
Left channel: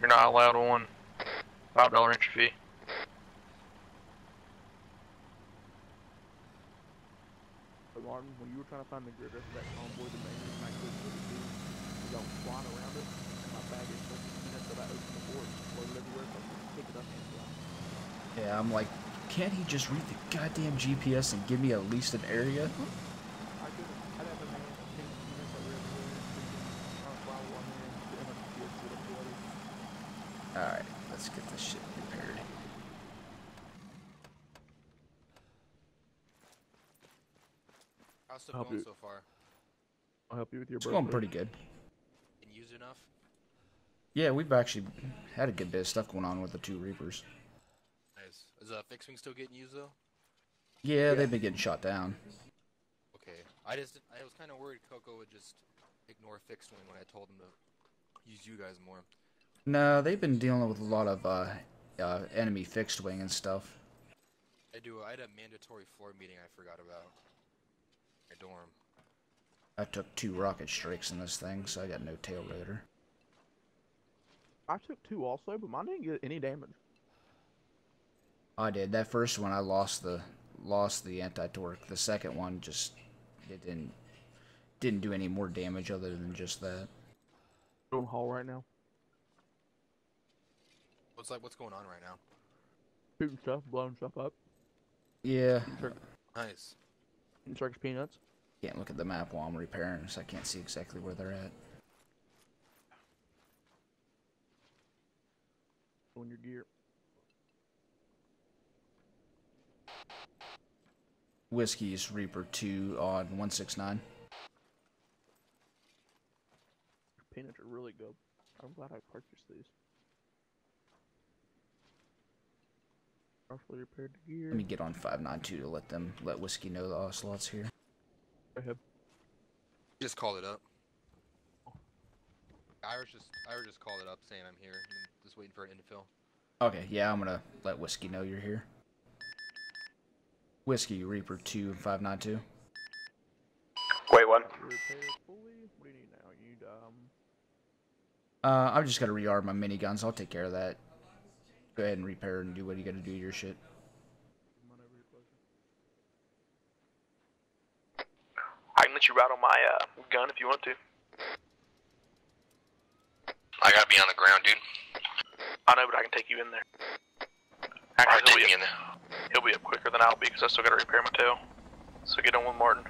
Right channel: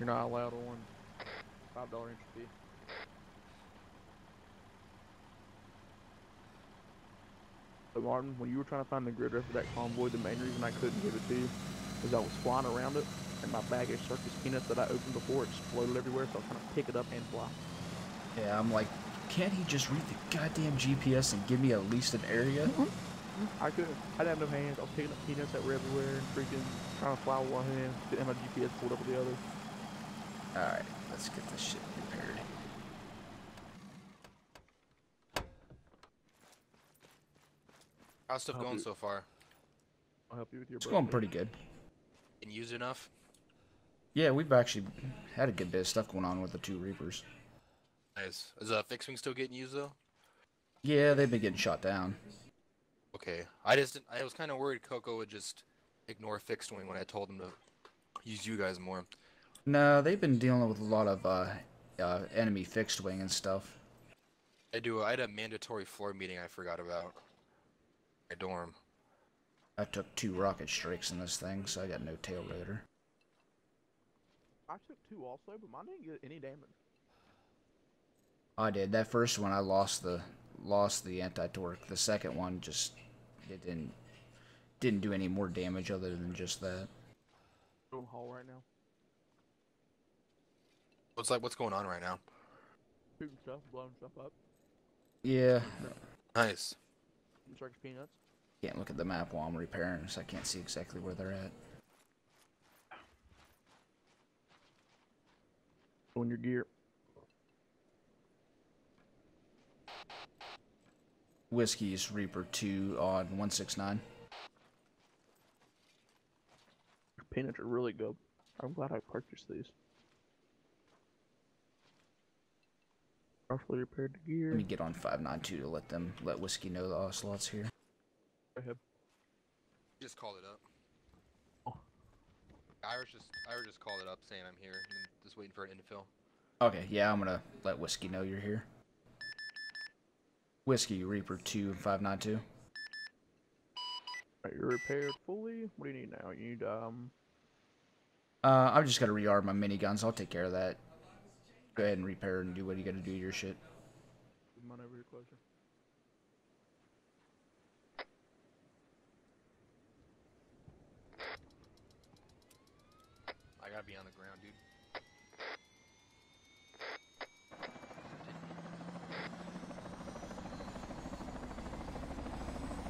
You're not allowed on $5 entry fee. So Martin, when you were trying to find the grid rest of that convoy, the main reason I couldn't get it to you is I was flying around it, and my baggage stuck to peanuts that I opened before, it just floated everywhere, so I couldn't pick it up and fly. Yeah, I'm like, can't he just read the goddamn GPS and give me at least an area? I couldn't. I didn't have no hands. I was taking the peanuts that were everywhere and freaking trying to fly with one hand, getting my GPS pulled up with the other. Alright, let's get this shit repaired. How's stuff I'll going do- so far? I'll help you with your It's going pretty good. Can you use enough? Yeah, we've actually had a good bit of stuff going on with the 2 Reapers. Nice. Is fixed wing still getting used though? Yeah, they've been getting shot down. Okay. I was kind of worried Coco would just ignore fixed wing when I told him to use you guys more. No, they've been dealing with a lot of enemy fixed wing and stuff. I had a mandatory floor meeting I forgot about. My dorm. I took 2 rocket strikes in this thing, so I got no tail rotor. I took 2 also, but mine didn't get any damage. I did. That first one I lost the anti-torque. The second one just it didn't do any more damage other than just that. We're on haul right now. What's going on right now? Shooting stuff, blowing stuff up. Yeah. Nice. Circus peanuts. Can't look at the map while I'm repairing, so I can't see exactly where they're at. On your gear. Whiskey's Reaper 2 on 169. Peanuts are really good. I'm glad I purchased these. Partially repaired the gear. Let me get on 592 to let Whiskey know the Ocelot's here. Go ahead. Just called it up. Irish just called it up saying I'm here. I'm just waiting for an infill. Okay, yeah, I'm gonna let Whiskey know you're here. Whiskey Reaper 2 and 592. Wait, what? Repaired fully. What do you need now? You need I've just gotta rearm my miniguns. I'll take care of that. Go ahead and repair and do what you gotta do to your shit. I can let you ride on my gun if you want to. I gotta be on the ground, dude. I know, but I can take you in there. Alright, Actually, take me in there. he'll be up quicker than I'll be because I still gotta repair my tail. So get on with Martin.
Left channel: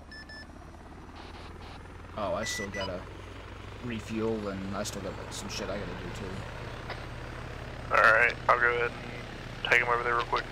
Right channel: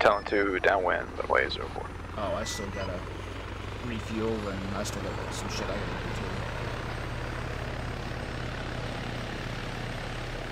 Tell him to downwind, the way is over. Oh, I still gotta refuel and I still got some shit I gotta do too. Alright, I'll go ahead. Take him over there real quick.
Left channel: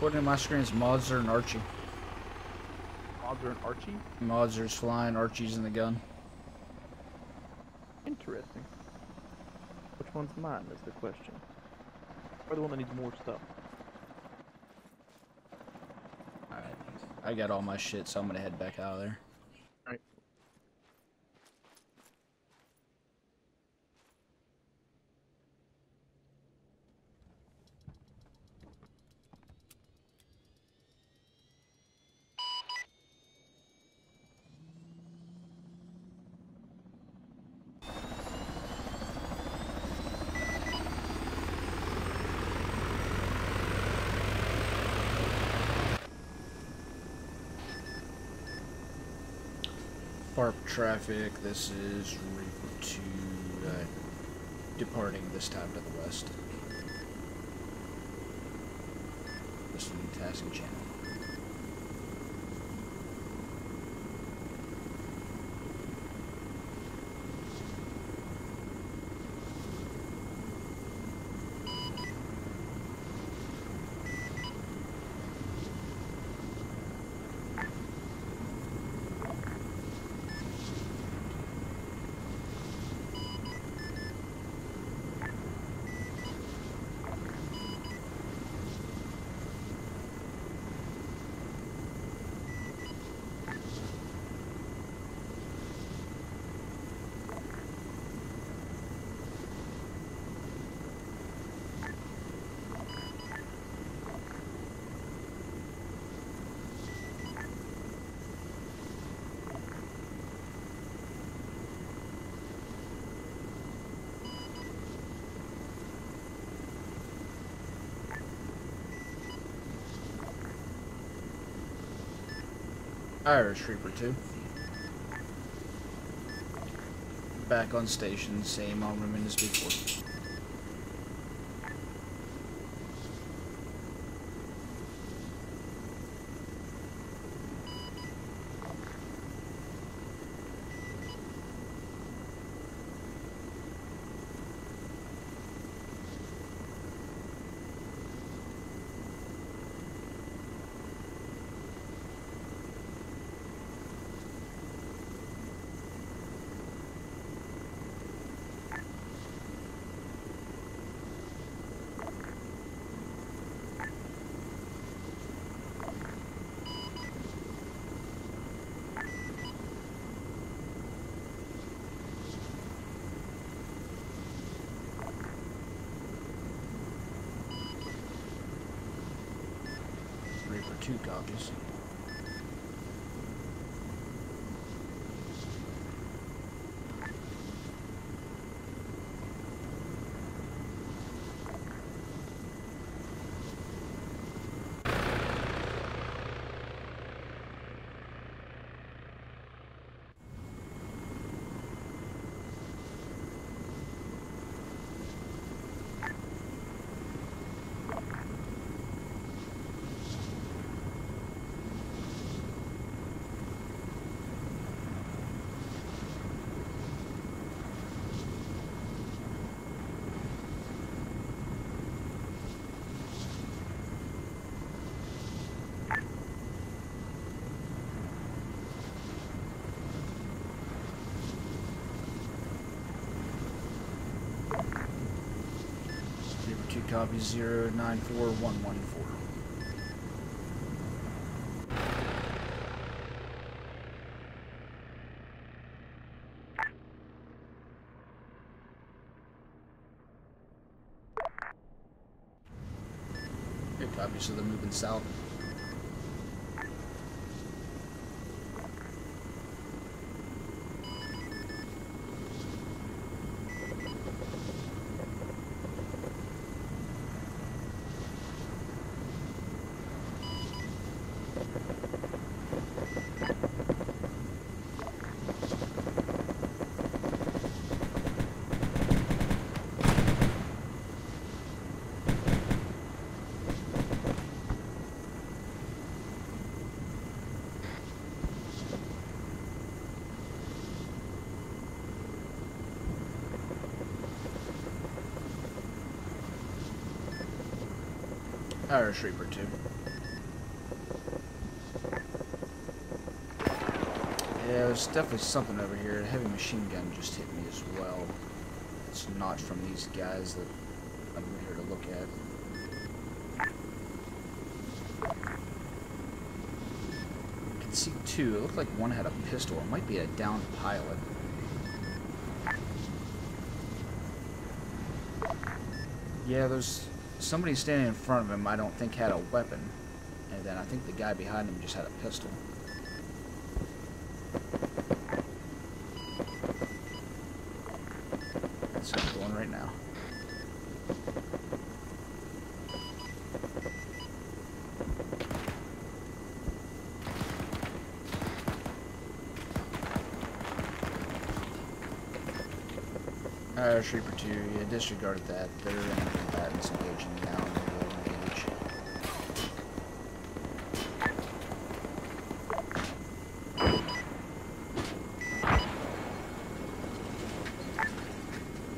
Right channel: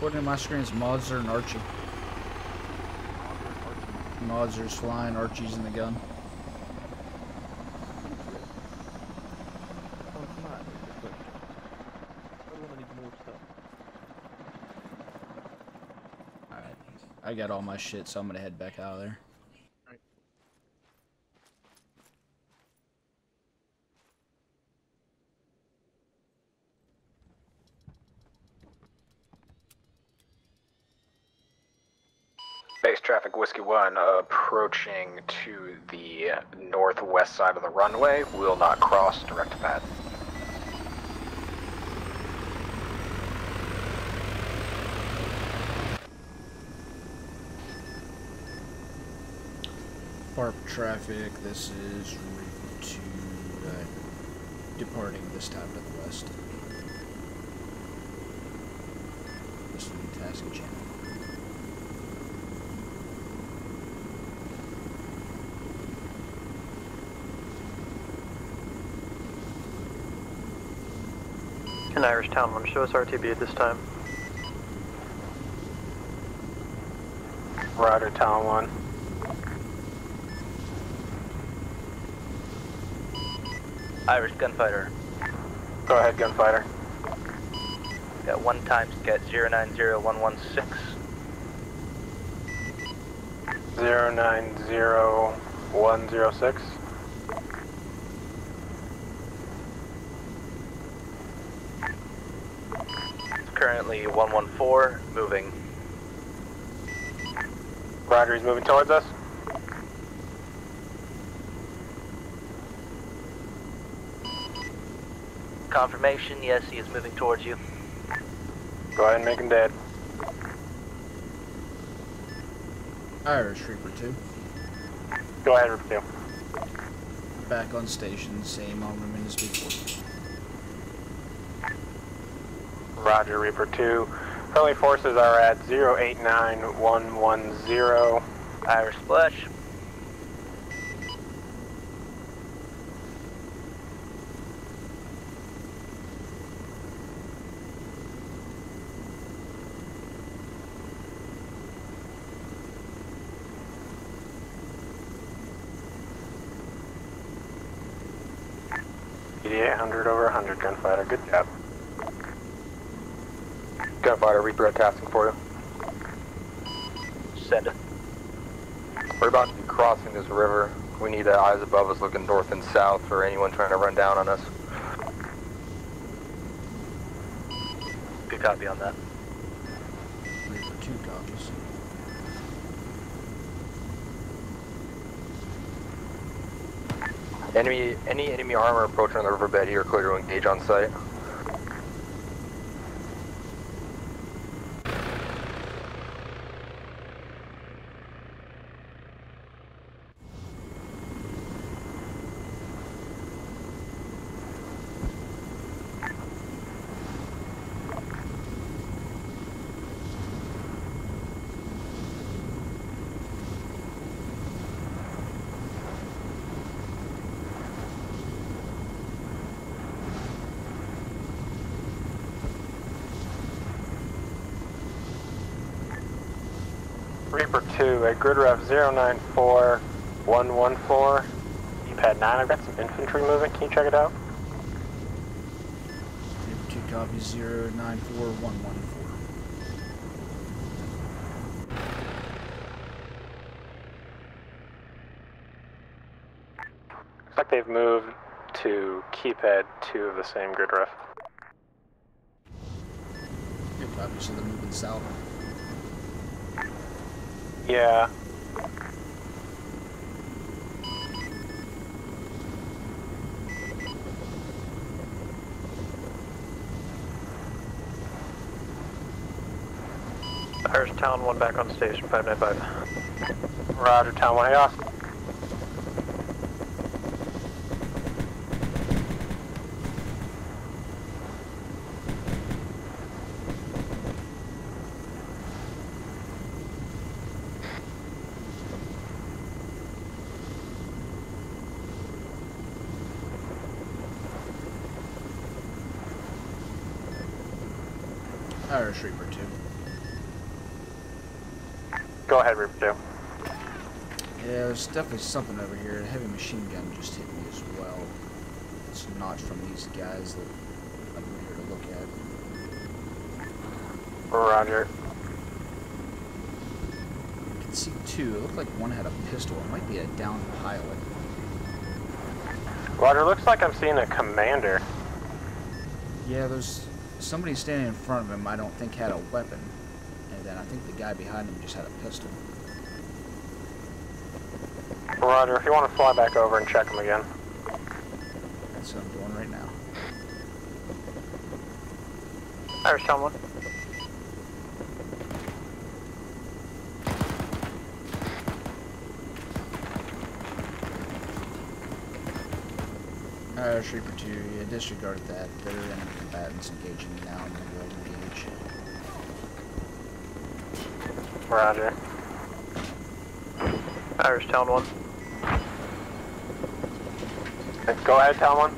According to my screen, it's Modzer and Archie. Modzer and Archie? Modzer's flying, Archie's in the gun. Interesting. Which one's mine is the question. Or the one that needs more stuff? Alright. I got all my shit, so I'm gonna head back out of there. Alright. Base traffic Whiskey 1 approaching to the northwest side of the runway. Will not cross direct to pad. FARP traffic, this is Reaper 2, departing this time to the west. This is the tasking channel. Can Irish Town 1 show us RTB at this time? Roger, Town 1. Irish Gunfighter. Go ahead, Gunfighter. Got 1 times get 090116. 090106. Currently 114, moving. Roger, he's moving towards us. Confirmation, yes, he is moving towards you. Go ahead and make him dead. Irish Reaper 2. Go ahead, Reaper 2. Back on station, same armament as before. Roger, Reaper 2. Friendly forces are at 089110. Irish Flush. EDA 100 over 100, Gunfighter. Good job. Gunfighter, Reaper at tasking for you. Send it. We're about crossing this river. We need eyes above us looking north and south for anyone trying to run down on us. Good copy on that. Reaper 2 copies. Any enemy armor approaching on the riverbed here, clear to engage on site. Reaper 2 at grid ref 094114. Pad 9, I've got some infantry moving. Can you check it out? Reaper 2 copies 094114. Looks like they've moved to keypad 2 of the same grid ref. Good copy, so they're moving south. Yeah. Irish Town 1 back on station, 595. Roger, Town 1, hey, Austin. Irish Reaper 2. Go ahead, Reaper 2. Yeah, there's definitely something over here. A heavy machine gun just hit me as well. It's not from these guys that I'm here to look at. Roger. I can see two. It looked like one had a pistol. It might be a downed pilot. Roger, looks like I'm seeing a commander. Yeah, there's somebody standing in front of him I don't think had a weapon. And then I think the guy behind him just had a pistol. Roger, if you want to fly back over and check him again. That's what I'm doing right now. Irish someone. Reaper 2, yeah, disregard that. They're enemy combatants engaging now and they will engage. Roger. Irish Town 1. Go ahead, Town 1.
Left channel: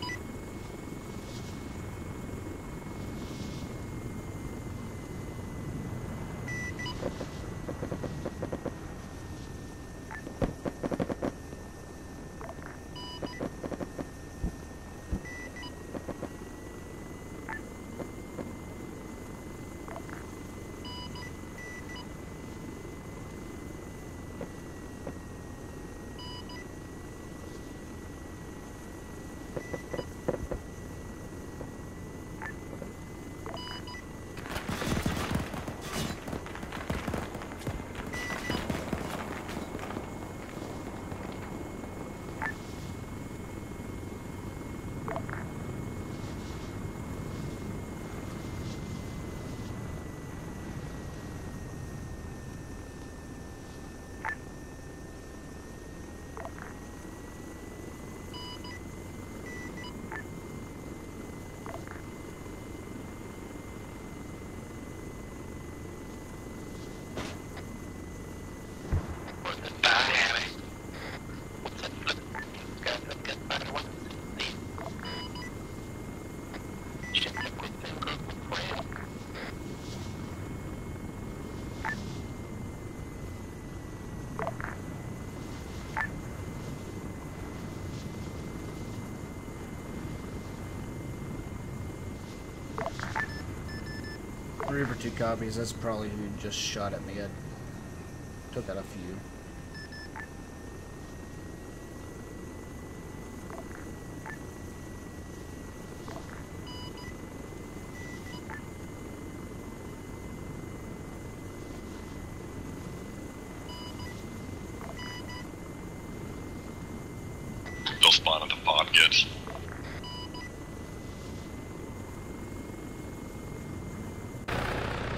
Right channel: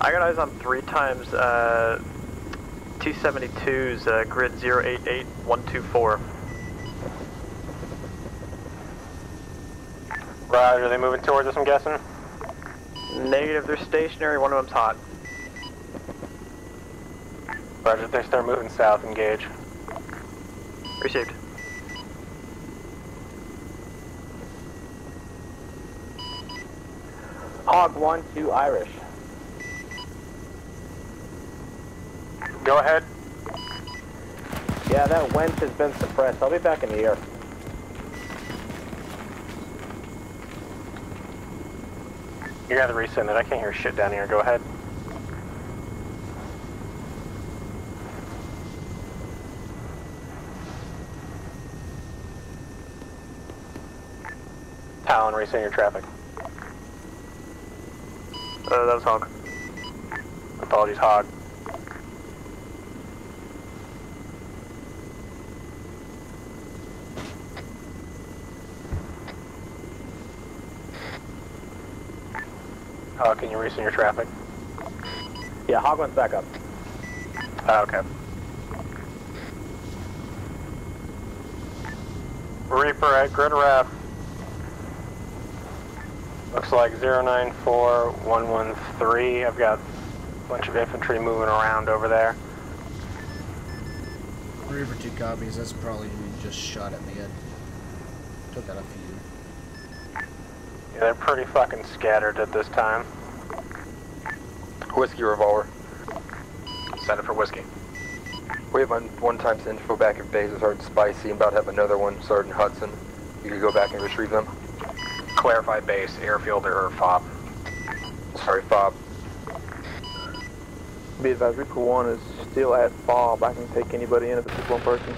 I got eyes on 3 times T-72's grid 088124. Roger, are they moving towards us, I'm guessing? Negative, they're stationary, one of them's hot. Roger, if they start moving south, engage. Received. Hog 1 to Irish. Go ahead. Yeah, that wench has been suppressed. I'll be back in the air. You gotta resend it. I can't hear shit down here. Go ahead. Talon, resend your traffic. That was Hog. Apologies, Hog. Hog, can you resend your traffic? Yeah, Hog went back up. Okay. Reaper at grid ref. Looks like 094113. I've got a bunch of infantry moving around over there. Reaper 2 copies. That's probably who just shot at me. I took out a few. Yeah, they're pretty fucking scattered at this time. Whiskey revolver. Send it for Whiskey. We have one times info back in base with Sergeant Spicy. About to have another one, Sergeant Hudson. You could go back and retrieve them. Clarify base, airfield or FOB. No spot. Sorry, FOB. Be advised, Reaper 1 is still at FOB. I can take anybody in if it's one person.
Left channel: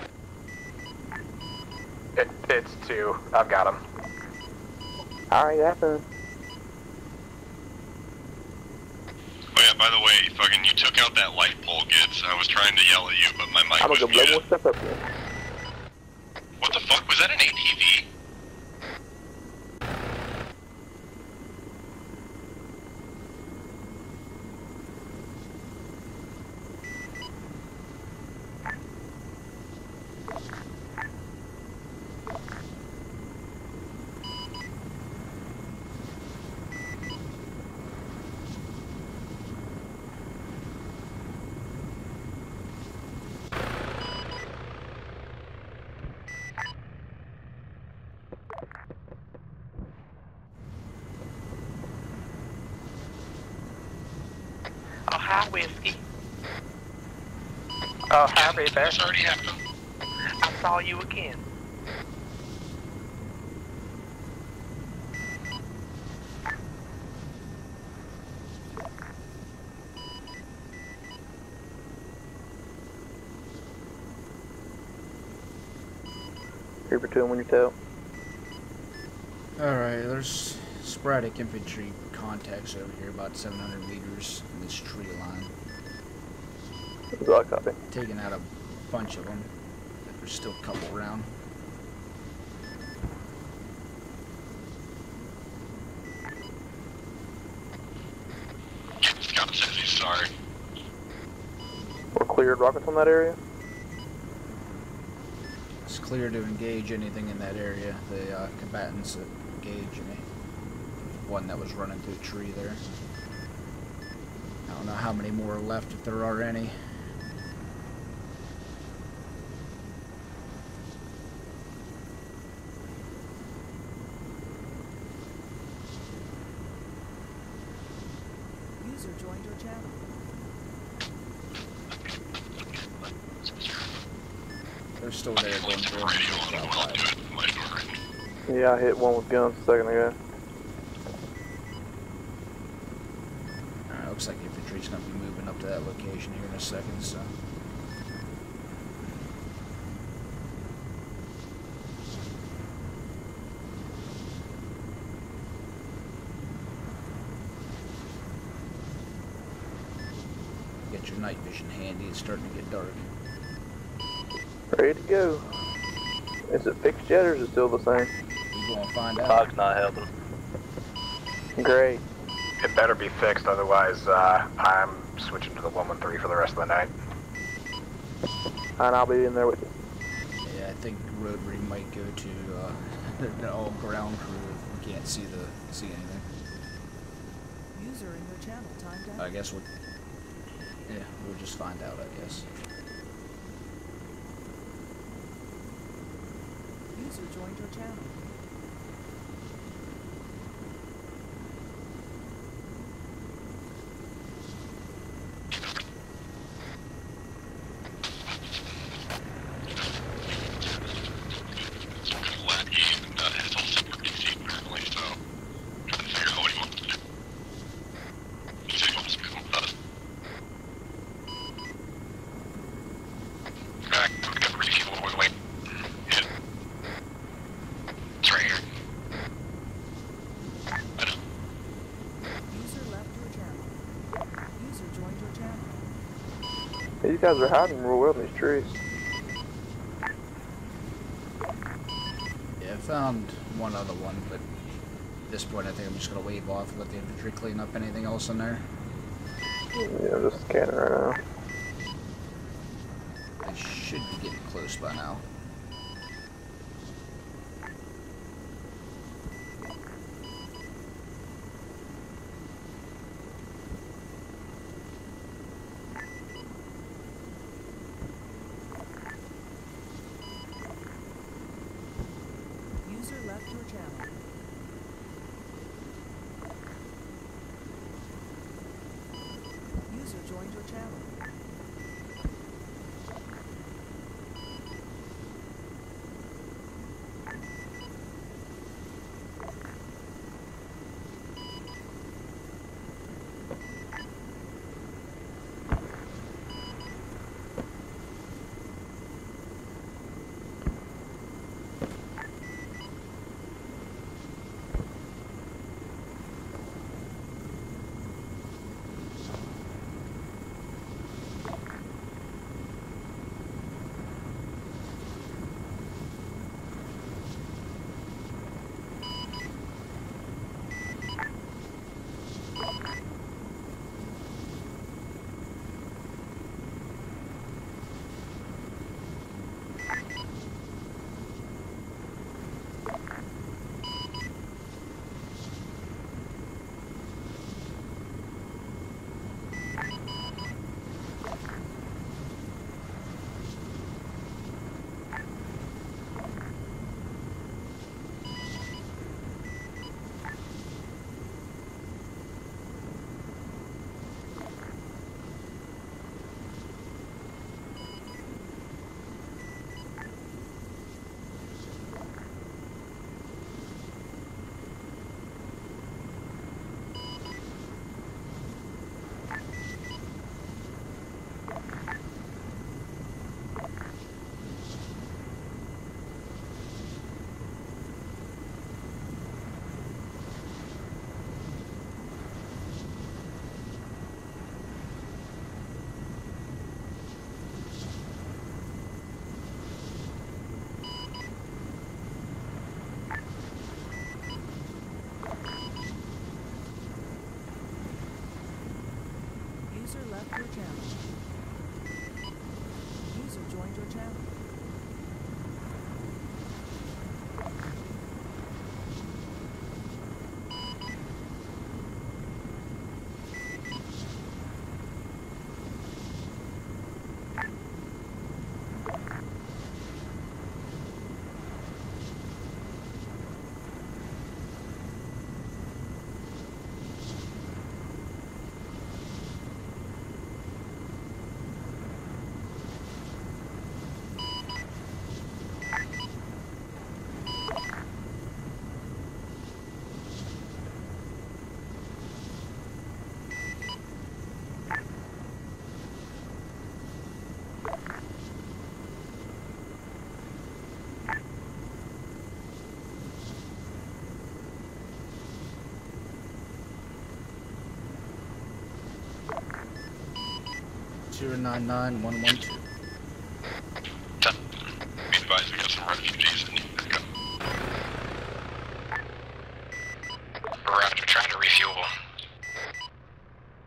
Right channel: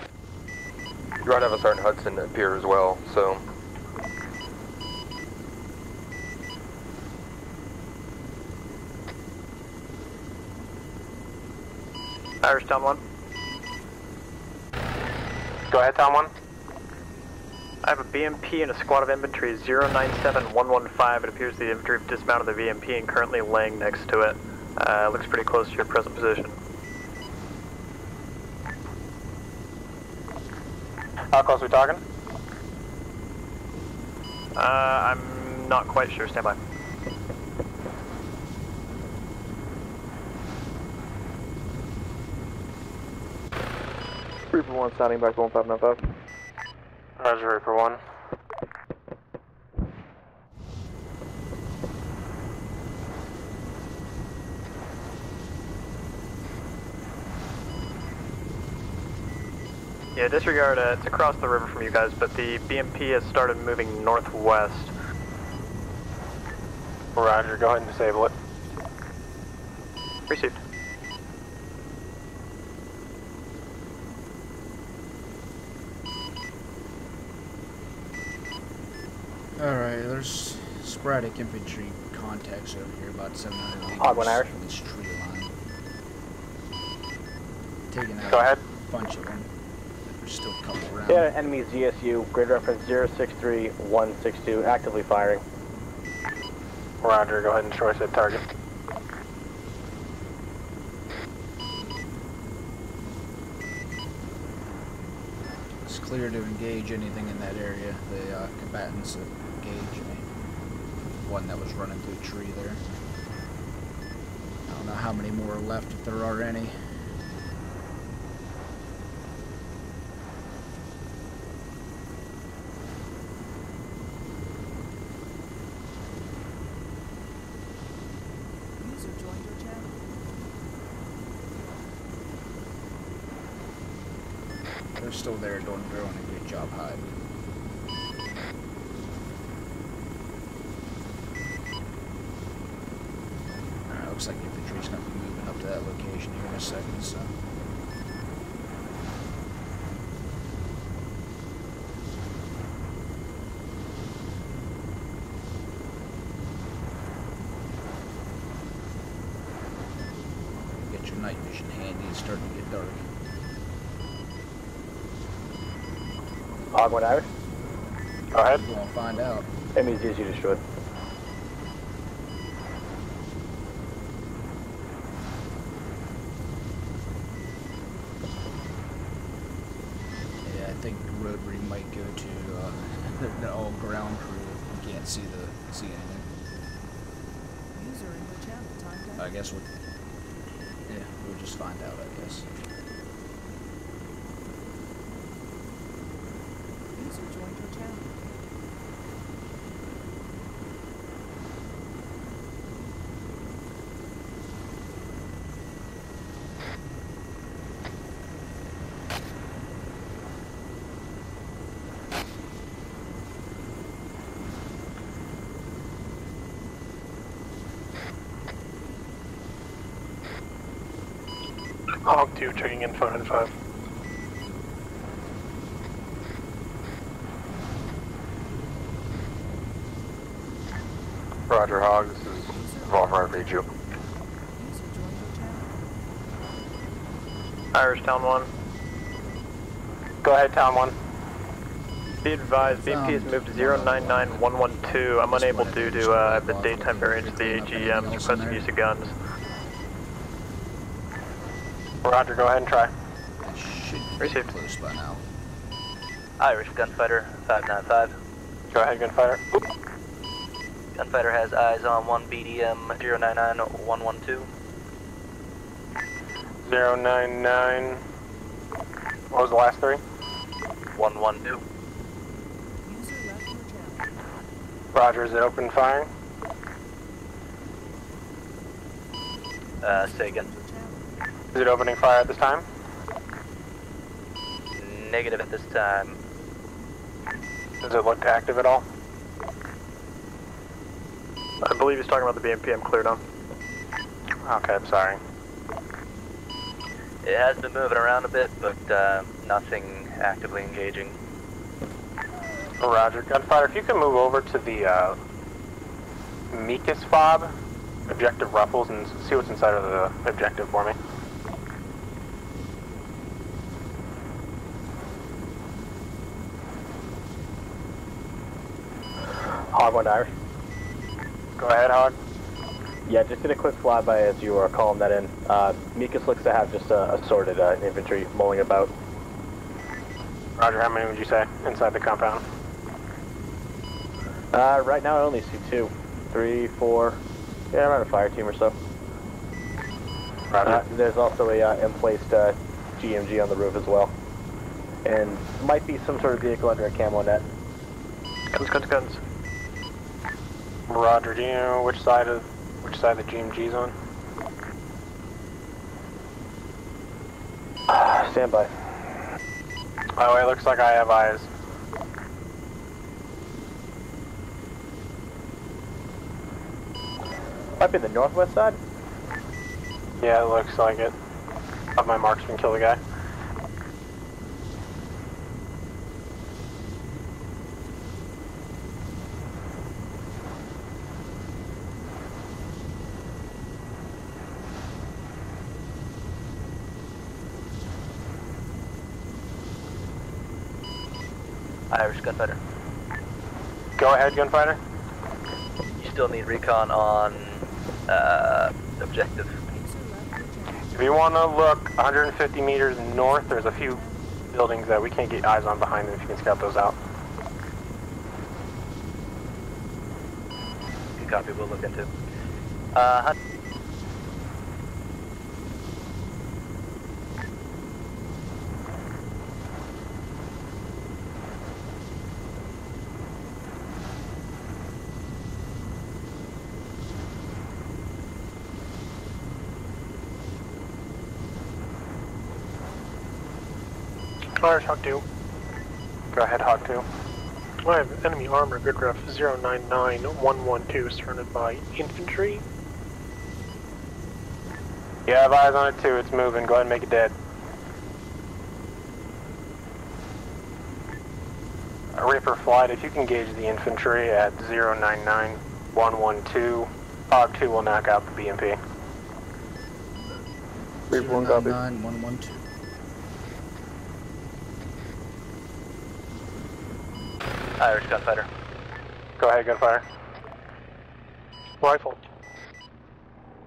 You'd rather have a Sergeant Hudson at Pier as well, so... I've got him. Alright, yeah, so... Oh yeah, by the way, fucking you took out that light pole, Gibbs. I was trying to yell at you, but my mic was muted. Go ahead, Tom 1. What the fuck? Was that an ATV? I have a BMP and a squad of infantry, 097115. It appears the infantry have dismounted the BMP and currently laying next to it. Looks pretty close to your present position. How close are we talking? I'm not quite sure. Stand by. Reaper 1 sounding back 1595. Roger, Reaper 1. Oh, hi, Whiskey. Oh, happy there. It's already happened. Yeah, disregard it's across the river from you guys, but the BMP has started moving northwest. Roger, go ahead and disable it. Received. Reaper 2 when you tell. Alright, there's sporadic infantry contacts over here, about 700 meters from this tree line. Copy. Taking out Go ahead. a bunch of them. There's still a couple around. Yeah, enemy ZSU, grid reference 063162, actively firing. Roger, go ahead and choice that target. Scott says he's sorry. We're cleared rockets on that area. It's clear to engage anything in that area. The combatants that engaged me. One that was running through a tree there. I don't know how many more are left, if there are any. User joined your channel. They're still there going through. Good job, guys. Yeah, I hit one with guns a second ago. Alright, looks like infantry's gonna be moving up to that location here in a second, so. Get your night vision handy, it's starting to get dark. Ready to go. Is it fixed yet or is it still the same? Go ahead. We're gonna find out. That means easy to destroy. Great. It better be fixed, otherwise I'm switching to the 113 for the rest of the night. And I'll be in there with you. Yeah, I think Rotary might go to the all ground crew if we can't see anything. User in your channel timed out. I guess we'll just find out, I guess. User joined your channel. Hog 2 checking in 595. Roger, Hogs. Revolver, I read you. User joined your channel. These guys are hiding Irish in the Town 1. trees. Go ahead, Town 1. Be advised, BP has moved to 099112. I'm unable due to the daytime variance of the AGM. Request use of guns. Yeah, just scanning right now. Roger, go ahead and try. They should be getting close by now. Irish Gunfighter 595. Go ahead, Gunfighter. Oop. Gunfighter has eyes on 1 BDM 099112. 099. What was the last three? 112. User left your channel. Roger, is it open firing? Say again. Is it opening fire at this time? Negative at this time. Does it look active at all? I believe he's talking about the BMP. I'm cleared on. Okay, I'm sorry. It has been moving around a bit, but nothing actively engaging. Roger, Gunfighter, if you can move over to the Mikas fob, objective Ruffles, and see what's inside of the objective for me. Hog 1 Irish. Go ahead, Hog. Yeah, just did a quick flyby as you were calling that in. Mikas looks to have just assorted infantry mulling about. Roger, how many would you say inside the compound? Right now I only see 2, 3, 4, yeah, around a fire team or so. There's also a emplaced GMG on the roof as well. And might be some sort of vehicle under a camo net. Guns. Roger, do you know which side the GMG's on? Stand by. By the way, it looks like I have eyes. Might be the northwest side? Yeah, it looks like it. Have my marksman kill the guy. Irish Gunfighter. Go ahead, Gunfighter. You still need recon on objective. If you want to look 150 meters north, there's a few buildings that we can't get eyes on behind them if you can scout those out. Copy, we'll look into it. Flyers, Hawk 2. Go ahead, Hawk 2. I have enemy armor, good ref 099112, surrounded by infantry. You have eyes on it too, it's moving. Go ahead and make it dead. Reaper Flight, if you can gauge the infantry at 099112, Hawk 2 will knock out the BMP. 099112. Be advised, we got some refugees in Irish gunfighter. Go ahead, gunfire. Roger, trying to refuel. Rifles.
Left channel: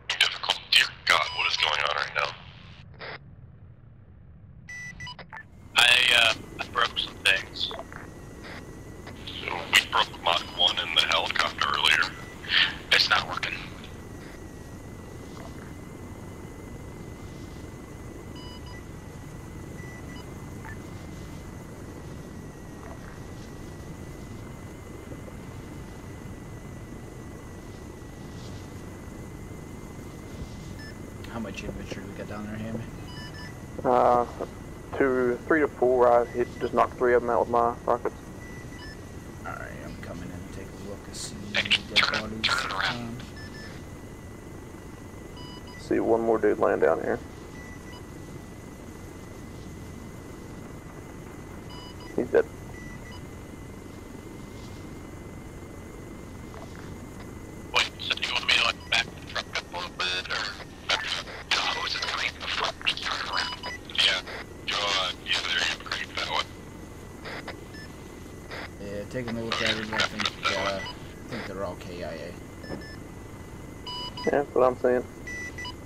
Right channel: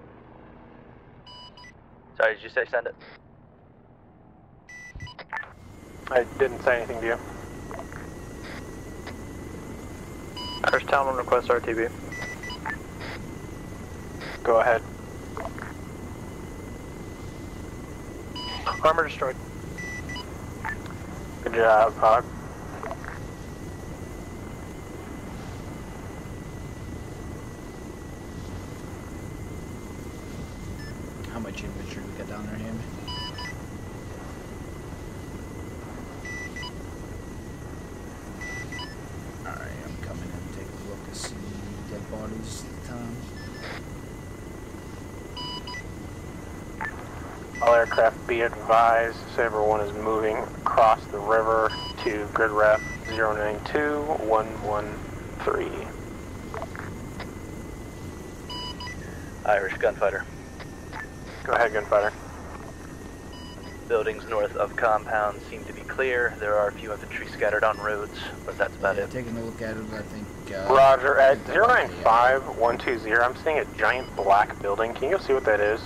Difficult. Dear God, what is going on right now? Did you say send it? I didn't say anything to you. Things. We broke the mod one There's in the Tom on the first helicopter RTV. earlier. It's not working. Go ahead. Armor destroyed. Good job, Hawk. How much infantry we got down there, Hammy? 3 to 4. It just knocked 3 of them out with my rocket. Alright, I'm coming in and take a look and see dead bodies. See one more dude laying down here. All aircraft be advised, Sabre 1 is moving across the river to 3rd ref 092113. Irish gunfighter. Go ahead, gunfighter. Buildings north of compound. Clear. There are a few infantry scattered on roads, but that's about it. Taking a look at it, I think. Roger, at 095120, I'm seeing a giant black building. Can you go see what that is?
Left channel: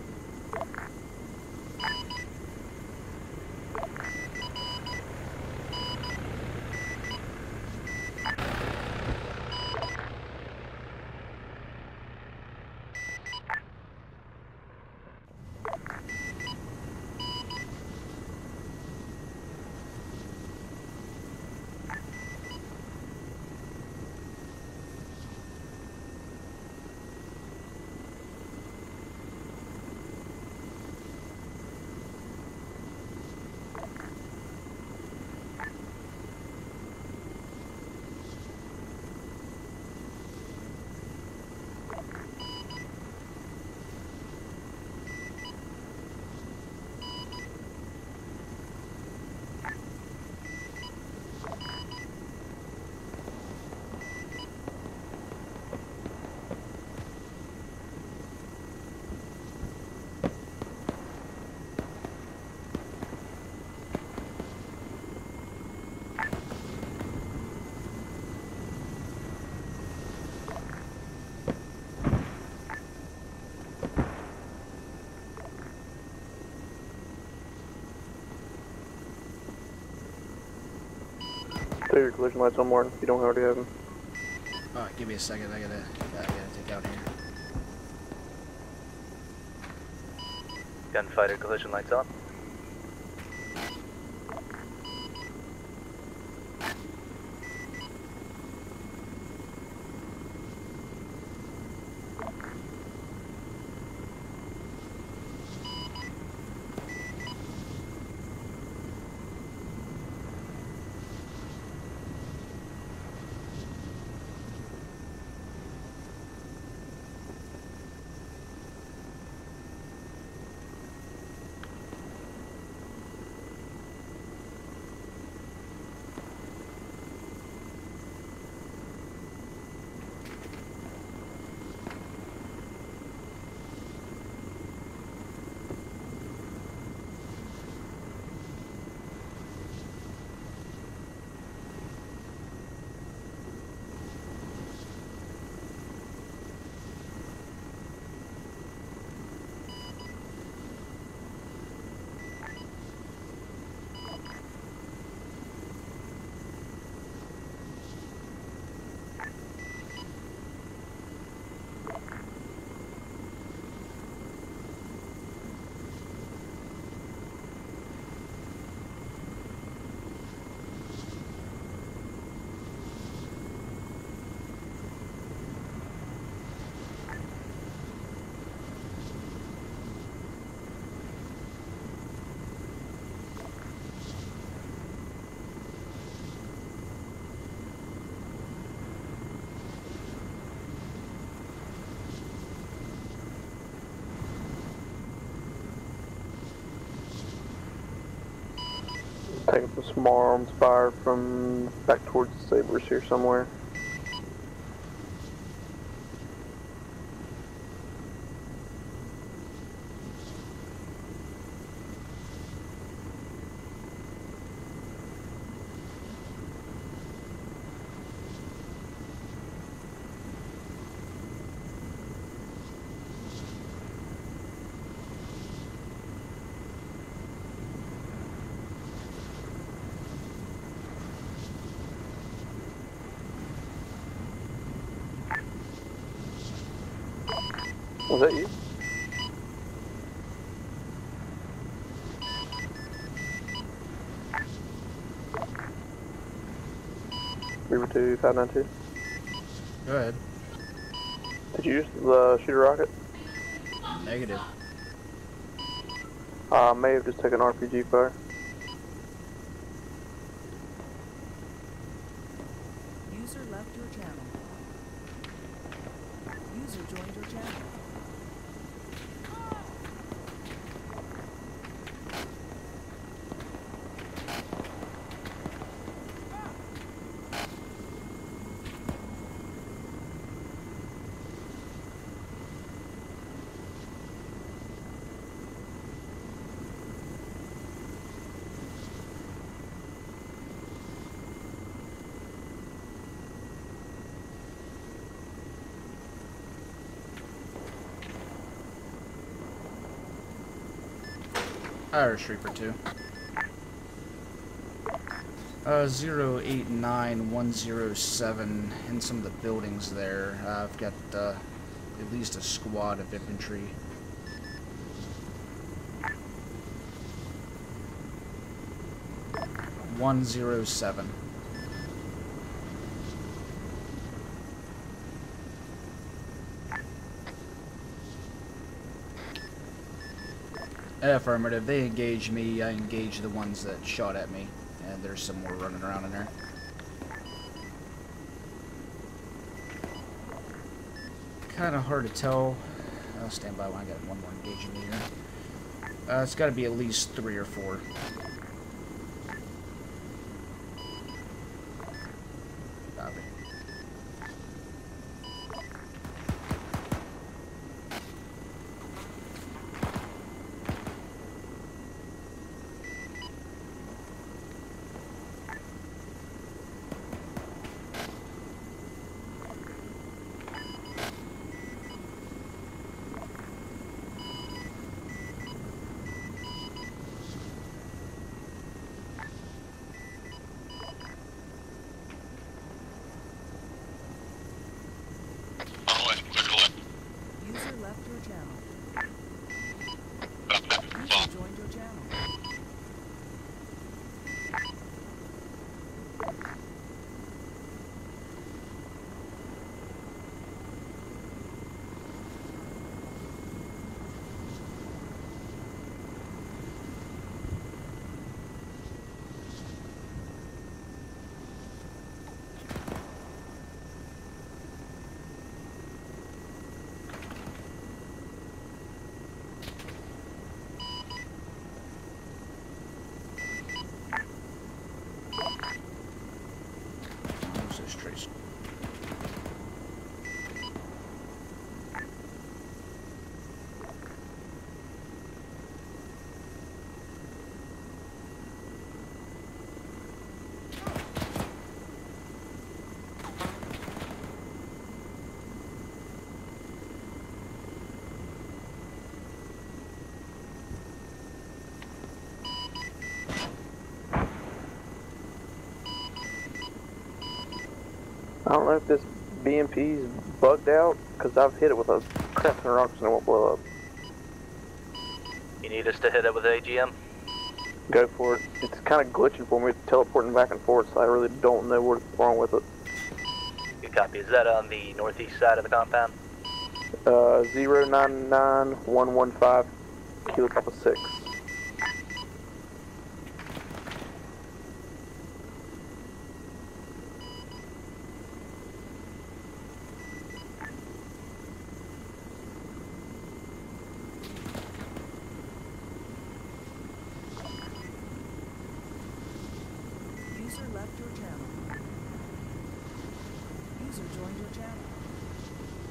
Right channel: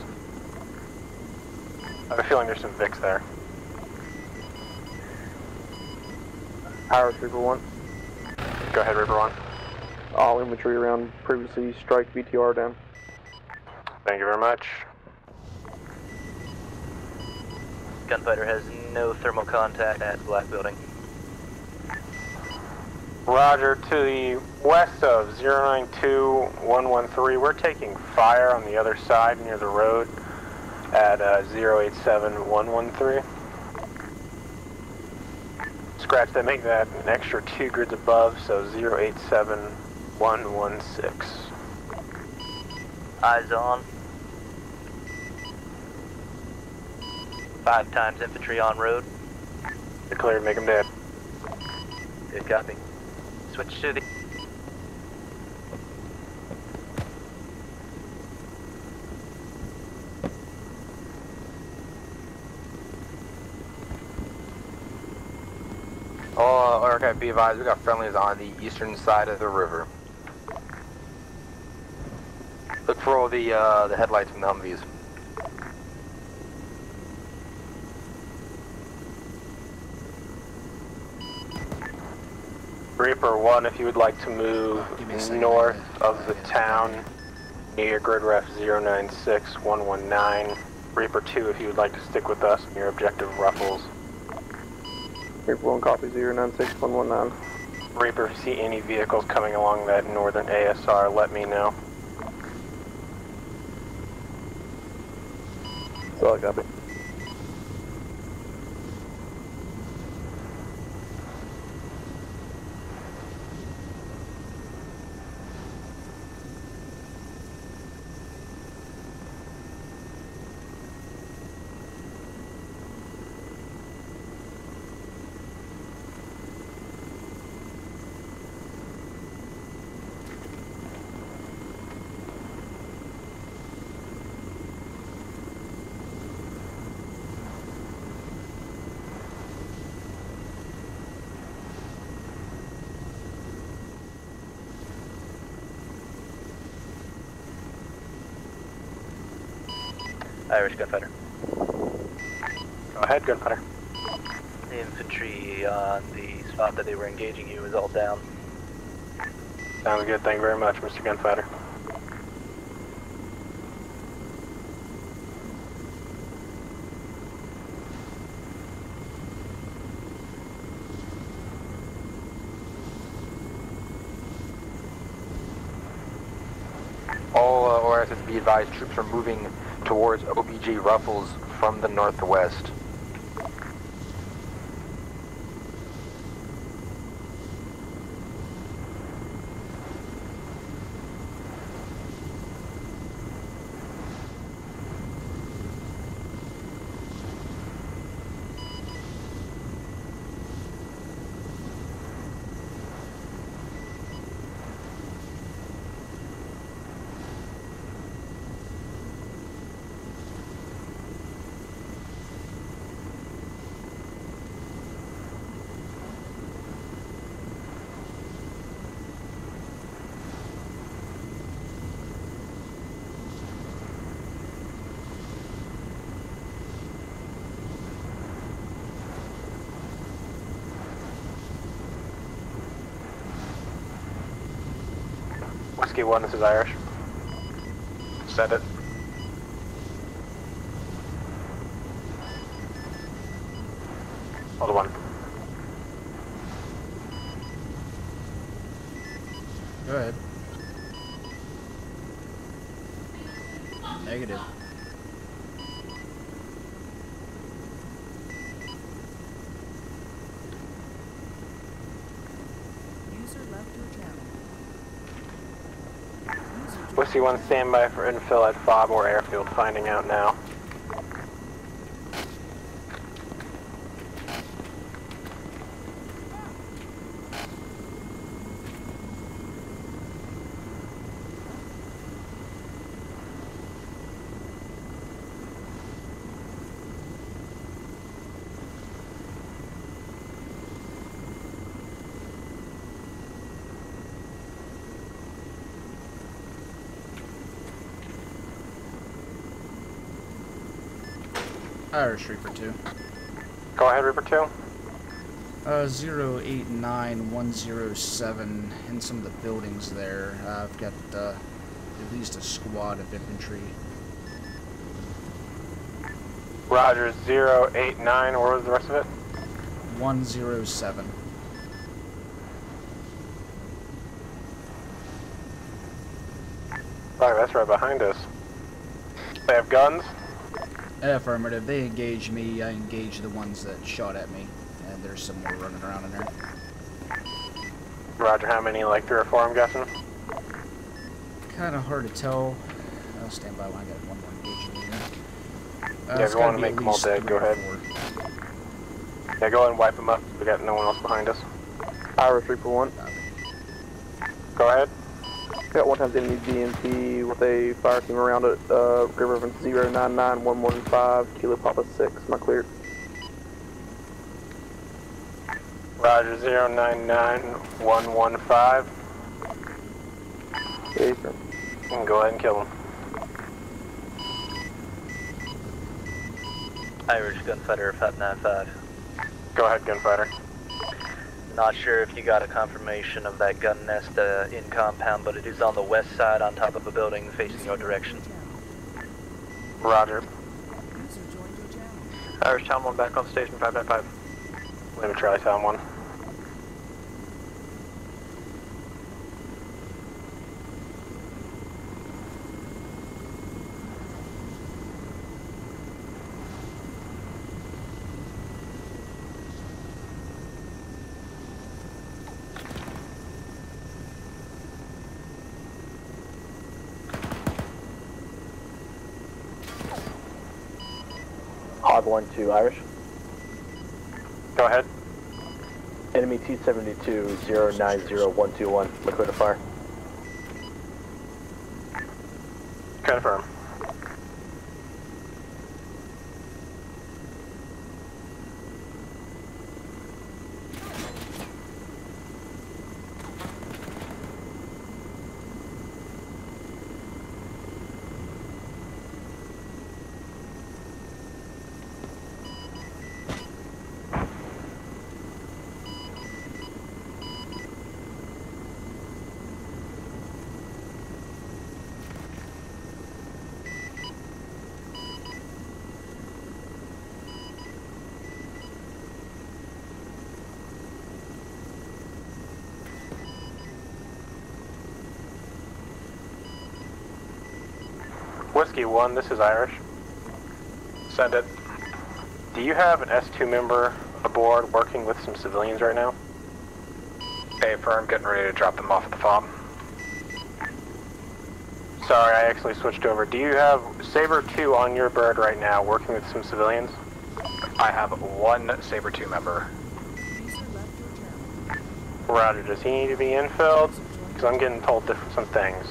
I have a feeling there's some Vicks there. Howard, River 1. Go ahead, River 1. All infantry around previously strike BTR down. Thank you very much. Gunfighter has no thermal contact at Black Building. Roger, to the west of 092113, we're taking fire on the other side near the road at 087113. Scratch that, make that an extra 2 grids above, so 087116. Eyes on. 5 times infantry on road. You're clear, make them dead. Good copy. Switch to the... Oh, okay, be advised, we got friendlies on the eastern side of the river. Look for all the headlights and the Humvees. Reaper 1, if you would like to move north of the town near grid ref 096119. Reaper 2, if you would like to stick with us near objective Ruffles. Reaper 1 copy 096119. Reaper, if you see any vehicles coming along that northern ASR, let me know. That's all I copy. Irish gunfighter. Go ahead, gunfighter. The infantry on the spot that they were engaging you is all down. Sounds good. Thank you very much, Mr. Gunfighter. All ORSs be advised, troops are moving towards OPG Ruffles from the northwest. Taking some small arms fire from back towards the Sabres here somewhere. Whiskey 1, this is Irish. Was it? Send it. Hold on. Reaper 2, 592. Go ahead. Did you use the shooter rocket? Negative. May have just taken RPG fire. User left your channel. User joined Whiskey your 1, channel. stand by for infill at Fobmore Airfield. Finding out now. Irish Reaper 2. Go ahead, Reaper 2. 089107 in some of the buildings there. I've got at least a squad of infantry. Roger, 089. Where was the rest of it? 107. Alright, that's right behind us. They have guns? Affirmative. They engage me. I engage the ones that shot at me. And there's some more running around in there. Roger, how many? Like 3 or 4, I'm guessing? Kind of hard to tell. I'll stand by when I got one more engaging me here. Yeah, It's go got on to be and at make them all least dead. 3 Go or ahead. 4. Yeah, go ahead and wipe them up. We got no one else behind us. Irish Reaper 1. Go ahead. Got one times enemy GMT with a fire team around it. River from 099115, Kilo Papa 6. Am I cleared? Roger, 099115. You can go ahead and kill them. Irish Gunfighter 595. Go ahead, Gunfighter. Not sure if you got a confirmation of that gun nest in compound, but it is on the west side on top of a building facing your direction. Roger. User joined your channel. Irish Town 1 back on station 595. Let me try Town 1. Hardline to Irish. Go ahead. Enemy T-72, 090121. Liquid to fire. Confirm. don't know if this BMP's bugged out, because I've hit it with a crap and rocks and it won't blow up. You need us to hit it with AGM? Go for it. It's kind of glitching for me, teleporting back and forth, so I really don't know what's wrong with it. Good copy. Is that on the northeast side of the compound? 099... Whiskey 1, this is Irish. Kilo Papa 6. Send it. Do you have an S2 member aboard working with some civilians right now? Hey, firm, getting ready to drop them off at the fob. Sorry, I actually switched over. Do you have Saber 2 on your bird right now working with some civilians? I have one Saber 2 member. User left your channel. Roger, does he need to be infilled? Because I'm getting told some things.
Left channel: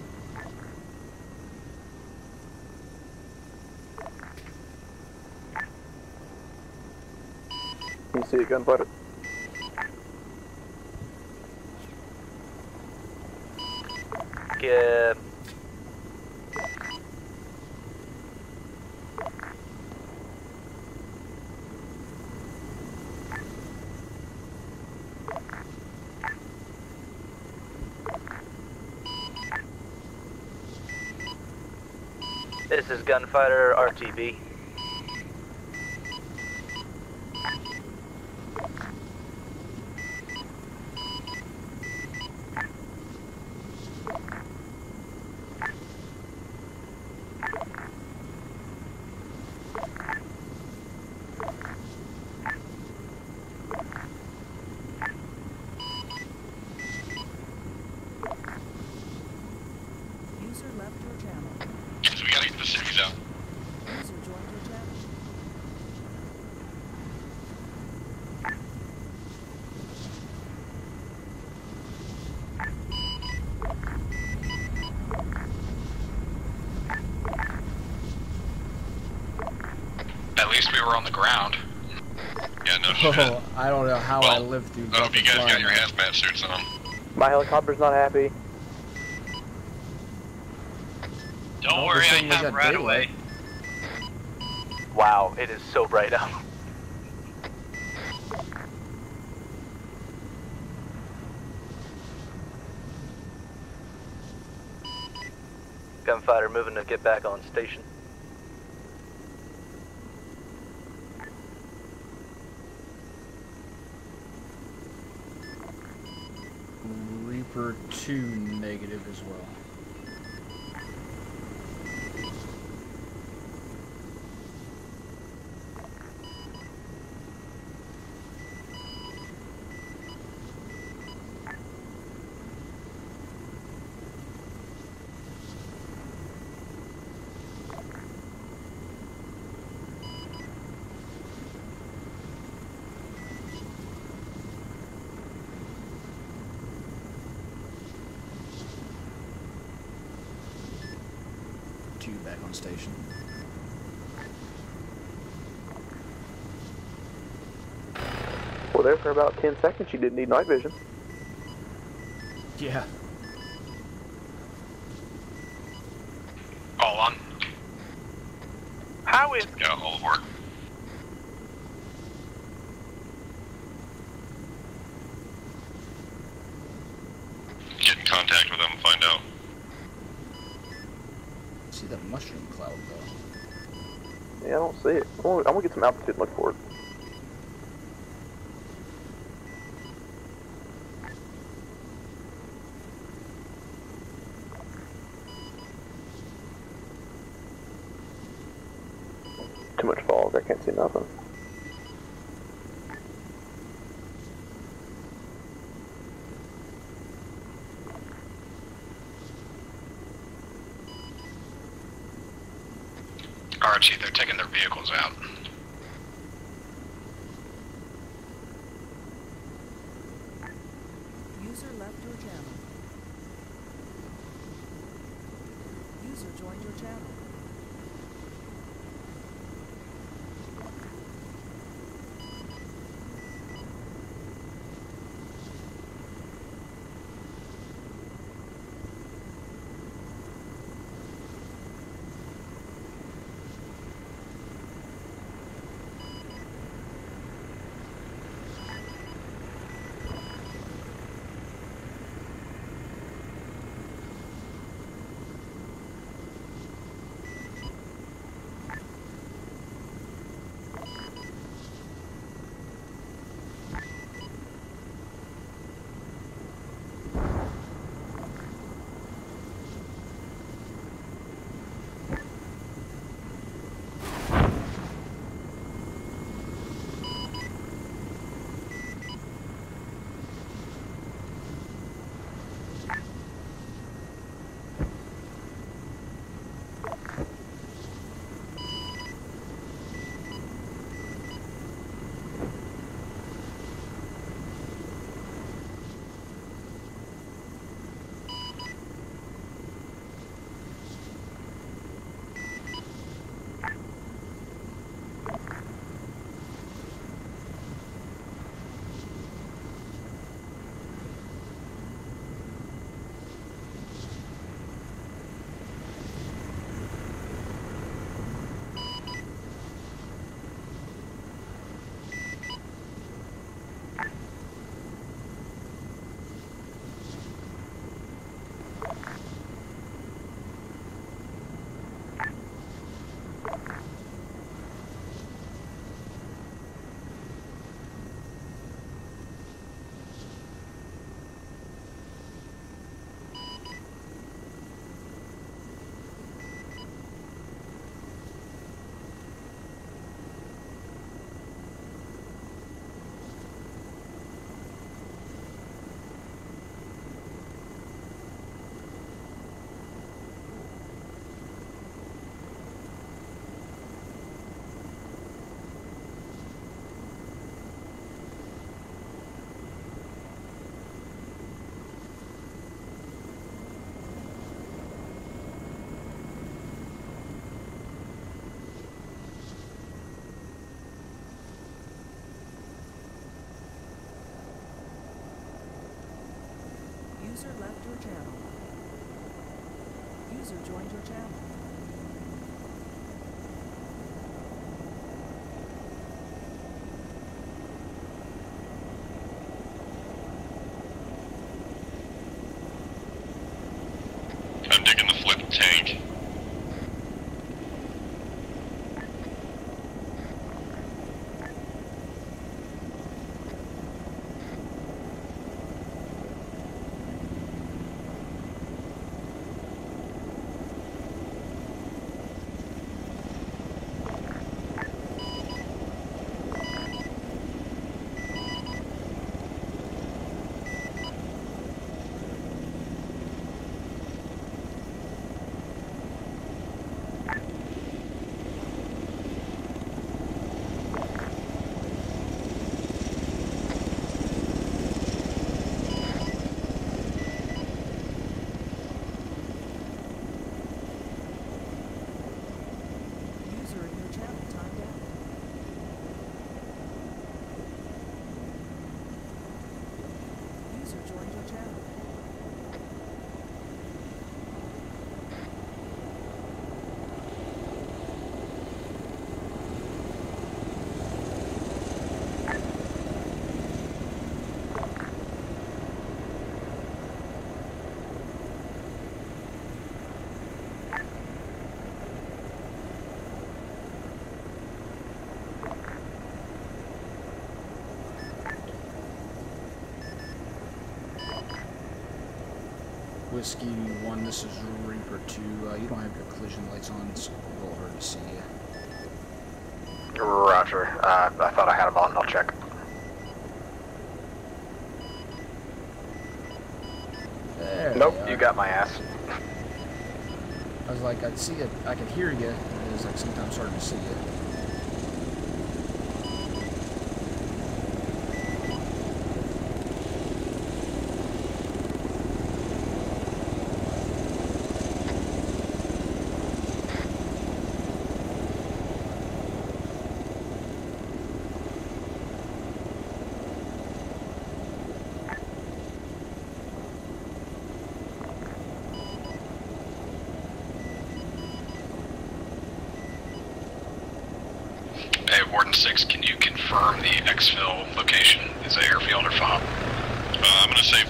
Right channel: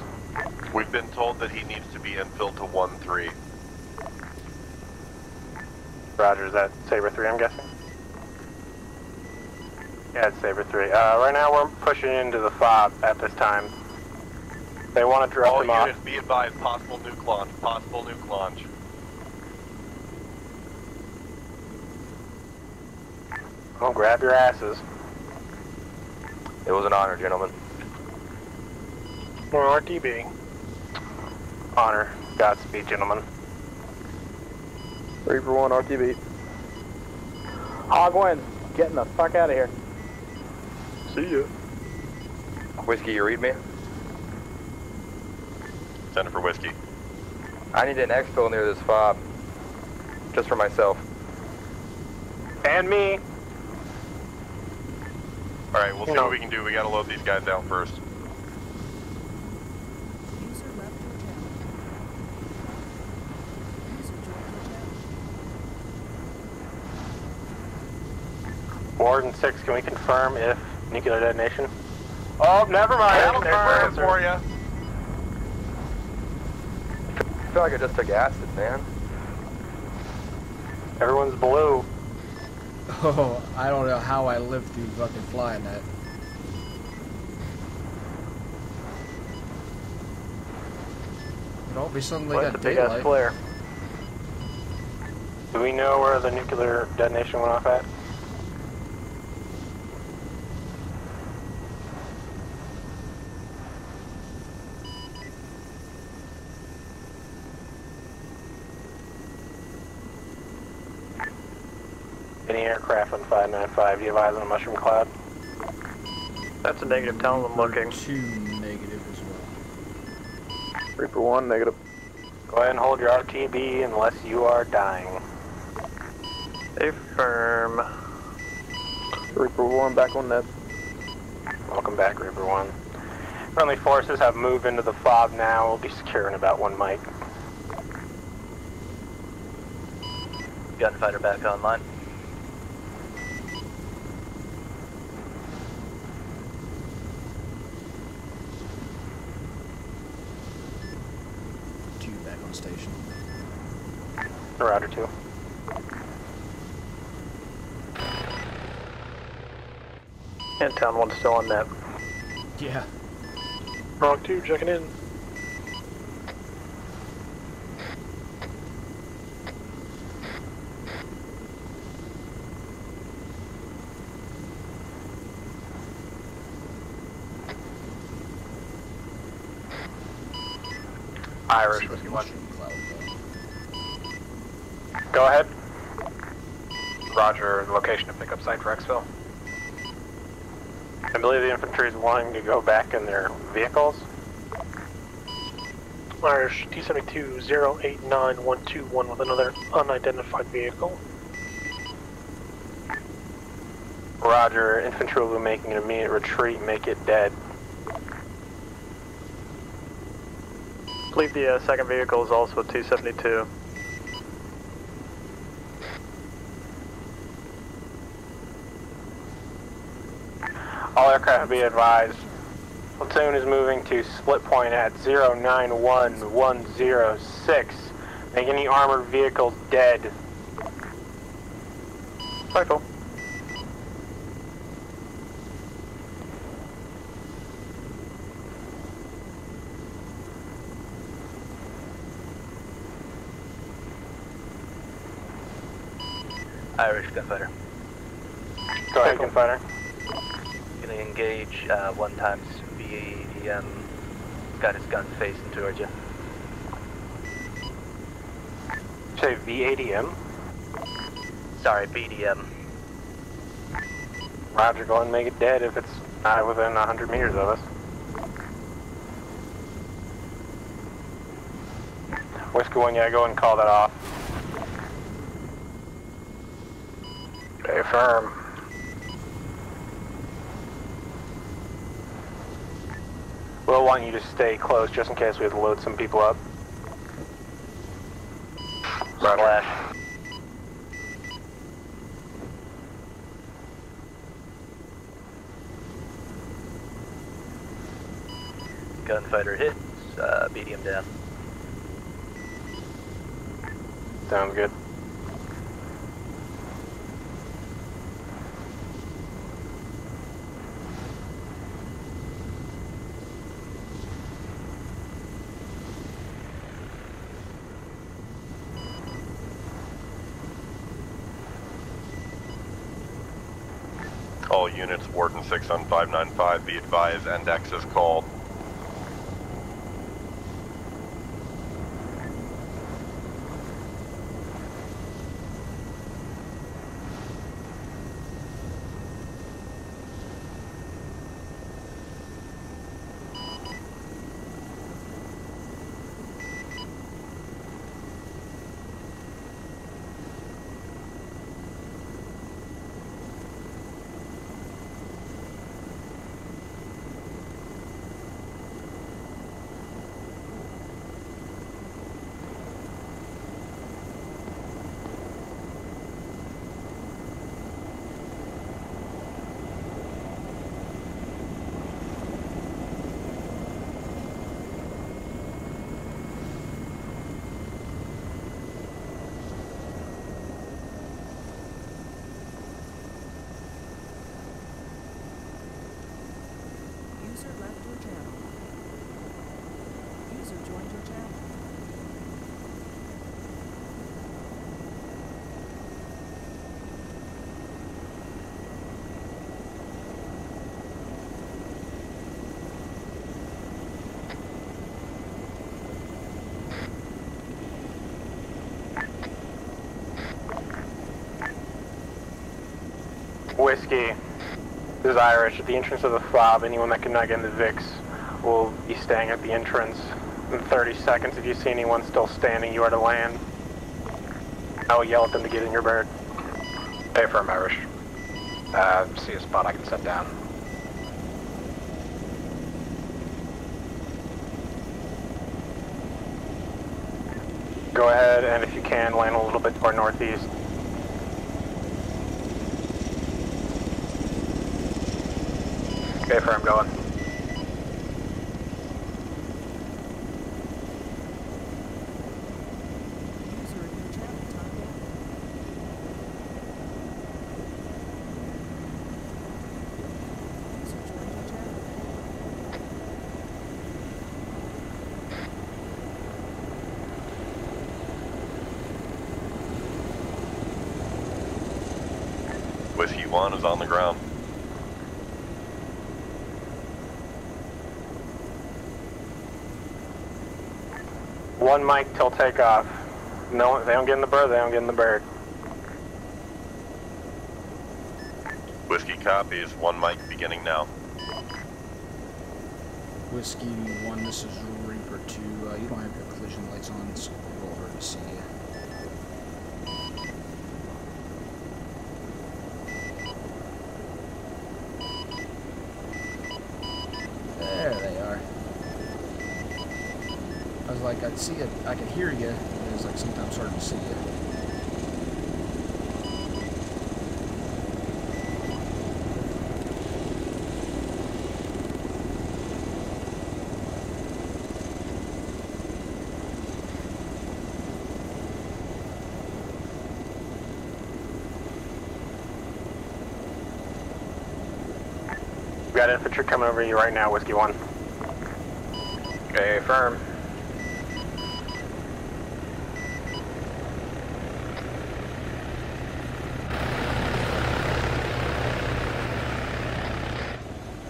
We've been told that he needs to be infilled to 1-3. Roger, is that Saber 3, I'm guessing? You see it gunfighter? Yeah, it's Saber 3. Right now we're pushing into the fob at this time. They want to drop all them off. units be advised, possible nuke launch, possible nuke launch. Oh, grab your asses. It was an honor, gentlemen. Or RTB. Honor. Godspeed, This is gentlemen. Gunfighter RTB. Reaper 1 RTB. Ogwin, getting the fuck out of here. See ya. Whiskey, you read me? Send it for Whiskey. I need an exfil near this fob. Just for myself. And me. Alright, we'll see what we can do. We gotta load these guys down first. User left your channel. So we gotta get the cities out. User joined your channel. Warden 6, can we confirm if nuclear detonation? Oh, never mind. Confirm for you. I feel like I just took acid, man. At least we were on the Everyone's ground. blue. Yeah, no Oh, shit. I don't know how I lived through I hope you fucking guys got flying. your hazmat suits on. My helicopter's not happy. Don't Oh, worry, this I thing got got right daylight. away. Flare. Wow, it is Do we so know bright where out. the nuclear detonation went off at? Gunfighter moving to get back on station. Any aircraft on 595, do you have eyes on a mushroom cloud? That's a negative. Tell them I'm Reaper looking. 2 negative as well. Reaper 1 negative. Go ahead and hold your RTB unless you are dying. Affirm. Reaper 1 back on net. Welcome back, Reaper 1. Friendly forces have moved into the fob now. We'll be secure in about 1 mic. Gunfighter back online. Two back on station. Roger 2. Well, there for about 10 seconds you didn't need night vision. And Town 1's still on net. Yeah. Wrong 2, checking in. All on. How is... Yeah, all work. Get in contact with them and find out. Irish See that with mushroom cloud though. Yeah, I don't see it. Go ahead. I'm gonna get some altitude and look for it. Roger, location of pickup site for exfil. I believe the infantry is wanting to go back in their vehicles. Irish T-72-089-121 with another unidentified vehicle. Roger, infantry will be making an immediate retreat, make it dead. I believe the second vehicle is also 272. Archie, they're taking their vehicles out. All aircraft be advised. Platoon is moving to split point at 091106. Make any armored vehicles dead. Cycle. Irish Gunfighter. Go ahead, Gunfighter. Gonna engage 1 times VADM. Got his gun facing towards you. Say VADM? Sorry, BDM. Roger, go ahead and make it dead if it's not within 100 meters of us. Whiskey 1, yeah, go ahead and call that off. Okay, firm. We'll want you to stay close just in case we have to load some people up. Slash. Gunfighter hits, medium down. Sounds good. All units, Warden 6 on 595, be advised, NDEX is called. User left your channel. User joined your channel. I'm digging the flip tank. Whiskey. This is Irish. At the entrance of the fob, anyone that cannot get into VIX will be staying at the entrance. In 30 seconds, if you see anyone still standing, you are to land. I will yell at them to get in your bird. Hey, firm Irish. See a spot I can set down. Go ahead, and if you can, land a little bit more northeast. Okay, firm, going. User in your channel timed out. User joined your channel. Whiskey 1 is on the ground. One mic till takeoff. No, if they don't get in the bird, they don't get in the bird. Whiskey copies, 1 mic beginning now. Whiskey 1, this is Reaper 2. You don't have your collision lights on, it's a little hard to see you. Roger. I thought I had them on. I'll check. There Nope, they are. you got my ass. I was like, I'd see it, I could hear you, and it was like sometimes hard to see you. We've got infantry coming over you right now, Whiskey 1. Okay, firm. Hey, Warden 6, can you confirm the exfil location? Is it airfield or FOB? I'm gonna say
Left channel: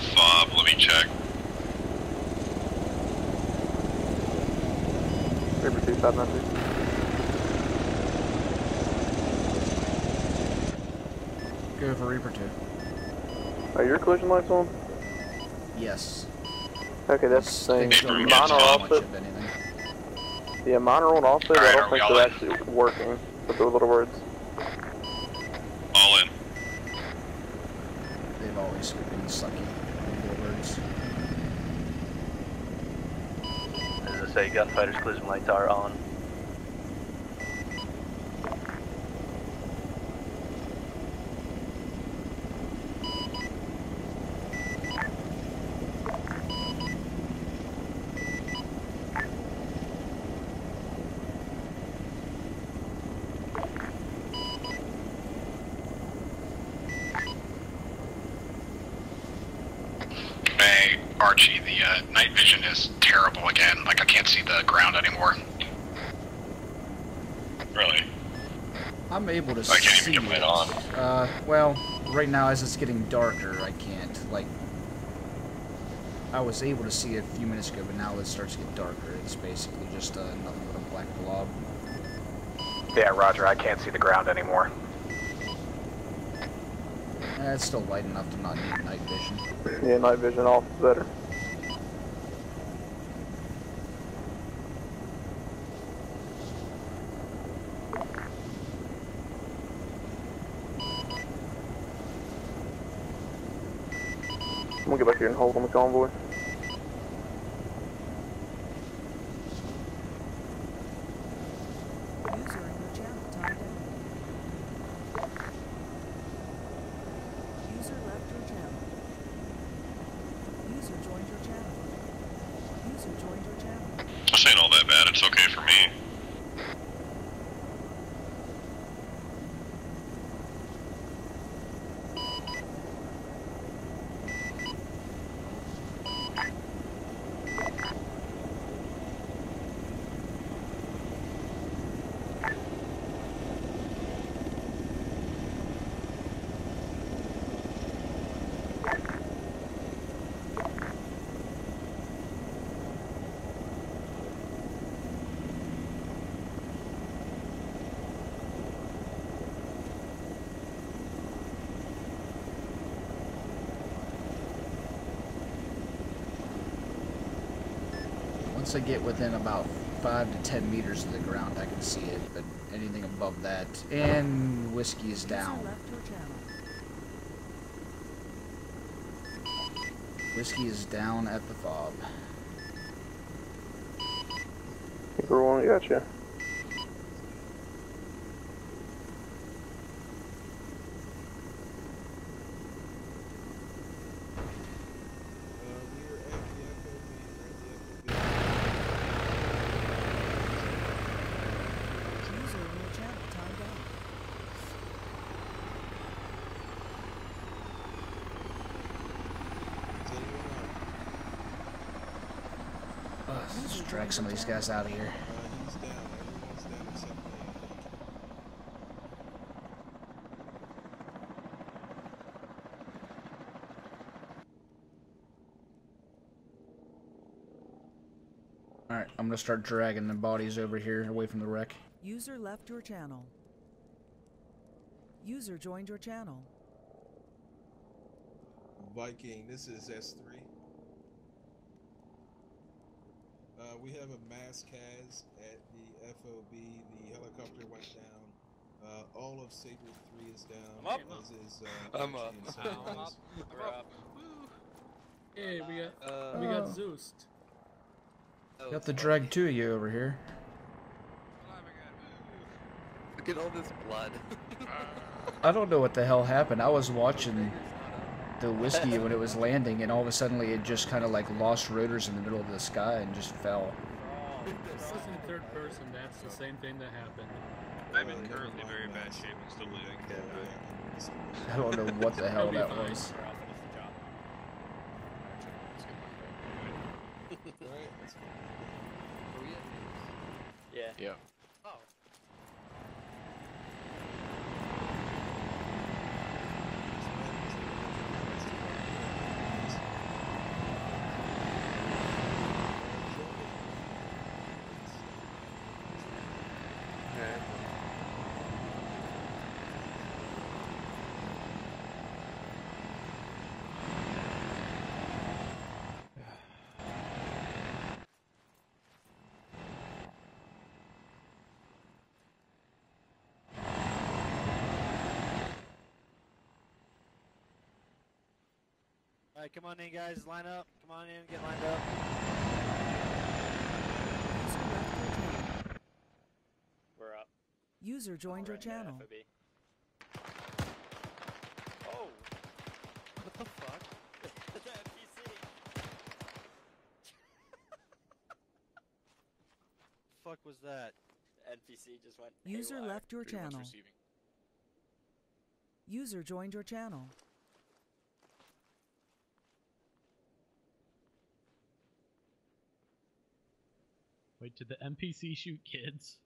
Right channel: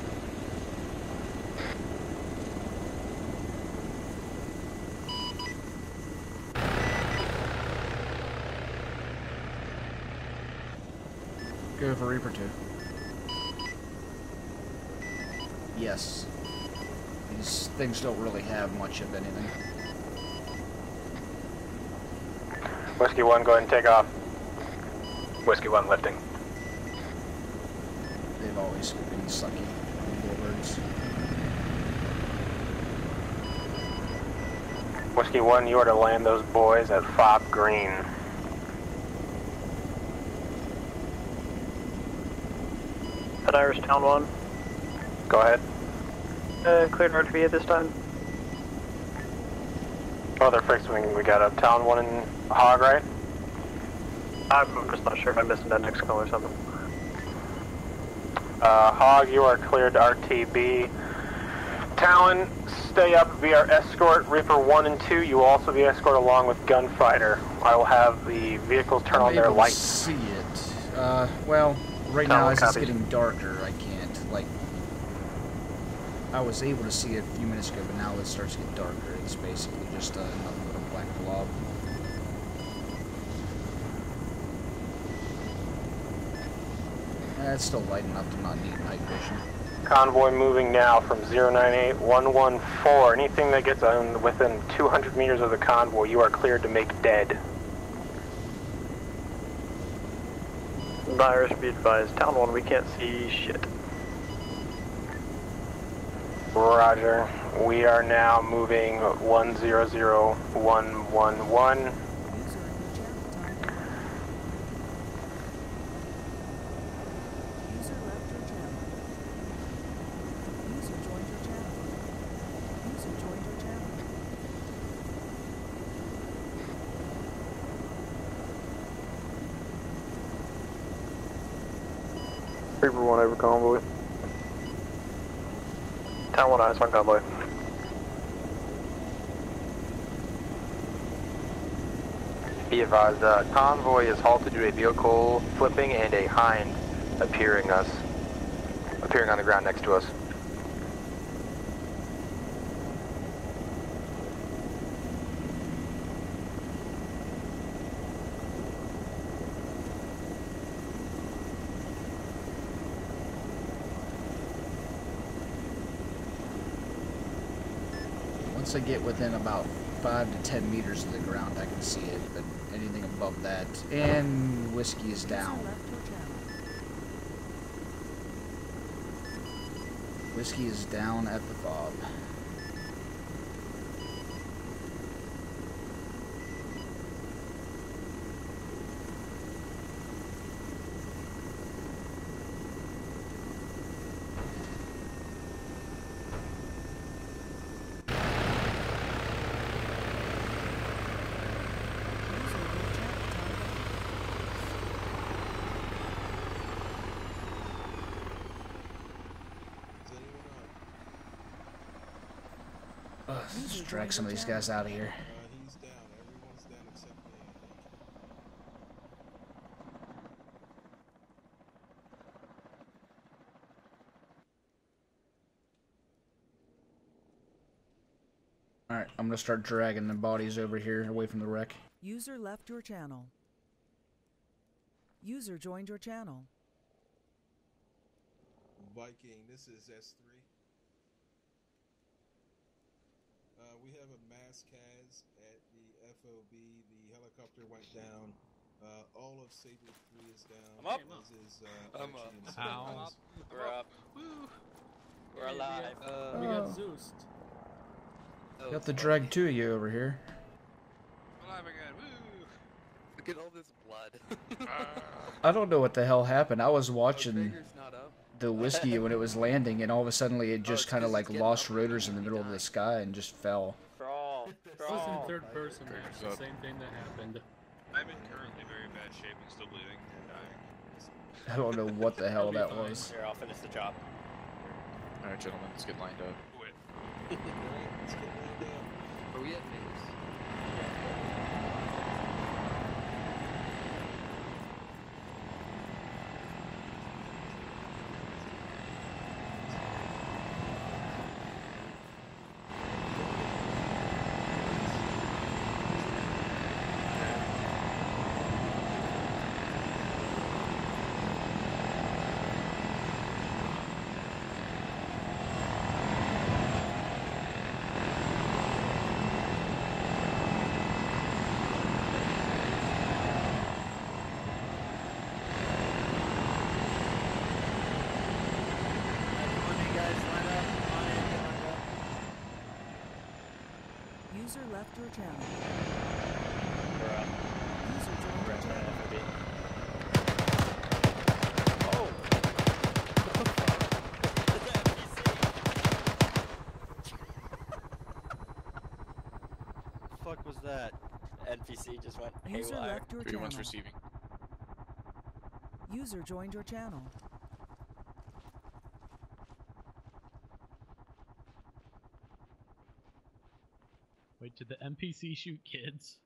593. Go for Reaper 2. Are your collision lights on? Yes. Okay, that's the Things don't really tell much of anything. Yeah, mine are on also, but I don't think they're actually working. Whiskey 1, go ahead and take off. Whiskey 1, lifting. All in. They've always been sucky warbirds. Say gunfighters collision. Whiskey 1, you are to land those boys at Fob Green. At Irish Town 1. Go ahead. Cleared RTB at this time. Other fixing we got up Town 1 and Hog, right? I'm just not sure if I missed that next call or something. Hog, you are cleared to RTB. Hey, Archie, the Talon, night vision is stay up terrible via again. Like I escort can't see Reaper the 1 ground and 2. anymore. You will also be escort along with Gunfighter. I will have the vehicles turn I'm on their able to lights. see it. Well, right now as it's getting darker, I can't. Like, I was able to see it a few minutes ago, but now it starts to get darker. It's basically just nothing but a black blob. Yeah, roger. I can't see the ground anymore. It's still light enough to not need night vision. Convoy moving now from 098114. Anything that gets within 200 meters of the convoy, you are cleared to make dead. Irish, be advised. Town 1, we can't see shit. We'll get back here and hold on the convoy. Roger. We are now moving 100111. User left your channel. User joined your channel. User joined your channel. This ain't all that bad. It's okay for me. Reaper 1 over convoy. Town 1 eyes on convoy. Be advised, convoy is halted to a vehicle flipping and a hind appearing on the ground next to us. Once I get within about 5 to 10 meters of the ground, I can see it, but anything above that, and whiskey is down. Whiskey is down at the fob. Reaper 1, gotcha. Let's drag some of these guys out of here. Alright, I'm gonna start dragging the bodies over here away from the wreck. User left your channel. User joined your channel. Viking, this is S3. We have a mass CAS at the FOB. The helicopter went down. All of Sabre 3 is down. I'm up. As is, I'm up. I'm up. We're up. Hey, we got Zeus. Got to drag two of you over here. Look at all this blood. I don't know what the hell happened. I was watching the whiskey when it was landing, and all of a sudden it just kind of like lost rotors in the middle of the sky and just fell. This is in third person, man. It's the same thing that happened. I'm in currently very bad shape. I'm still bleeding. I don't know what the hell that was. Alright, gentlemen, let's get lined up. joined your channel. Fuck was that? NPC just went. User haywire. left your channel. Receiving. User joined your channel. Wait, did the NPC shoot kids?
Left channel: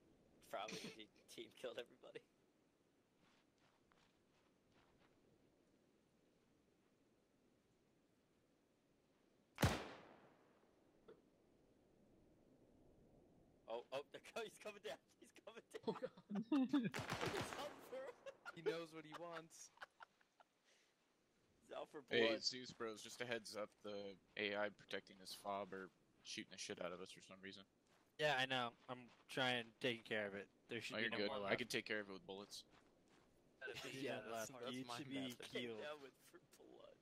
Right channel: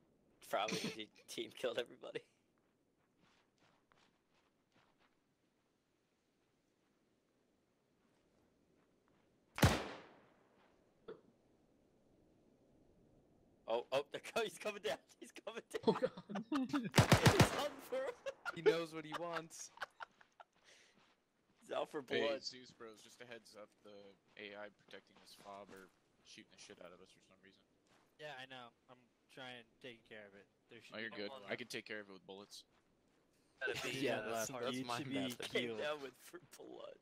Probably he team killed everybody. Oh, he's coming down. He's coming down. He knows what he wants. He's out for Hey, blood. Zeus Bros, just a heads up, the AI protecting this fob are shooting the shit out of us for some reason. Yeah, I know. I'm trying taking care of it. There should Oh, be you're no good. more I left. can take care of it with bullets. Yeah, that's my He bad. came down with for blood.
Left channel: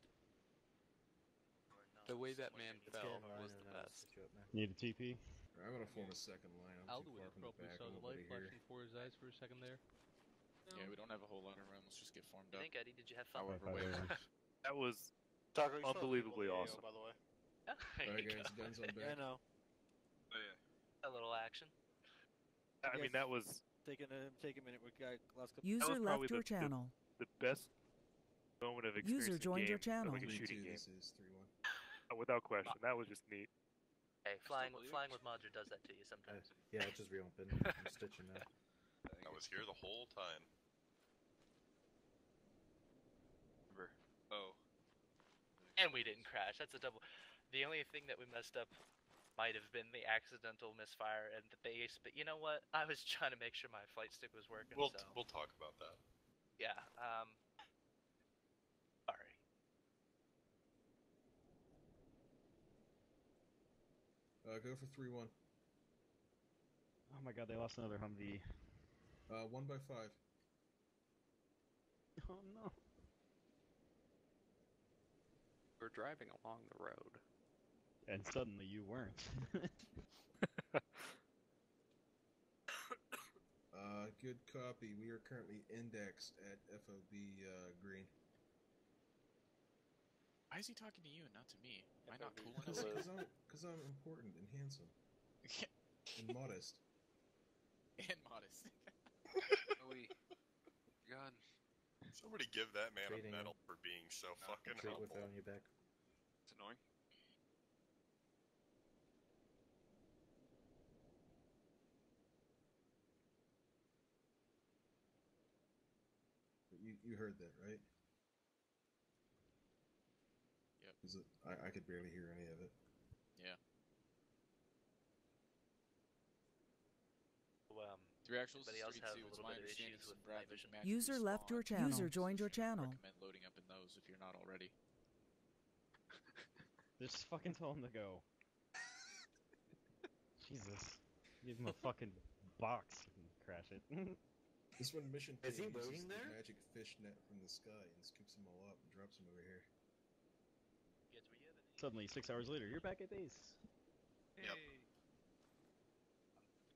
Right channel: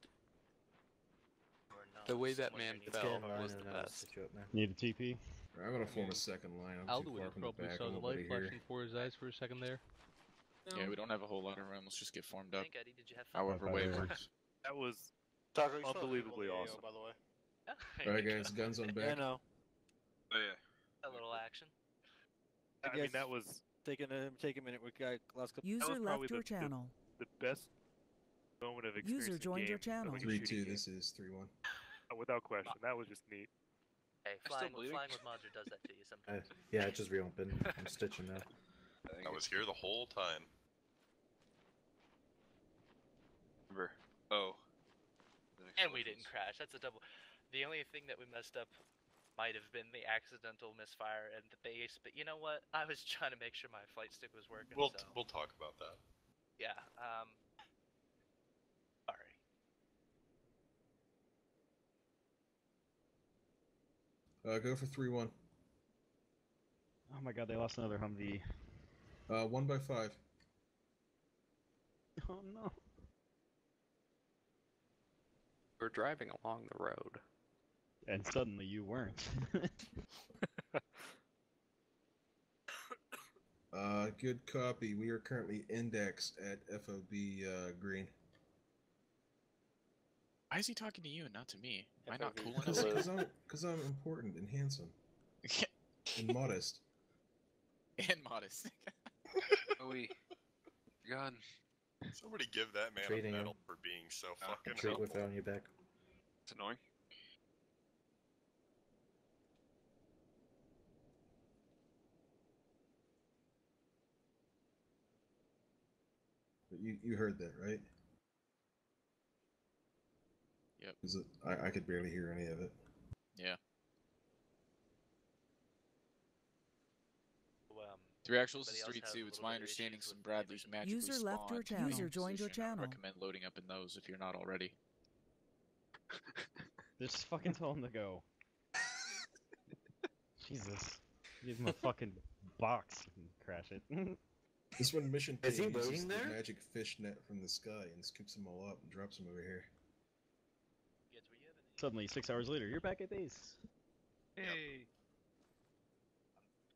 The way that man fell was the best. Need a TP? I'm gonna form a second line. I'm too Alduin far from the probably back. saw I'm the nobody light here. flashing before his eyes for a second there. Yeah, we don't have a whole lot of room. Let's just get formed up. think, Eddie, did you have fun? However way it works. That was Tucker, you saw unbelievably the video, awesome. by the way. Alright guys, guns on Yeah, I back. know. Oh, yeah. A little action. I mean, that was Take a minute with guy last couple. User was probably left your the- channel. the best moment of experience. User in joined your game, channel. like a 3-2, shooting game. this is 3-1. Without question, that was just neat. Hey, flying with Modra does that to you sometimes. Yeah, it just reopened. I'm stitching that. I was here the whole time. Remember. Oh. And we didn't crash. That's a double. The only thing that we messed up might have been the accidental misfire and the base, but you know what? I was trying to make sure my flight stick was working. We'll so we'll talk about that. yeah. Sorry. Go for 3-1. Oh my god, they lost another Humvee. 1 by 5. Oh no. We're driving along the road. And suddenly you weren't. Good copy. We are currently indexed at FOB green. Why is he talking to you and not to me? Am I not cool Because enough? I'm important and handsome. And modest. And modest. Joey, gun. Somebody give that man Treating a him. medal for being so fucking Treat helpful. without on your back. It's annoying. But you heard that, right? Yep. 'Cause I could barely hear any of it. Yeah. So, 3 actuals anybody is else have 3-2. a It's little my bit of understanding issues some with Bradley's Navision? magically User left your spawn. channel. User joined your I channel. recommend loading up in those if you're not already. Just fucking tell him to go. Jesus. Give him a fucking box and crash it. This one mission Is he team uses waiting the there? magic fish net from the sky and scoops them all up and drops them over here. Suddenly, 6 hours later, you're back at base. Hey. I'm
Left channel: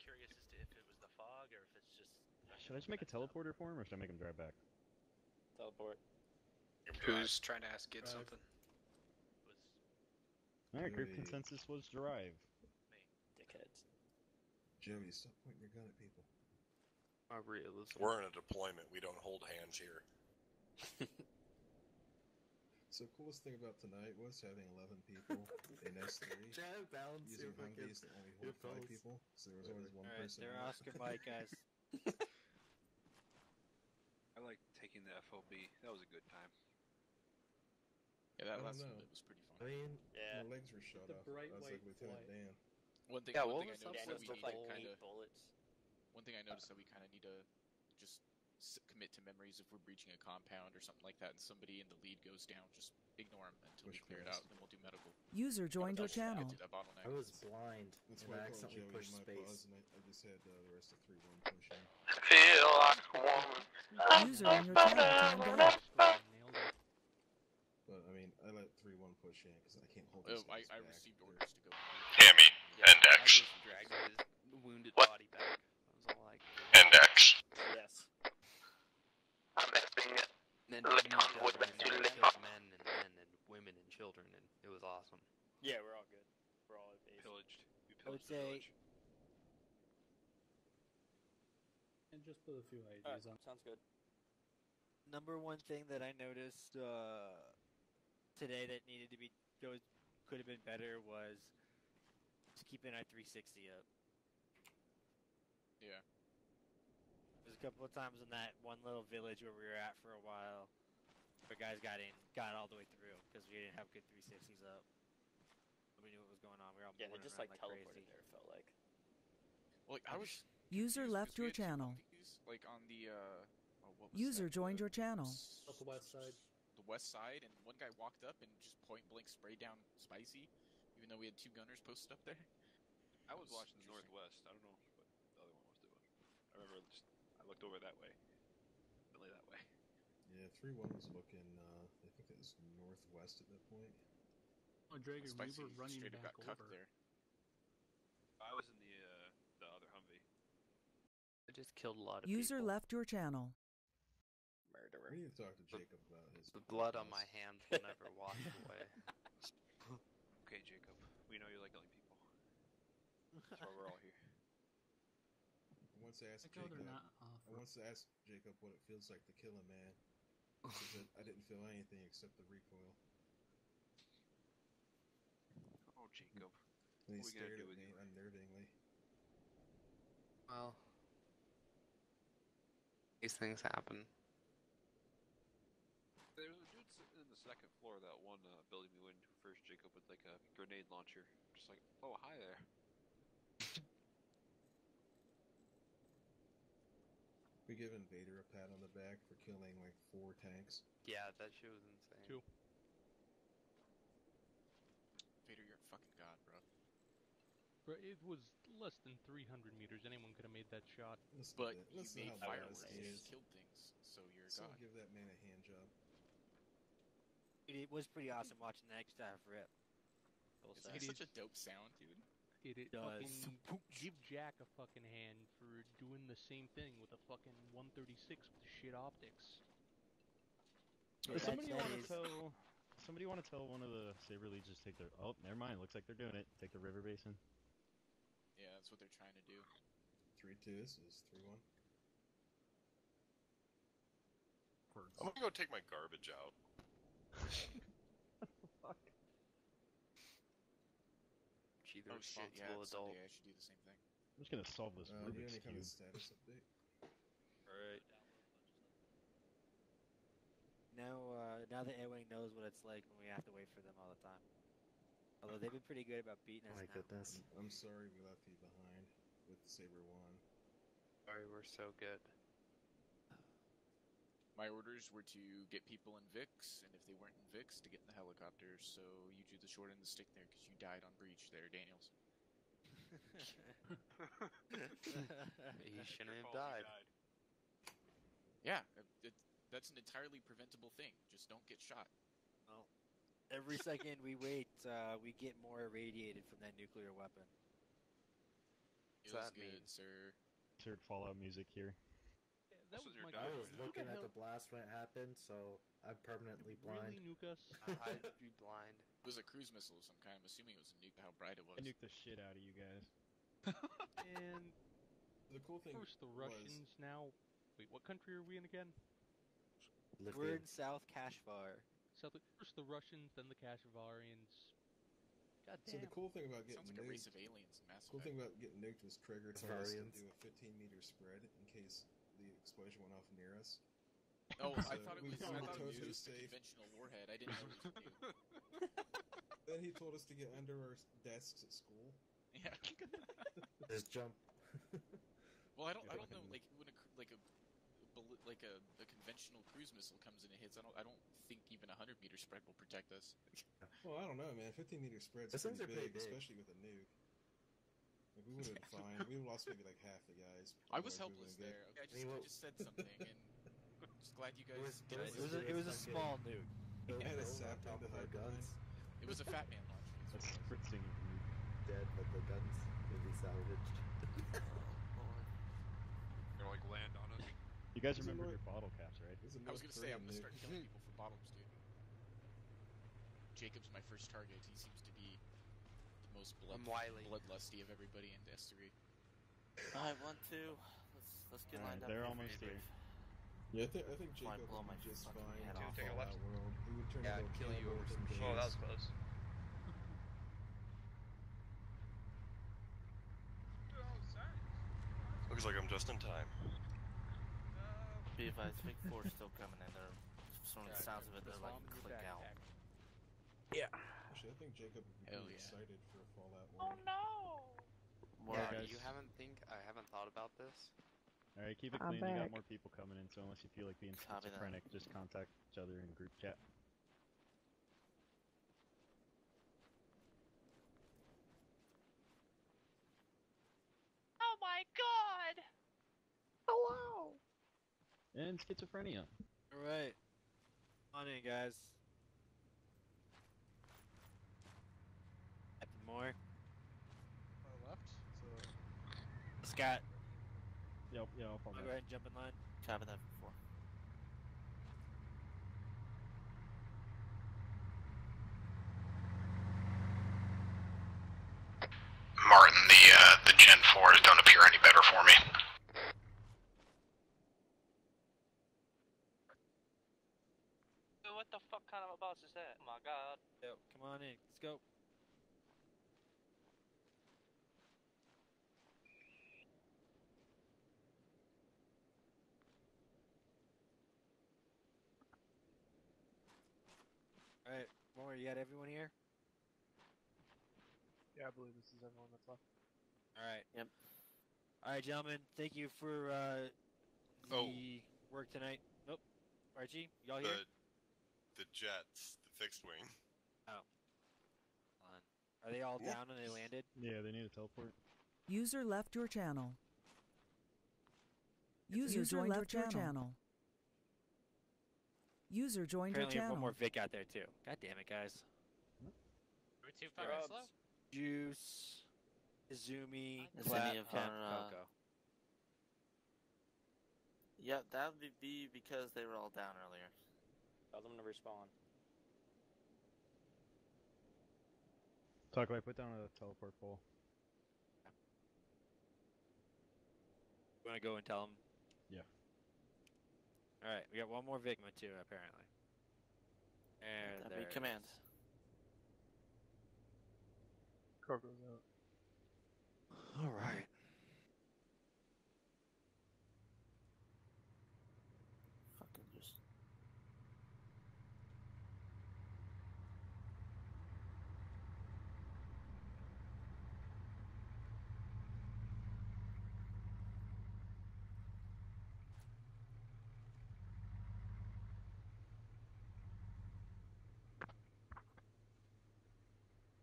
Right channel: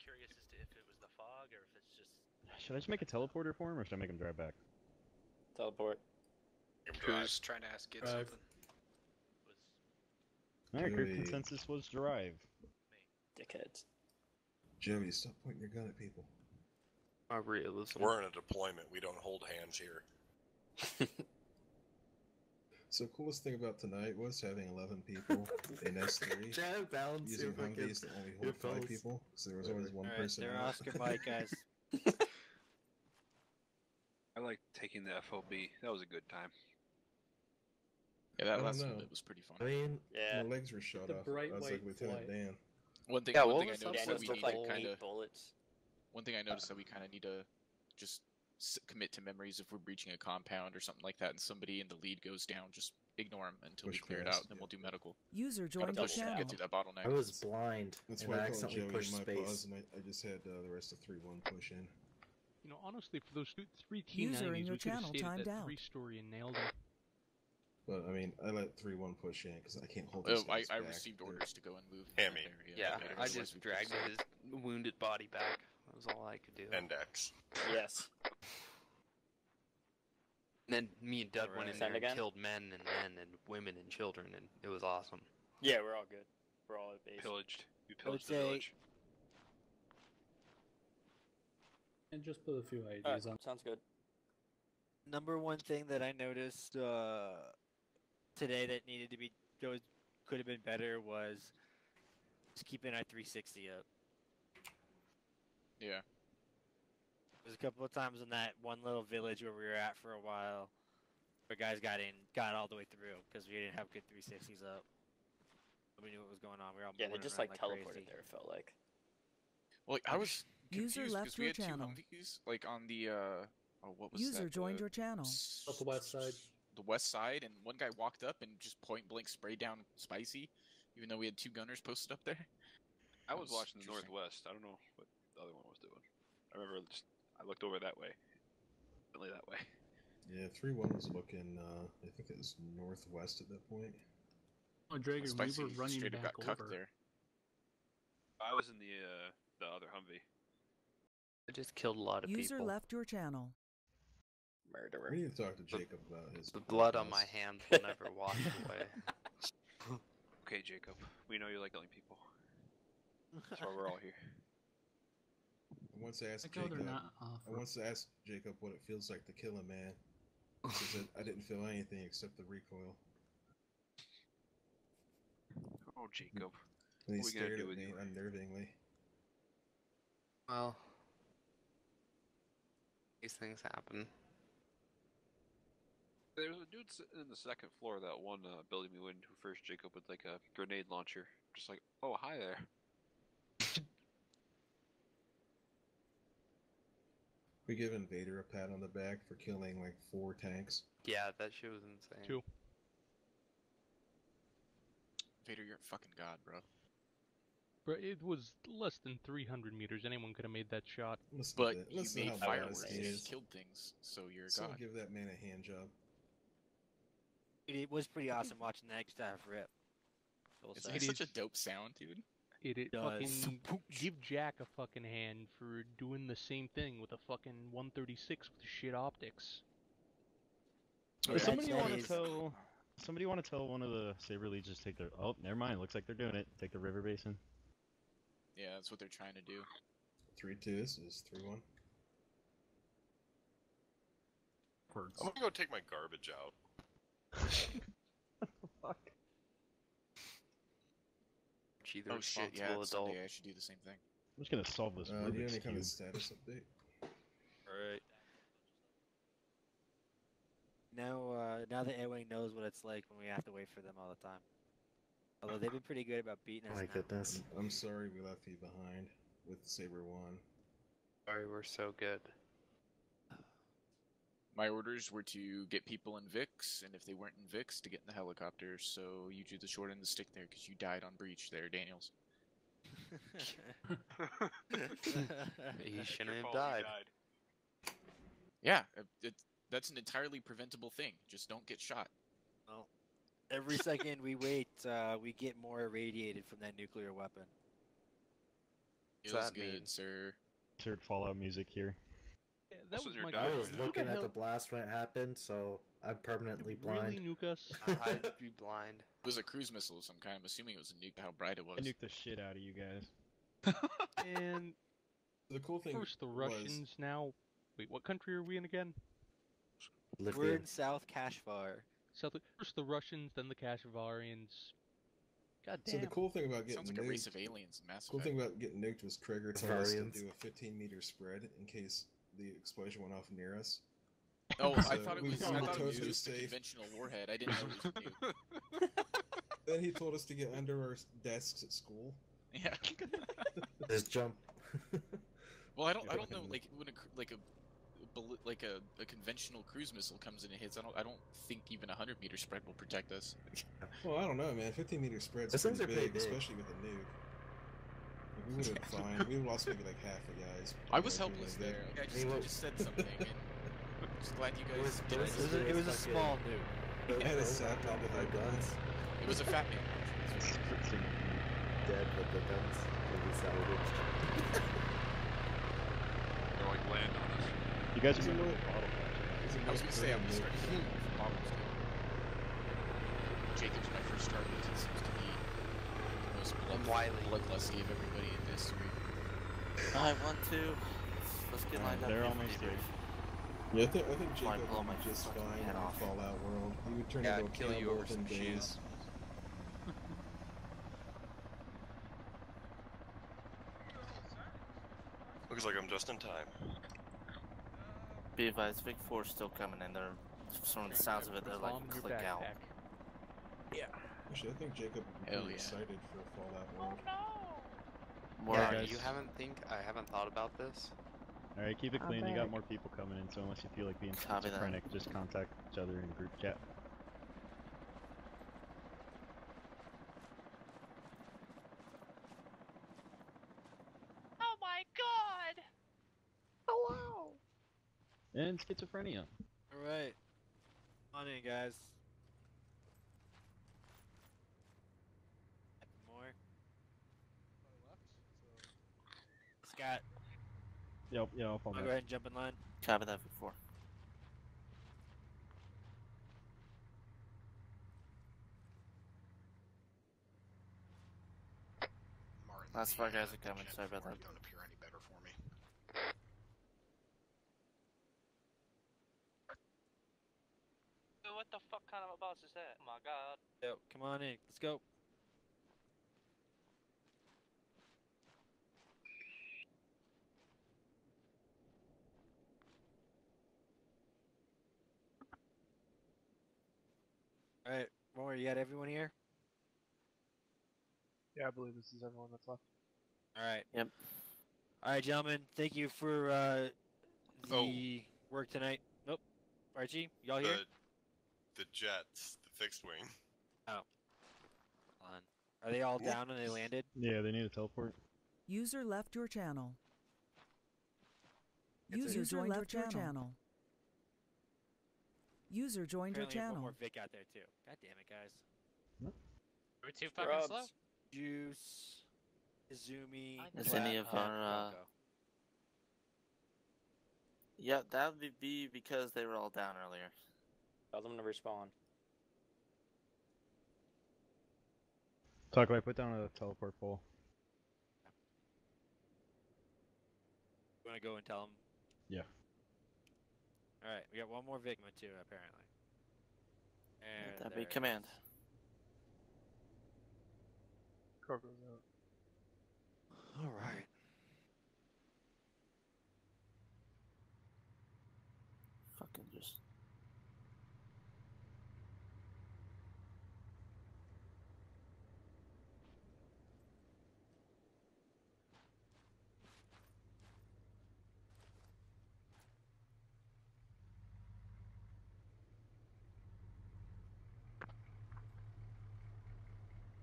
curious as to if it was the fog or if it's just. Should I just make a teleporter for him, or should I make him drive back? Teleport. Who's trying to ask Gid something? Alright, group Joey. consensus was drive. Dickheads. Joey, stop pointing your gun at people. My realism. We're in a deployment. We don't hold hands here. So coolest thing about tonight was having 11 people in S3 Try to balance using your fucking Humvees that only hold 5 earphones. people, so there was always one Alright, person they're out. Oscar Mike, guys. I like taking the FOB. That was a good time. Yeah, I that don't last know. bit was pretty fun. I mean, Yeah. My legs were shot The off. bright I was like white Lieutenant flight. Dan. One thing, Yeah, one what thing I was noticed Yeah, that just we with need like to kind 8 of. bullets. One thing I noticed that we kind of need to just commit to memories if we're breaching a compound or something like that, and somebody in the lead goes down. Just ignore him until we Push clear it past. out, then we'll do medical. User joined your Push to channel. get through that bottleneck. I was blind That's and why I I called accidentally Joey pushed in my space. pause, and I just had the rest of 3-1 push in. Feel like User in your channel timed out. Nailed it. But I mean, I let 3-1 push in because I can't hold these Oh, guys I back. received They're- orders to go and move. Yeah, me. Yeah, I Index. just dragged his wounded body back. That was all I could do. Index. Yes. And then me doubling and killed men and women and children, and it was awesome. Yeah, we're all good. We're all at base. Pillaged. You I would pillaged the say- village. And just put a few IDs on. Sounds good. Number one thing that I noticed today that needed to be could have been better was just keeping our 360 up. Yeah. There's a couple of times in that one little village where we were at for a while, where guys got all the way through because we didn't have good 360s up. We knew what was going on. We were all Yeah, they moving just around like crazy. teleported there. It felt like. Well, I was User confused left 'cause we your had two channel. Humvees, like on the what was User that, joined your channel. Up the west side. The west side, and one guy walked up and just point blank sprayed down Spicy, even though we had two gunners posted up there. I was watching the interesting. northwest. I don't know what the other one was doing. I remember I looked over that way. Really that way. Yeah, 3-1 was looking, I think it was northwest at that point. Oh, Drager, Spicy we were running straight up back got cucked over. there. I was in the other Humvee. I just killed a lot of User people. left your channel. Murderer. We need to talk to Jacob about his. The blood on podcast. my hands will never wash away. Okay, Jacob. We know you like killing people. That's why we're all here. I once asked I know they're Jacob. not off. I once asked Jacob what it feels like to kill a man. He said I didn't feel anything except the recoil. Oh, Jacob. And he What are we gonna stared do at with me you? unnervingly. Well, these things happen. There was a dude sitting in the second floor of that one building we went into first, Jacob, with like a grenade launcher. Just like, oh, hi there. We give Invader a pat on the back for killing like 4 tanks. Yeah, that shit was insane. 2. Vader, you're a fucking god, bro. But it was less than 300 meters. Anyone could have made that shot. Listen But to that. you Listen to made how fireworks badass he and is. killed things, so you're a So god. give that man a hand job. It was pretty awesome watching that staff rip. It's like such a dope sound, dude. It does. fucking give Jack a fucking hand for doing the same thing with a fucking 136 with shit optics. Yeah, Somebody that want to is- tell. Somebody want to tell one of the Saber Leads just take their. Oh, never mind. Looks like they're doing it. Take the river basin. Yeah, that's what they're trying to do. 3-2. This is 3-1. I'm gonna go take my garbage out. Fuck. She the Oh shit, yeah, responsible it's adult. Sunday, I should do the same thing. I'm just gonna solve this Do you have Rubik's any kind of Cube. status update? Alright. Now that A-Wing knows what it's like when we have to wait for them all the time. Although they've been pretty good about beating us. My now. goodness. I'm sorry we left you behind with Saber 1. Sorry, we're so good. My orders were to get people in VIX, and if they weren't in VIX, to get in the helicopter. So you drew the short end of the stick there because you died on breach there, Daniels. He shouldn't have died. Yeah, that's an entirely preventable thing. Just don't get shot. Well, every second we wait, we get more irradiated from that nuclear weapon. Feels that good, mean? sir. Insert Fallout music here. Yeah, that was my I was question. looking Who at hell the blast when it happened, so I'm permanently blind. Really nuke us? I'd be blind. It was a cruise missile, so I'm kind of assuming it was a nuke. How bright it was. I nuked the shit out of you guys. And The cool thing first the was- Russians, now... Wait, what country are we in again? We're in South Kashgar. First the Russians, then the Kashavarians. God damn. So the cool thing about getting Sounds like a nuked, race of aliens in Mass cool Effect. thing about getting nuked was Krieger told us to Variants. do a 15-meter spread in case the explosion went off near us. Oh, So I thought it we was. I found thought it was totally just a safe. conventional warhead. I didn't know it was a nuke. Then he told us to get under our desks at school. Yeah. Just jump. Well, I don't know. Like when a conventional cruise missile comes in and hits, I don't think even a 100-meter spread will protect us. Well, I don't know, man. 15-meter spreads Those things pretty are pretty big, big. especially with a nuke. Like, we would have been fine. We would have lost maybe like half the guys. I was Probably helpless like there. that. I just said something. And just glad you guys did it. It was a small nuke. I had a sap down with our guns. It was a fat man. Dead with the guns will be salvaged. They're like land on us. You guys Is it remember what- the bottle patch? is it I was most gonna say I'm current starting to mid? get problems now. Jacob's my first start because he seems to be the most bloodlusty of everybody in this group. I want to. Let's get lined up. They're here for almost debrief. Yeah, I think Wanna Jacob blow would my be just fucking fine in head the off. Fallout world. He would turn Yeah, into I'd a kill you over cannibal some within cheese. days. Looks like I'm just in time. Be advised, Vic 4's still coming in. They're, from the sounds of it, they're like click out. Yeah. Actually, I think Jacob would be Hell pretty yeah. excited for Fallout world. More Yeah, guys. you haven't I haven't thought about this. Alright, keep it I'm clean. You got back. more people coming in, so unless you feel like being Copy that. schizophrenic, just contact each other in group chat. Oh my god! Hello! And schizophrenia. Alright. On in, guys. Captain Moore. Scott. Yep, yeah, I'll fall I'll back. go ahead and jump in line. Copy that, Vic 4. Martin, the Gen 4s don't appear any better for me. What the fuck kind of a boss is that? Oh my god. Yep, come on in. Let's go. Alright, Moore, you got everyone here? Yeah, I believe this is everyone that's left. Alright. Yep. Alright, gentlemen, thank you for the work tonight. Nope. Archie, y'all here? The jets, the fixed wing. Oh. Hold on. Are they all down and they landed? Yeah, they need a teleport. User left your channel. User joined your channel. User joined your Apparently one channel. more Vic out there too. God damn it, guys. Are we too fucking slow? Juice, Izumi, Is Clap, any of and our, Coco. Yeah, that would be because they were all down earlier. Tell them to respawn. Taco, I put down a teleport pole. You wanna go and tell them? Yeah. Alright, we got one more Vigma too, apparently. And That'd be there it command. Coco's out. is. Alright. Fucking just.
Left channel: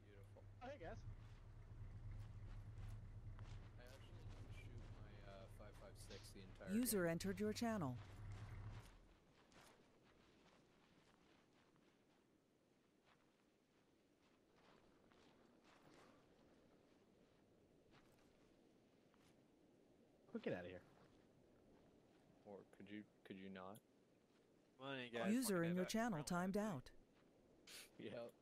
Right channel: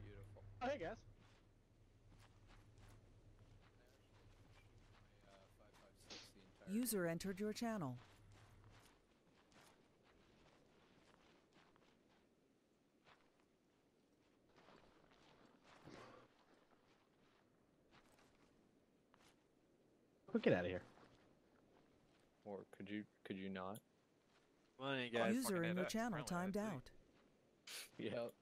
Beautiful. Oh, hey guys. User entered your channel. Get out of here. Or could you not? Come on in, guys. User in your channel timed out. Yep.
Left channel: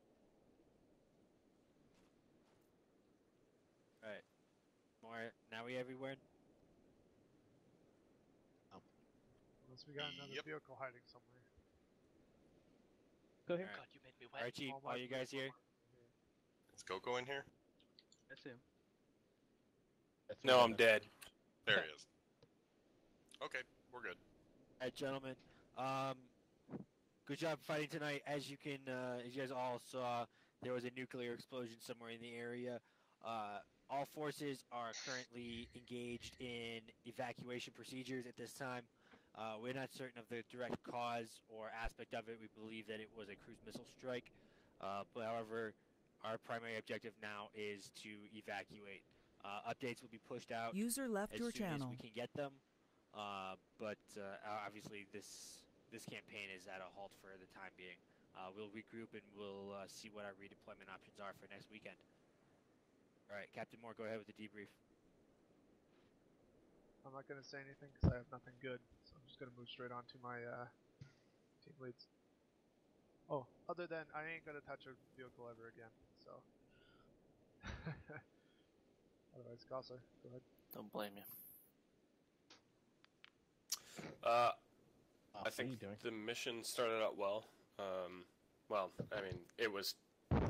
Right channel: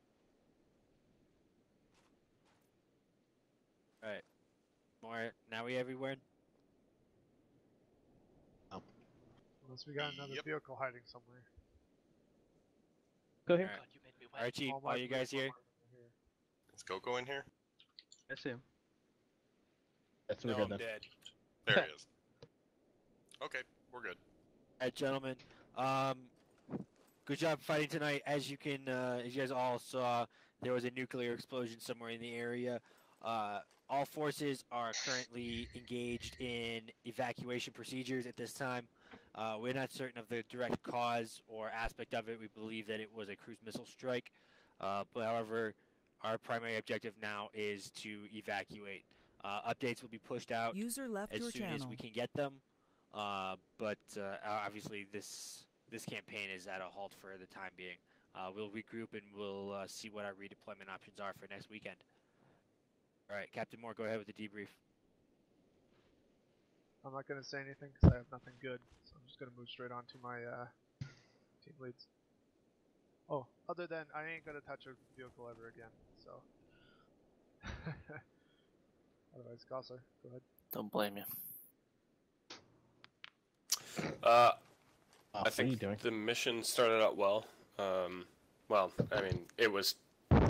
Alright. More, now we everywhere? Unless we got another vehicle hiding somewhere. Go here. God, you made me wet. Archie, All my are you guys here? Is Coco in here? That's him. That's No, I'm dead. There he is. Okay, we're good. Alright, gentlemen. Good job fighting tonight. As you can, as you guys all saw, there was a nuclear explosion somewhere in the area. All forces are currently engaged in evacuation procedures at this time. We're not certain of the direct cause or aspect of it. We believe that it was a cruise missile strike. But however, our primary objective now is to evacuate. Updates will be pushed out User left as your soon channel. as we can get them. But obviously this campaign is at a halt for the time being. We'll regroup and we'll see what our redeployment options are for next weekend. All right, Captain Moore, go ahead with the debrief. I'm not gonna say anything because I have nothing good, so I'm just gonna move straight on to my team leads. Oh, other than I ain't gonna touch a vehicle ever again. So. Otherwise, Gosler, go ahead. Don't blame you. I think the mission started out well. Well, I mean, it was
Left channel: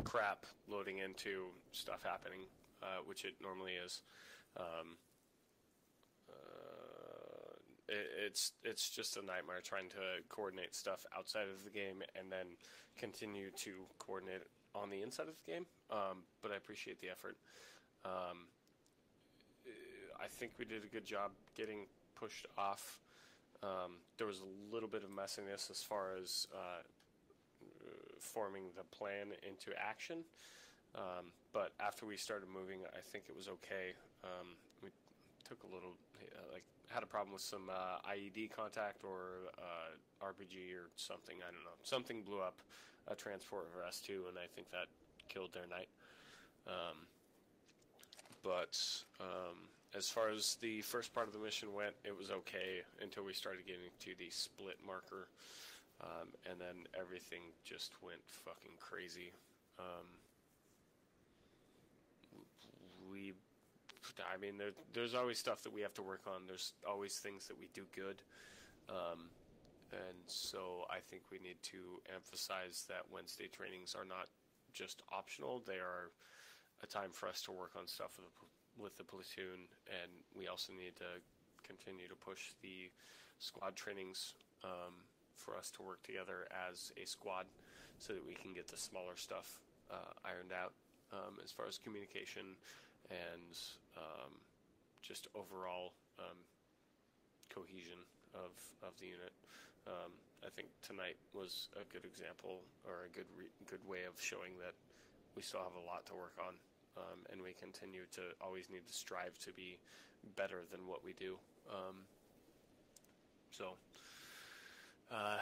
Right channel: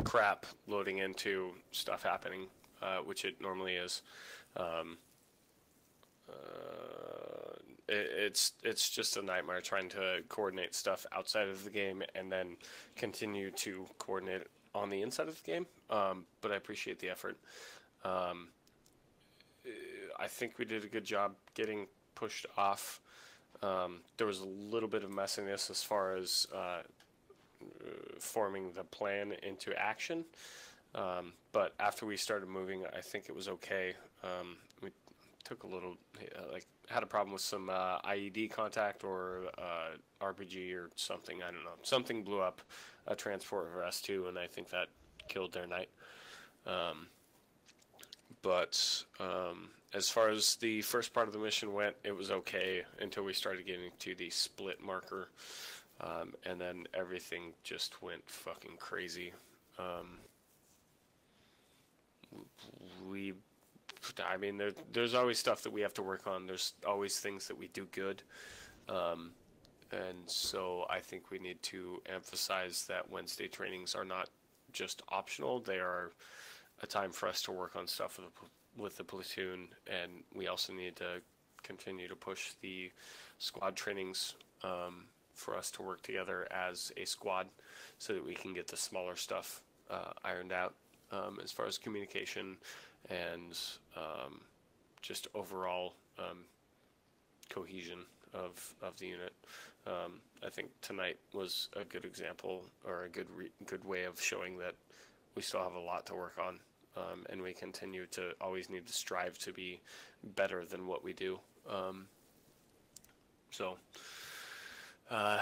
crap loading into stuff happening, which it normally is. It's just a nightmare trying to coordinate stuff outside of the game and then continue to coordinate on the inside of the game. But I appreciate the effort. I think we did a good job getting pushed off. There was a little bit of messiness as far as forming the plan into action. But after we started moving, I think it was okay. We took a little, had a problem with some IED contact or RPG or something. I don't know. Something blew up a transport of S2, and I think that killed their night. But as far as the first part of the mission went, it was okay until we started getting to the split marker. And then everything just went fucking crazy. I mean, there's always stuff that we have to work on. There's always things that we do good. And so I think we need to emphasize that Wednesday trainings are not just optional. They are a time for us to work on stuff with the platoon, and we also need to continue to push the squad trainings for us to work together as a squad so that we can get the smaller stuff ironed out as far as communication and just overall cohesion of the unit. I think tonight was a good example, or a good way of showing that we still have a lot to work on, and we continue to always need to strive to be better than what we do. So I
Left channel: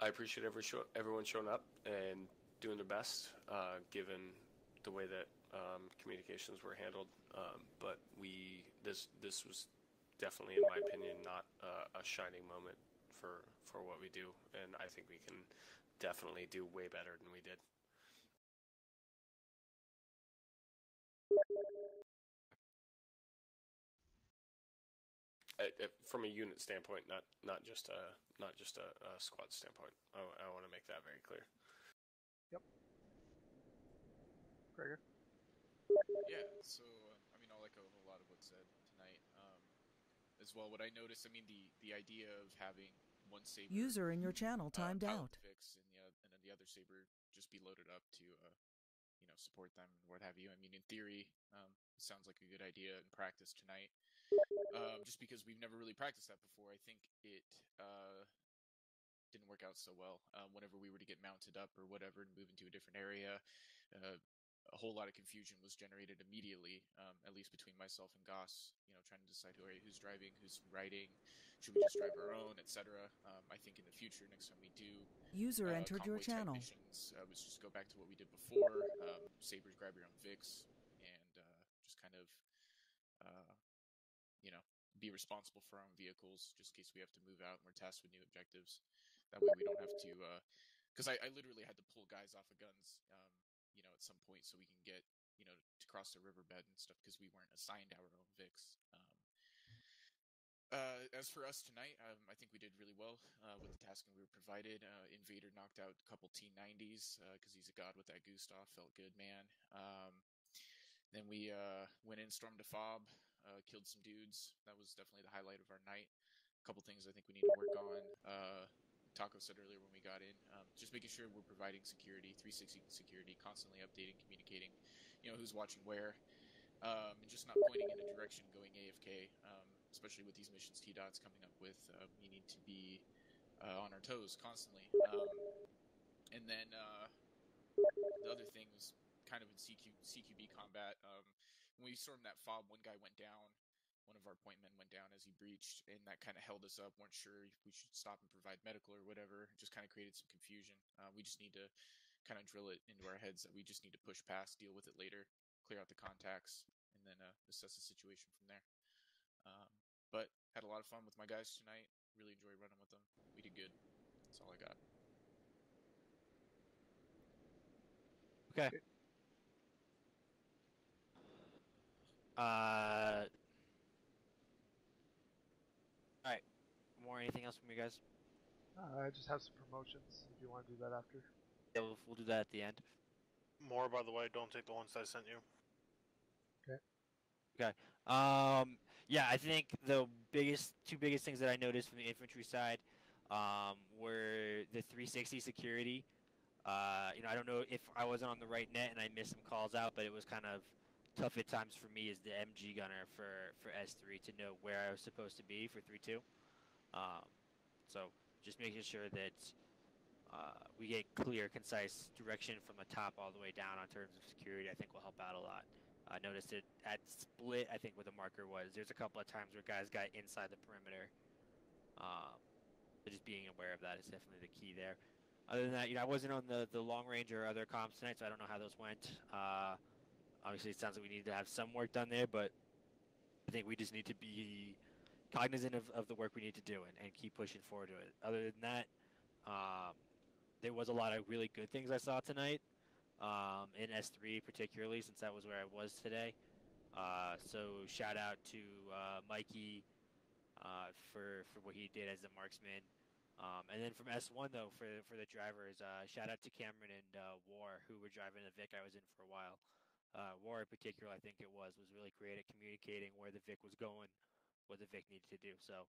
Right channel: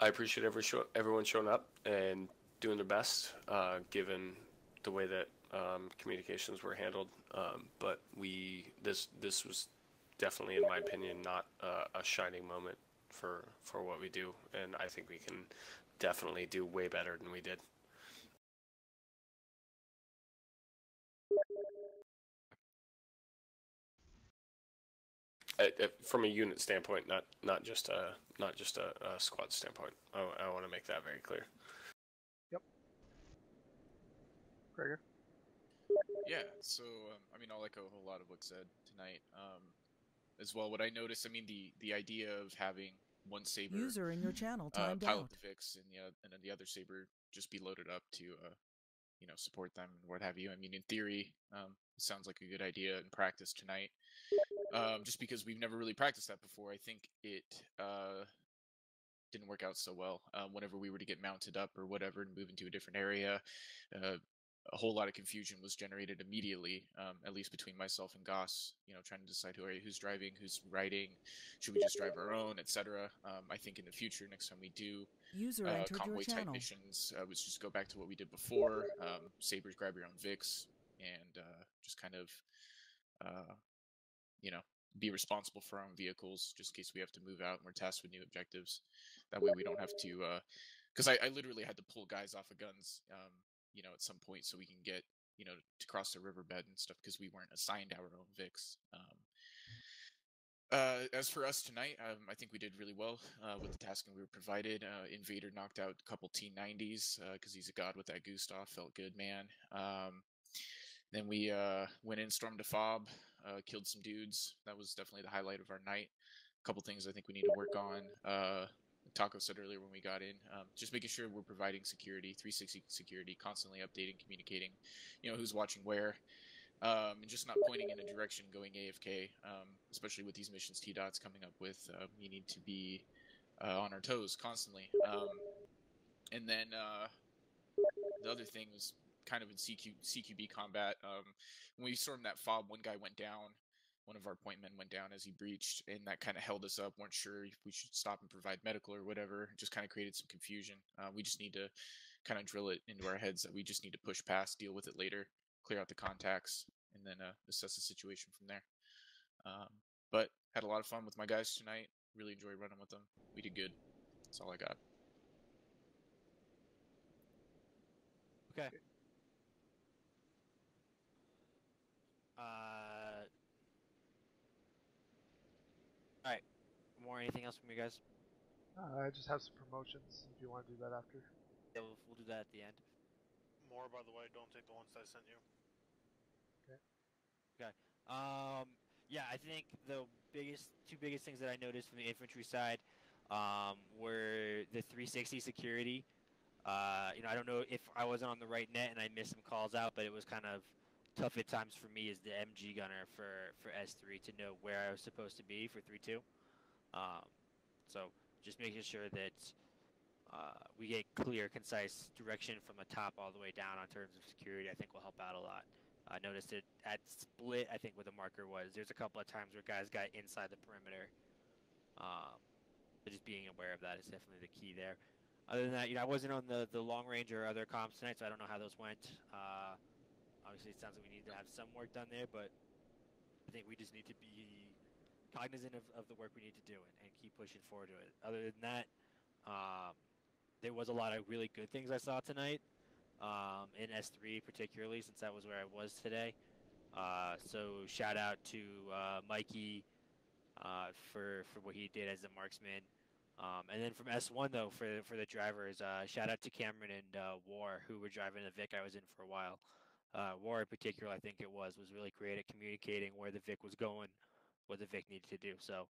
appreciate everyone showing up and doing their best, given the way that communications were handled. But this was definitely, in my opinion, not a shining moment for what we do, and I think we can definitely do way better than we did. From a unit standpoint, not just a squad standpoint. I want to make that very clear. Yep. Gregor? Yeah, so, I mean, I'll echo a whole lot of what's said tonight. As well, what I noticed, I mean, the idea of having one Saber... User in your channel timed out. ...fix and then the other Saber just be loaded up to, support them and what have you. I mean, in theory, it sounds like a good idea in practice tonight. Just because we've never really practiced that before, I think it didn't work out so well. Whenever we were to get mounted up or whatever and move into a different area, a whole lot of confusion was generated immediately, at least between myself and Goss, trying to decide who's driving, who's riding, should we just drive our own, etc. I think in the future, next time we do User entered your channel. missions, let's just go back to what we did before. Sabers, grab your own Vix, and just kind of, be responsible for our own vehicles, just in case we have to move out and we're tasked with new objectives. That way we don't have to, because I literally had to pull guys off of guns, at some point so we can get, to cross the riverbed and stuff, because we weren't assigned our own Vix. As for us tonight, I think we did really well with the tasking we were provided. Invader knocked out a couple T90s because he's a god with that Gustav. Felt good, man. Then we went in, stormed a fob, killed some dudes. That was definitely the highlight of our night. A couple things I think we need to work on. Taco said earlier when we got in, just making sure we're providing security, 360 security, constantly updating, communicating, who's watching where, and just not pointing in a direction going AFK, especially with these missions T-Dot's coming up with. We need to be on our toes constantly. And then the other thing was kind of in CQB combat. When we stormed that fob, one guy went down. One of our point men went down as he breached, and that kind of held us up. Weren't sure if we should stop and provide medical or whatever. Just kind of created some confusion. We just need to kind of drill it into our heads that we just need to push past, deal with it later, clear out the contacts, and then assess the situation from there. But had a lot of fun with my guys tonight. really enjoyed running with them. We did good. That's all I got. Okay. Alright. More anything else from you guys? I just have some promotions if you want to do that after. Yeah, we'll do that at the end. More, by the way, don't take the ones I sent you. Okay. Okay. Yeah, I think the two biggest things that I noticed from the infantry side were the 360 security. You know, I don't know if I wasn't on the right net and I missed some calls out, but it was kind of tough at times for me as the MG gunner for S3 to know where I was supposed to be for 3-2. So just making sure that we get clear, concise direction from the top all the way down on terms of security, I think will help out a lot. I noticed it at split, I think where the marker was. There's a couple of times where guys got inside the perimeter. So just being aware of that is definitely the key there. Other than that, you know, I wasn't on the long range or other comps tonight, so I don't know how those went. Obviously, it sounds like we need to have some work done there, but I think we just need to be cognizant of the work we need to do and keep pushing forward to it. Other than that, there was a lot of really good things I saw tonight, in S3 particularly, since that was where I was today. So shout out to Mikey for what he did as a marksman. And then from S1 though, for the drivers, shout out to Cameron and War, who were driving the Vic I was in for a while. War in particular, I think it was really great at communicating where the Vic was going, what the Vic needed to do. So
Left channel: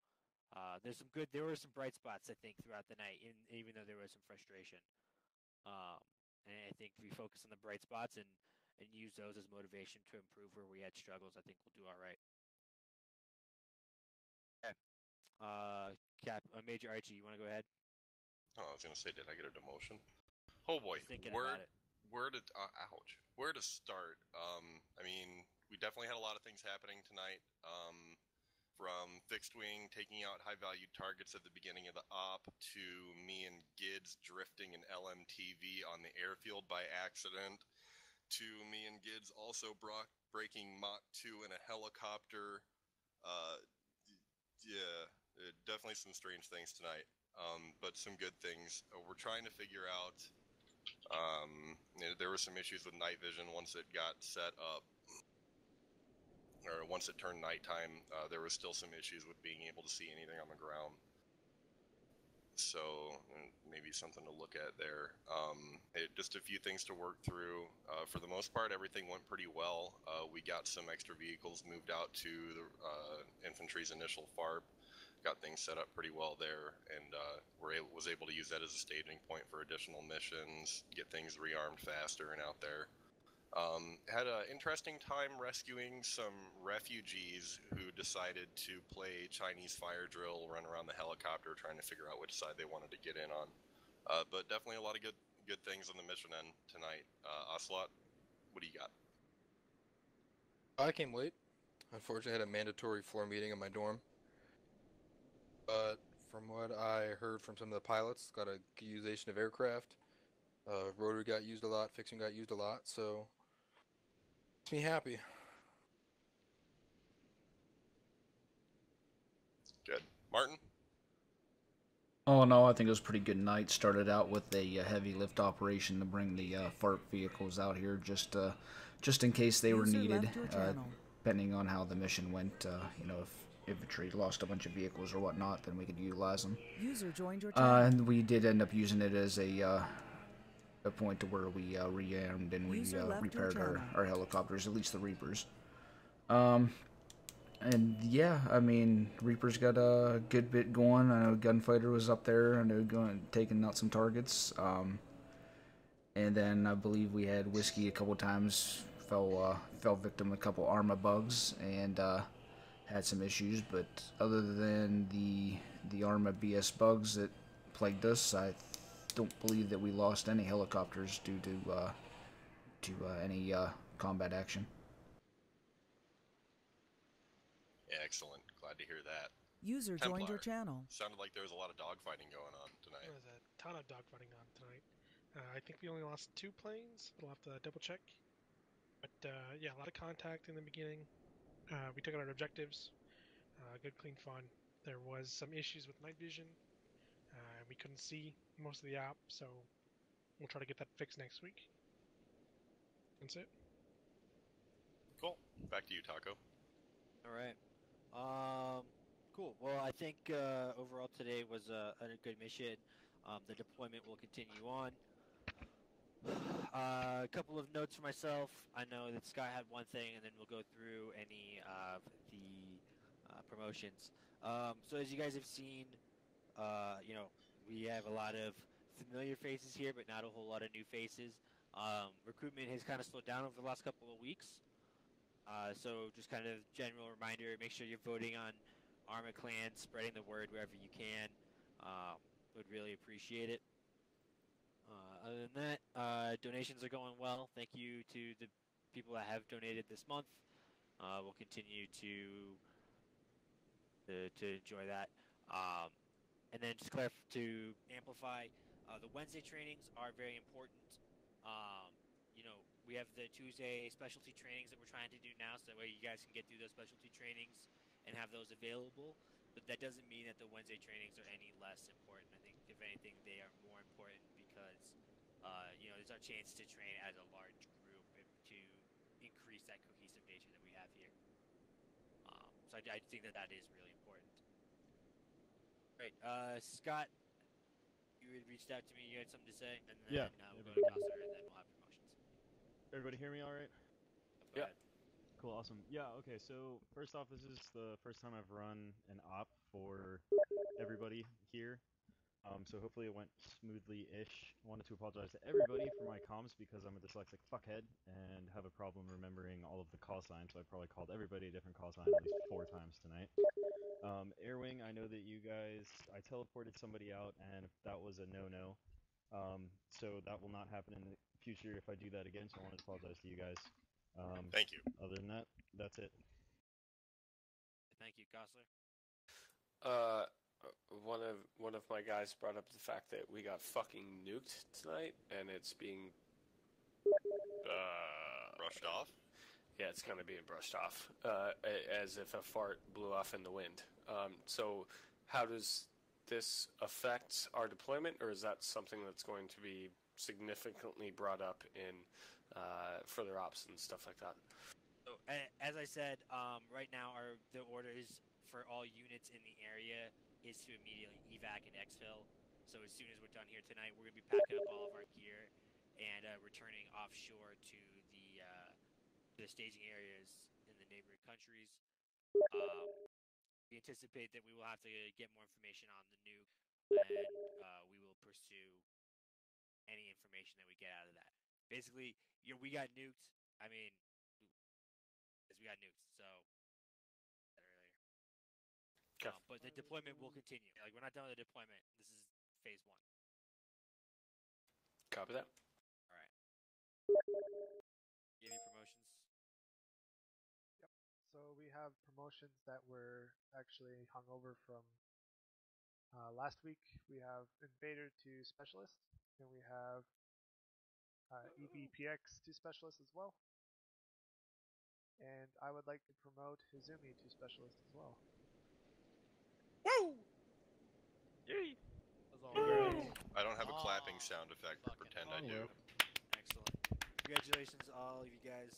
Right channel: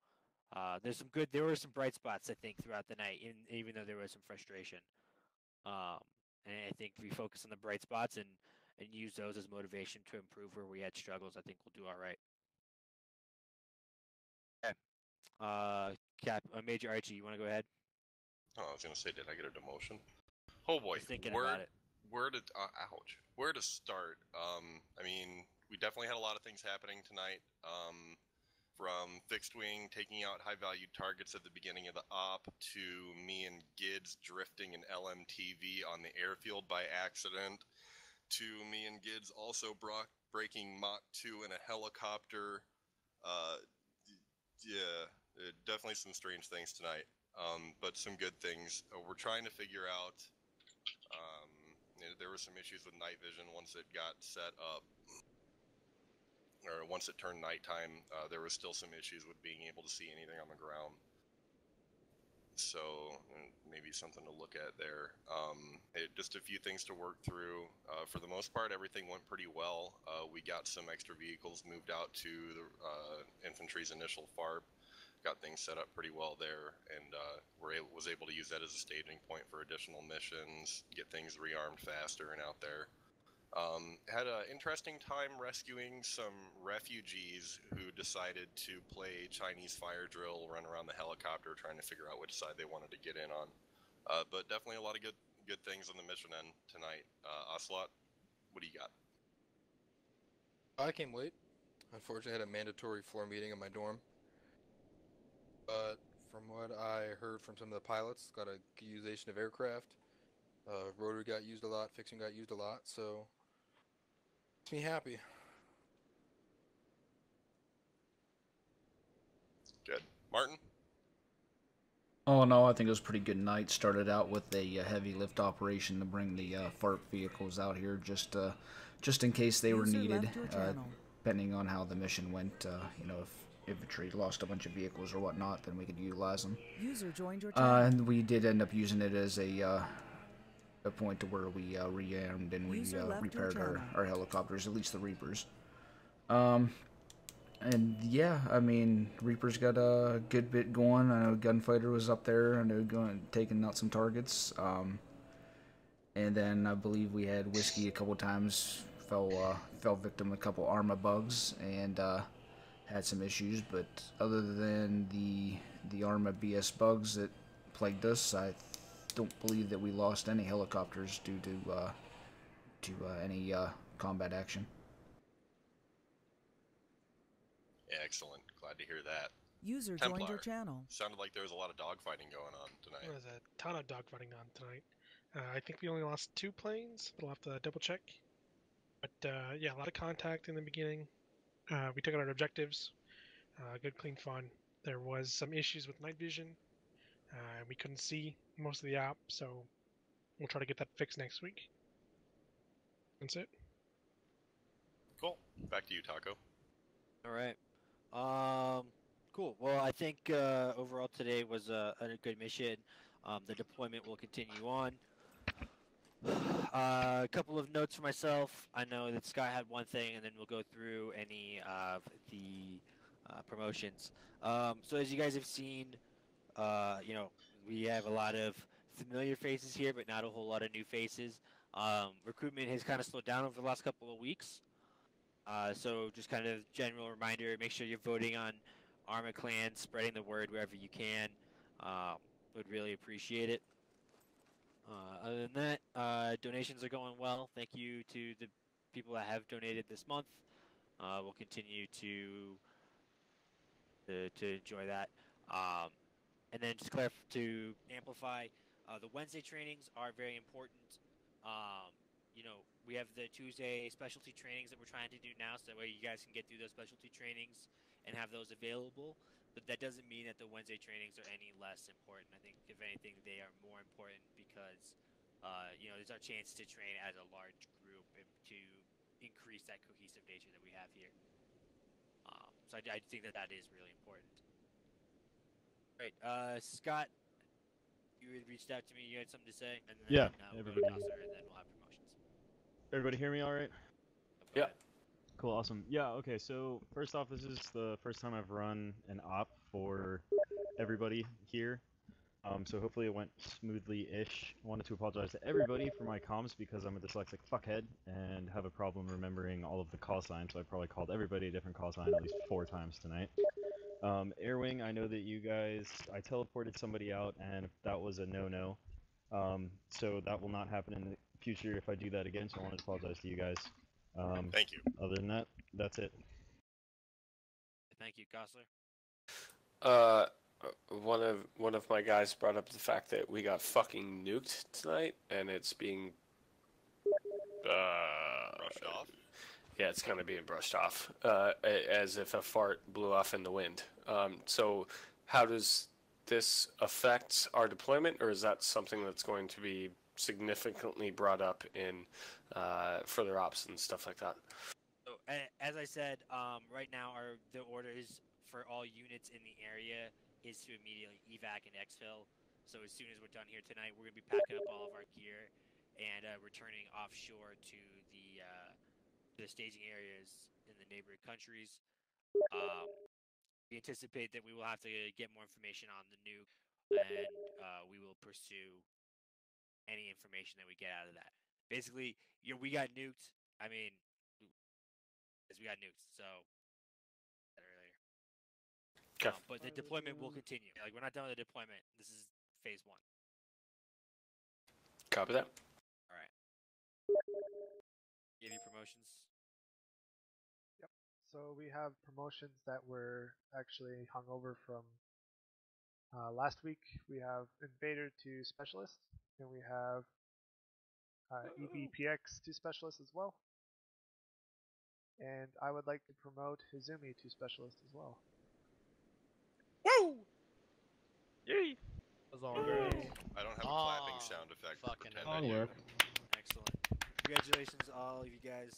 there were some bright spots I think throughout the night, even though there was some frustration. And I think if we focus on the bright spots and use those as motivation to improve where we had struggles, I think we'll do all right. Okay. Major Archie, you want to go ahead? Oh, I was gonna say, did I get a demotion? Oh boy, Just thinking about it. Where to start? I mean, we definitely had a lot of things happening tonight. From fixed wing taking out high value targets at the beginning of the op, to me and Gids drifting an LMTV on the airfield by accident, to me and Gids also breaking Mach 2 in a helicopter. Yeah, definitely some strange things tonight, but some good things. We're trying to figure out, there were some issues with night vision once it got set up, or once it turned nighttime. There was still some issues with being able to see anything on the ground. So maybe something to look at there. Just a few things to work through. For the most part, everything went pretty well. We got some extra vehicles moved out to the infantry's initial FARP. Got things set up pretty well there, and was able to use that as a staging point for additional missions, get things rearmed faster and out there. Had an interesting time rescuing some refugees who decided to play Chinese fire drill, run around the helicopter trying to figure out which side they wanted to get in on. But definitely a lot of good things on the mission end tonight. Ocelot, what do you got? I came late. Unfortunately, I had a mandatory floor meeting in my dorm. But from what I heard from some of the pilots, got a good utilization of aircraft. Rotary got used a lot, fixing got used a lot, so makes me happy. Good. Martin? Oh no, I think it was a pretty good night. Started out with a heavy lift operation to bring the FARP vehicles out here, just in case they were needed, depending on how the mission went. You know, if infantry lost a bunch of vehicles or whatnot, then we could utilize them. User joined your channel. And we did end up using it as a point to where we rearmed and we repaired our helicopters, at least the Reapers. And yeah, I mean, Reaper's got a good bit going. I know Gunfighter was up there. I know taking out some targets. And then I believe we had Whiskey a couple times, fell victim to a couple Arma bugs, and had some issues. But other than the Arma BS bugs that plagued us, I don't believe that we lost any helicopters due to any combat action. Excellent. Glad to hear that. User joined your channel. Sounded like there was a lot of dogfighting going on tonight. There was a ton of dogfighting on tonight. I think we only lost 2 planes. We'll have to double check. But yeah, a lot of contact in the beginning. We took out our objectives. Good, clean fun. There was some issues with night vision. We couldn't see most of the app, so we'll try to get that fixed next week. That's it. Cool. Back to you, Taco. All right. Cool. Well, I think overall today was a good mission. The deployment will continue on. A couple of notes for myself. I know that Scott had one thing, and then we'll go through any of the promotions. So as you guys have seen, we have a lot of familiar faces here, but not a whole lot of new faces. Recruitment has kind of slowed down over the last couple of weeks. So just kind of general reminder, make sure you're voting on Arma Clan, spreading the word wherever you can. Would really appreciate it. Other than that, donations are going well. Thank you to the people that have donated this month. We'll continue to enjoy that. And then just to amplify, the Wednesday trainings are very important. We have the Tuesday specialty trainings that we're trying to do now, so that way you guys can get through those specialty trainings and have those available. But that doesn't mean that the Wednesday trainings are any less important. I think, if anything, they are more important because, there's our chance to train as a large group and to increase that cohesive nature that we have here. So I think that is really important. All right, Scott, you had reached out to me. You had something to say, and then Yeah, we'll everybody. go to Nasser, and then we'll have promotions. Everybody hear me all right? Yeah. Cool, awesome. Yeah, okay, so first off, this is the first time I've run an op for everybody here. So hopefully it went smoothly-ish. I wanted to apologize to everybody for my comms because I'm a dyslexic fuckhead and have a problem remembering all of the call signs, so I probably called everybody a different call sign at least 4 times tonight. Airwing, I know that you guys, I teleported somebody out and that was a no-no. So that will not happen in the future if I do that again, so I wanted to apologize to you guys. Thank you. Other than that, that's it. Thank you, Gosler. One of my guys brought up the fact that we got fucking nuked tonight, and it's being brushed off. Yeah, it's kind of being brushed off, as if a fart blew off in the wind. So, how does this affect our deployment, or is that something that's going to be significantly brought up in further ops and stuff like that? So, as I said, right now the order is for all units in the area is to immediately evac and exfil. So as soon as we're done here tonight, we're going to be packing up all of our gear and returning offshore to the staging areas in the neighboring countries. We anticipate that we will have to get more information on the nuke, and we will pursue any information that we get out of that. Basically, we got nuked. I mean, we got nuked, so but the deployment will continue. Like, we're not done with the deployment. This is phase 1. Copy that. All right. Any promotions? Yep. So we have promotions that were actually hung over from last week. We have Invader to Specialist, and we have EVPX to Specialist as well. And I would like to promote Hizumi to Specialist as well. Woo! Yay! I don't have a clapping sound effect, but pretend I do. Excellent. Congratulations, all of you guys.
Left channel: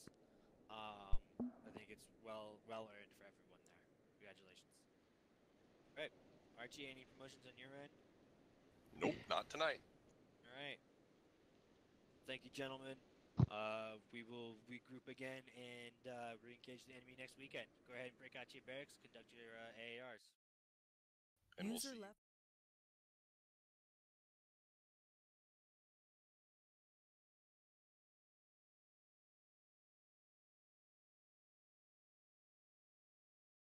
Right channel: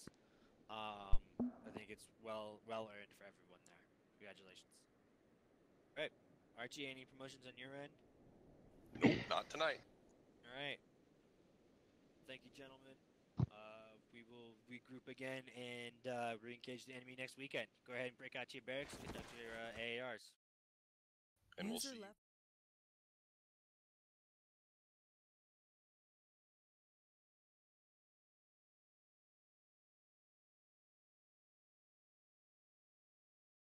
I think it's well earned for everyone there. Congratulations. All right, Archie, any promotions on your end? Nope, not tonight. All right. Thank you, gentlemen. We will regroup again and re-engage the enemy next weekend. Go ahead and break out your barracks and conduct your AARs. And we'll User see. left